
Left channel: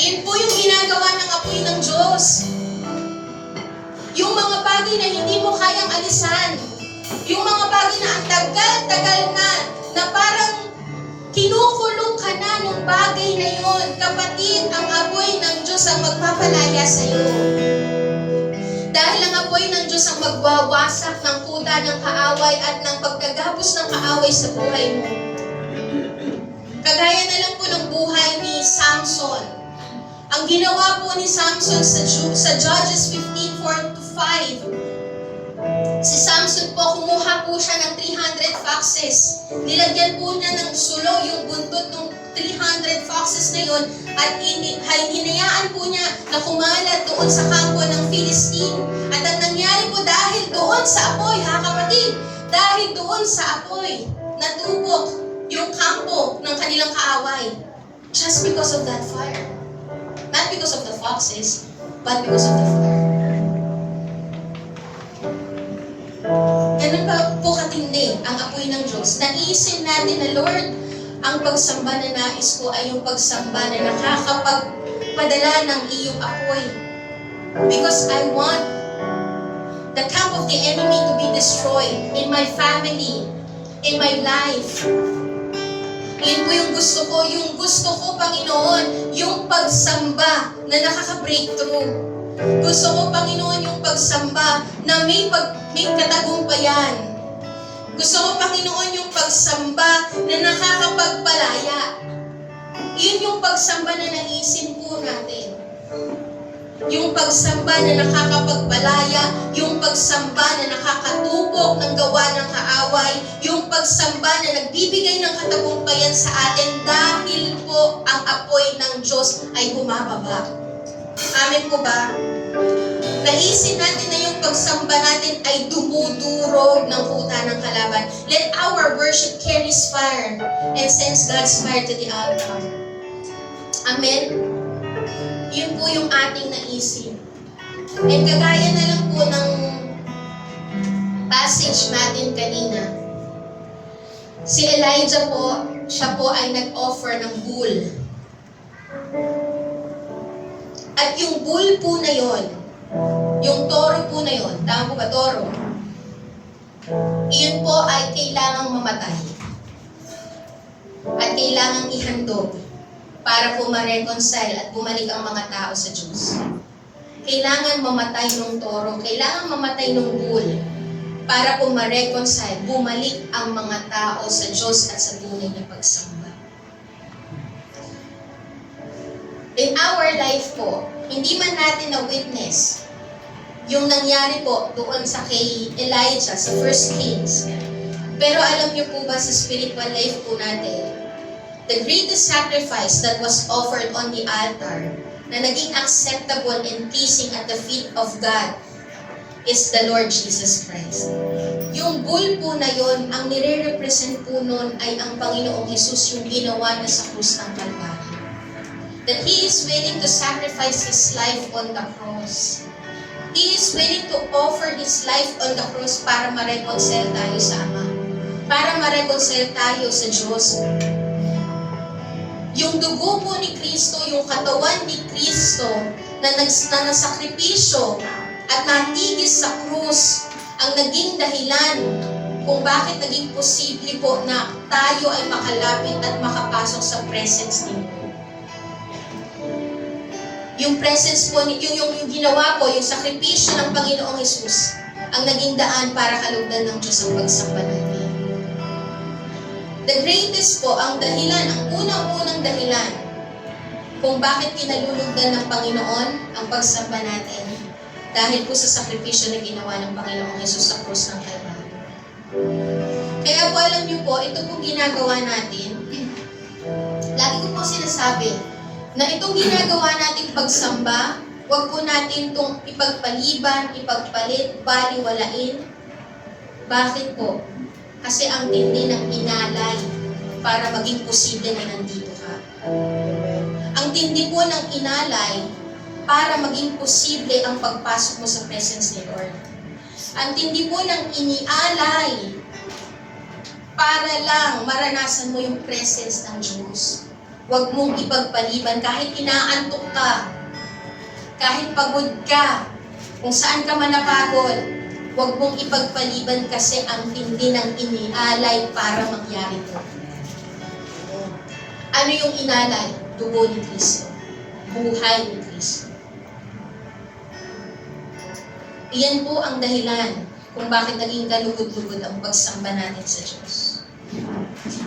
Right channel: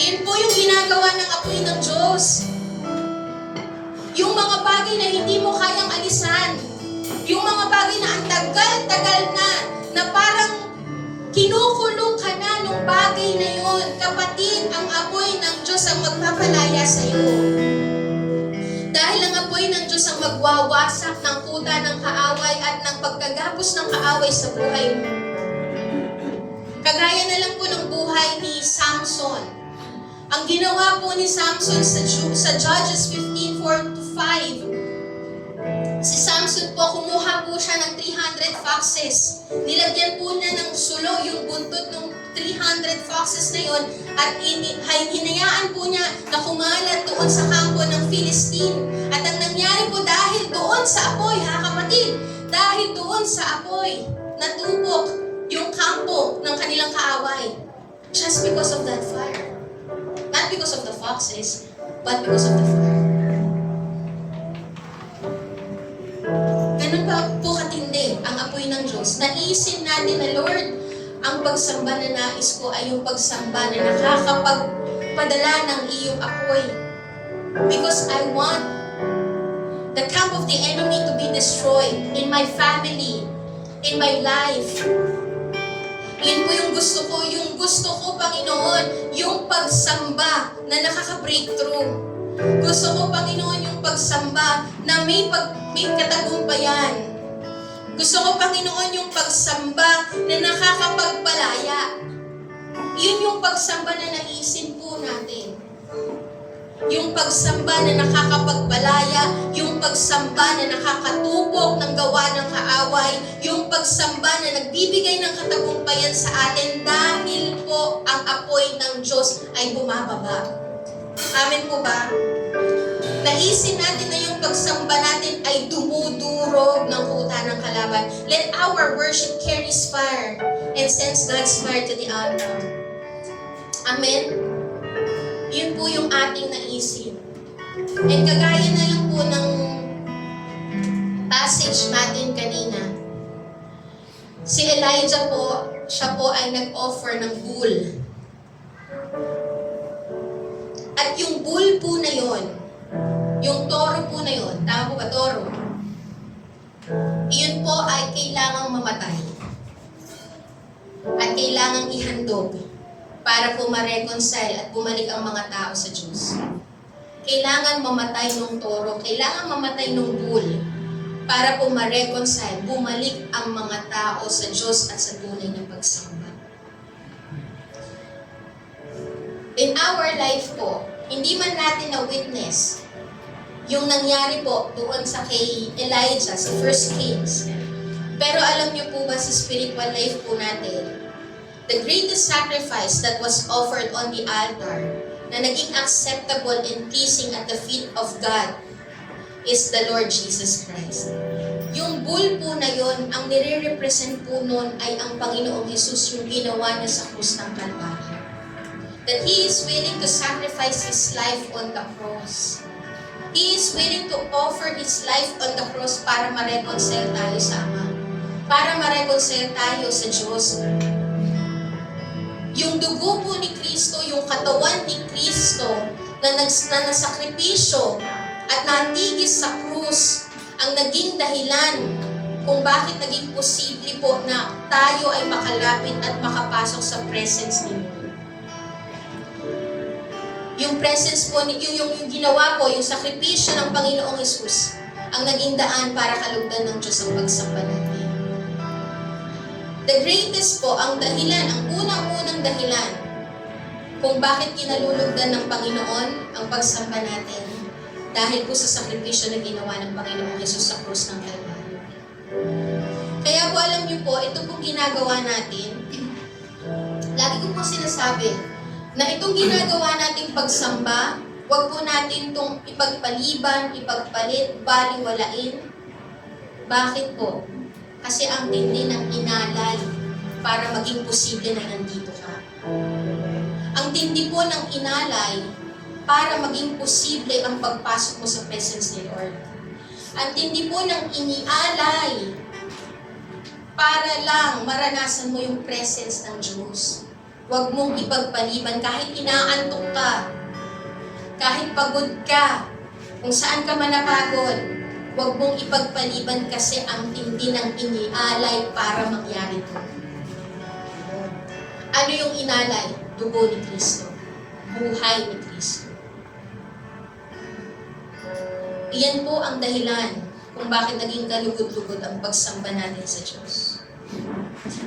Yun po yung ginagawa ng apoy ng Diyos. Yung mga bagay na hindi mo kayang alisan, Yung mga bagay na ang tagal-tagal na parang kinukulong ka na nung bagay na yun. Kapatid, ang apoy ng Diyos ang magpapalaya sa iyo. Dahil ang apoy ng Diyos ang magwawasak ng kuta ng kaaway at ng pagkagapos ng kaaway sa buhay mo. Kagaya na lang po ng buhay ni Samson. Ang ginawa po ni Samson sa Judges 15:4-5, si Samson po, kumuha po siya ng 300 foxes. Nilagyan po niya ng sulo yung buntot ng 300 foxes na yun at hinayaan po niya na kumalat doon sa kampo ng Philistine. At ang nangyari po dahil doon sa apoy, kapatid, dahil doon sa apoy, natubok yung kampo ng kanilang kaaway. Just because of that fire. Not because of the foxes, but because of the fire. Ganun pa po katindi ang apoy ng Diyos. Naisin natin na, Lord, ang pagsamba na nais ko ay yung pagsamba na nakakapagpadala ng iyong apoy. Because I want the camp of the enemy to be destroyed in my family, in my life. Yun po yung gusto ko. Yung gusto ko, Panginoon, yung pagsamba na nakaka-breakthrough. Gusto ko, Panginoon, yung pagsamba na may katagumpayan. Gusto ko, Panginoon, yung pagsamba na nakakapagpalaya. Yun yung pagsamba na naisin po natin. Yung pagsamba na nakakapagpalaya, yung pagsamba na nakakatupok ng gawa ng kaaway, yung pagsamba na nagbibigay ng katagumpayan sa atin dahil po ang apoy ng Diyos ay bumababa. Amen po ba? Naisin natin na yung pagsamba natin ay dumudurog ng kuta ng kalaban. Let our worship carries fire and sends God's fire to the altar. Amen? Yun po yung ating naisin. And kagaya na lang po ng passage natin kanina. Si Elijah po, siya po ay nag-offer ng bull. At yung bull po na yon, yung toro po na yon, tama po ba, toro? Iyon po ay kailangang mamatay. At kailangang ihandog para po ma-reconcile at bumalik ang mga tao sa Diyos. Kailangan mamatay ng toro, kailangan mamatay ng bull para po ma-reconcile, bumalik ang mga tao sa Diyos at sa tunay niya pagsamba. In our life po, hindi man natin na-witness yung nangyari po doon sa kay Elijah sa 1 Kings. Pero alam niyo po ba sa spiritual life po natin, the greatest sacrifice that was offered on the altar na naging acceptable and pleasing at the feet of God is the Lord Jesus Christ. Yung bull po na yon, ang nire-represent po nun ay ang Panginoong Jesus, yung ginawa na sa krus ng Kalbaryo. That He is willing to sacrifice His life on the cross. He is willing to offer His life on the cross para ma-reconcile tayo sa Ama. Para ma-reconcile tayo sa Diyos. Yung dugo po ni Kristo, yung katawan ni Kristo na nasakripisyo at natigis sa krus ang naging dahilan kung bakit naging posible po na tayo ay makalapit at makapasok sa presence ni Lord. Yung presence po, yung ginawa po, yung sakripisyo ng Panginoong Hesus ang naging daan para kalugdan ng Diyos ang pagsamba natin. The greatest po, ang dahilan, ang unang-unang dahilan kung bakit kinalulugdan ng Panginoon ang pagsamba natin dahil po sa sakripisyo na ginawa ng Panginoong Hesus sa krus ng Kalbaryo. Kaya po alam niyo po, ito po ginagawa natin, lagi ko po sinasabi, na itong ginagawa nating pagsamba, huwag po natin itong ipagpaliban, ipagpalit, baliwalain. Bakit po? Kasi ang tindi ng inalay para maging posible na nandito ka. Ang tindi po ng inalay para maging posible ang pagpasok mo sa presence ni Lord. Ang tindi po ng inialay para lang maranasan mo yung presence ng Diyos. Huwag mong ipagpaliban kahit inaantok ka, kahit pagod ka, kung saan ka man napagod, Huwag mong ipagpaliban kasi ang tindi ng inialay para mangyari to. Ano yung inalay? Dugo ni Kristo. Buhay ni Kristo. Iyan po ang dahilan kung bakit naging kalugod-lugod ang pagsamba natin sa Diyos.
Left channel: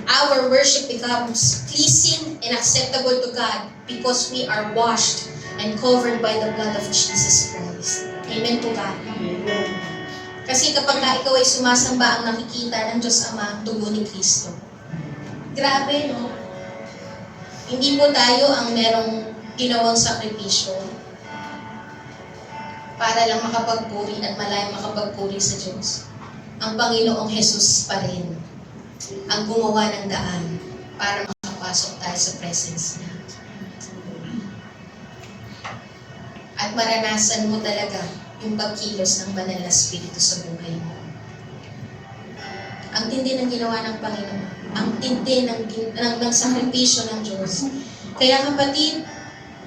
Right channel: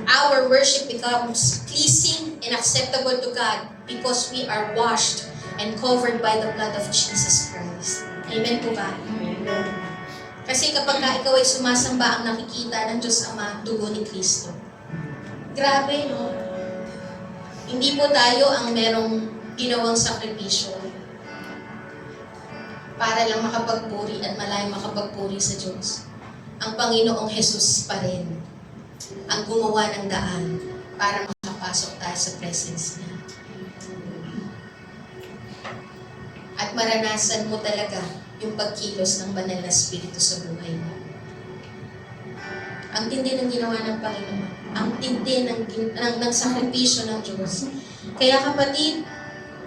Our worship becomes pleasing and acceptable to God because we are washed and covered by the blood of Jesus Christ. Amen po ba? Amen. Kasi kapag ikaw ay sumasamba, ang nakikita ng Diyos Ama, dugo ni Kristo. Grabe, no? Hindi po tayo ang merong ginawang sakripisyo para lang makapagpuri at malayang makapagpuri sa Diyos. Ang Panginoong Jesus pa rin ang gumawa ng daan para makapasok tayo sa presence niya. At maranasan mo talaga yung pagkilos ng banal na Espiritu sa buhay mo. Ang tindi ng ginawa ng Panginoon. Ang tindi ng sakripisyo ng Diyos. Kaya kapatid,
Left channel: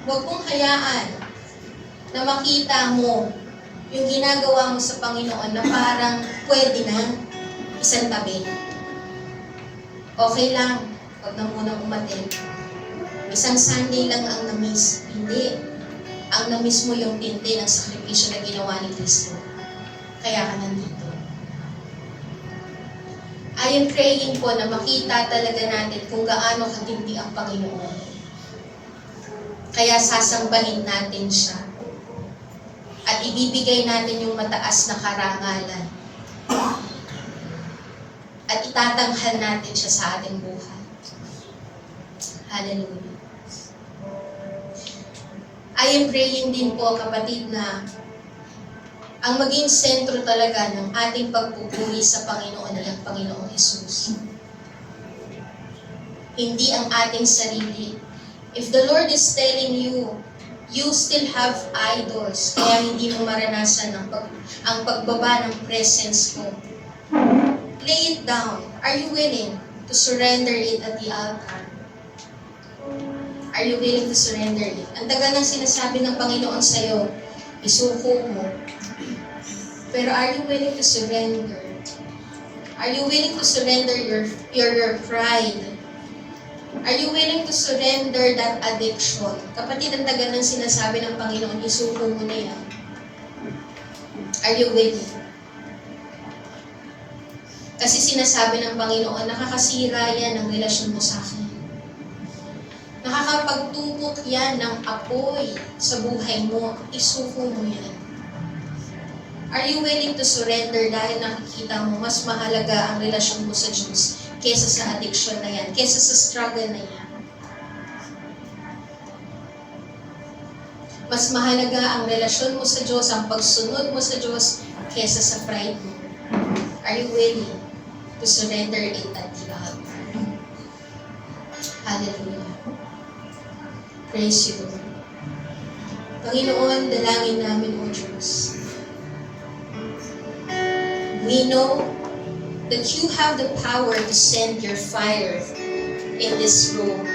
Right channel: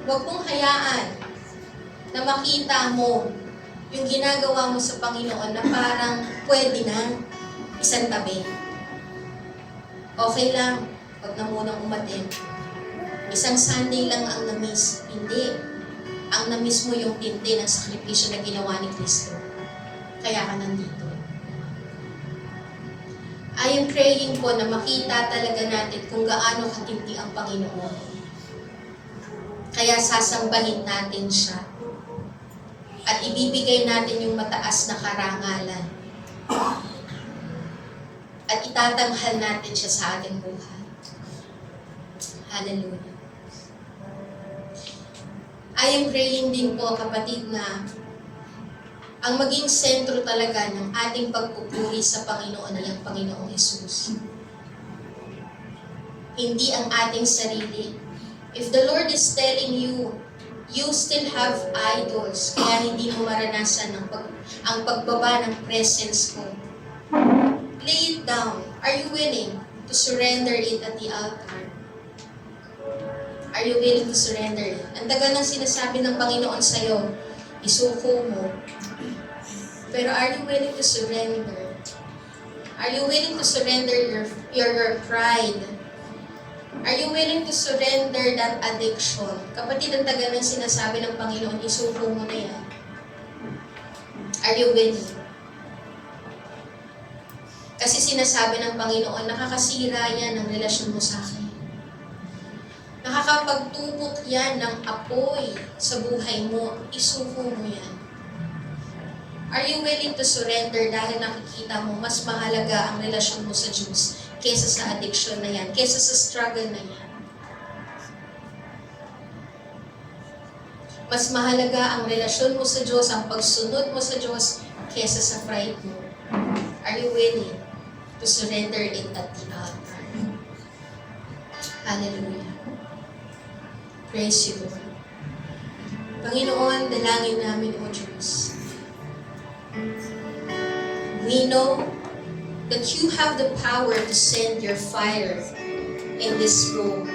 huwag mong hayaan na makita mo yung ginagawa mo sa Panginoon na parang pwede na isang tabi. Okay lang, huwag na munang umatin. Isang Sunday lang ang na-miss. Hindi. Ang na-miss mo yung tindi ng sakripisyo na ginawa ni Kristo. Kaya ka nandito. I am praying po na makita talaga natin kung gaano katindi ang Panginoon. Kaya sasambahin natin siya. At ibibigay natin yung mataas na karangalan. At itatanghal natin siya sa ating buhay. Hallelujah. I am praying din po, kapatid, na ang maging sentro talaga ng ating pagpupuri sa Panginoon ay ang Panginoong Jesus. Hindi ang ating sarili. If the Lord is telling you, you still have idols, kaya hindi mo maranasan ang pagbaba ng presence ko. Lay it down. Are you willing to surrender it at the altar? Are you willing to surrender it? Ang tagal ng sinasabi ng Panginoon sa'yo, isuko mo. Pero are you willing to surrender? Are you willing to surrender your pride? Are you willing to surrender that addiction? Kapatid, ang tagal ng sinasabi ng Panginoon, isuko mo na yan. Are you willing? Kasi sinasabi ng Panginoon, nakakasira yan ng relasyon mo sa akin. Nakakapagtubok yan ng apoy sa buhay mo. Isuko mo yan. Are you willing to surrender dahil nakikita mo mas mahalaga ang relasyon mo sa Diyos kesa sa addiction na yan, kesa sa struggle na yan? Mas mahalaga ang relasyon mo sa Diyos, ang pagsunod mo sa Diyos, kesa sa pride mo. Are you willing to surrender it at the altar? Hallelujah. Praise you, Lord. Panginoon, dalangin namin, O Diyos. We know that you have the power to send your fire in this room.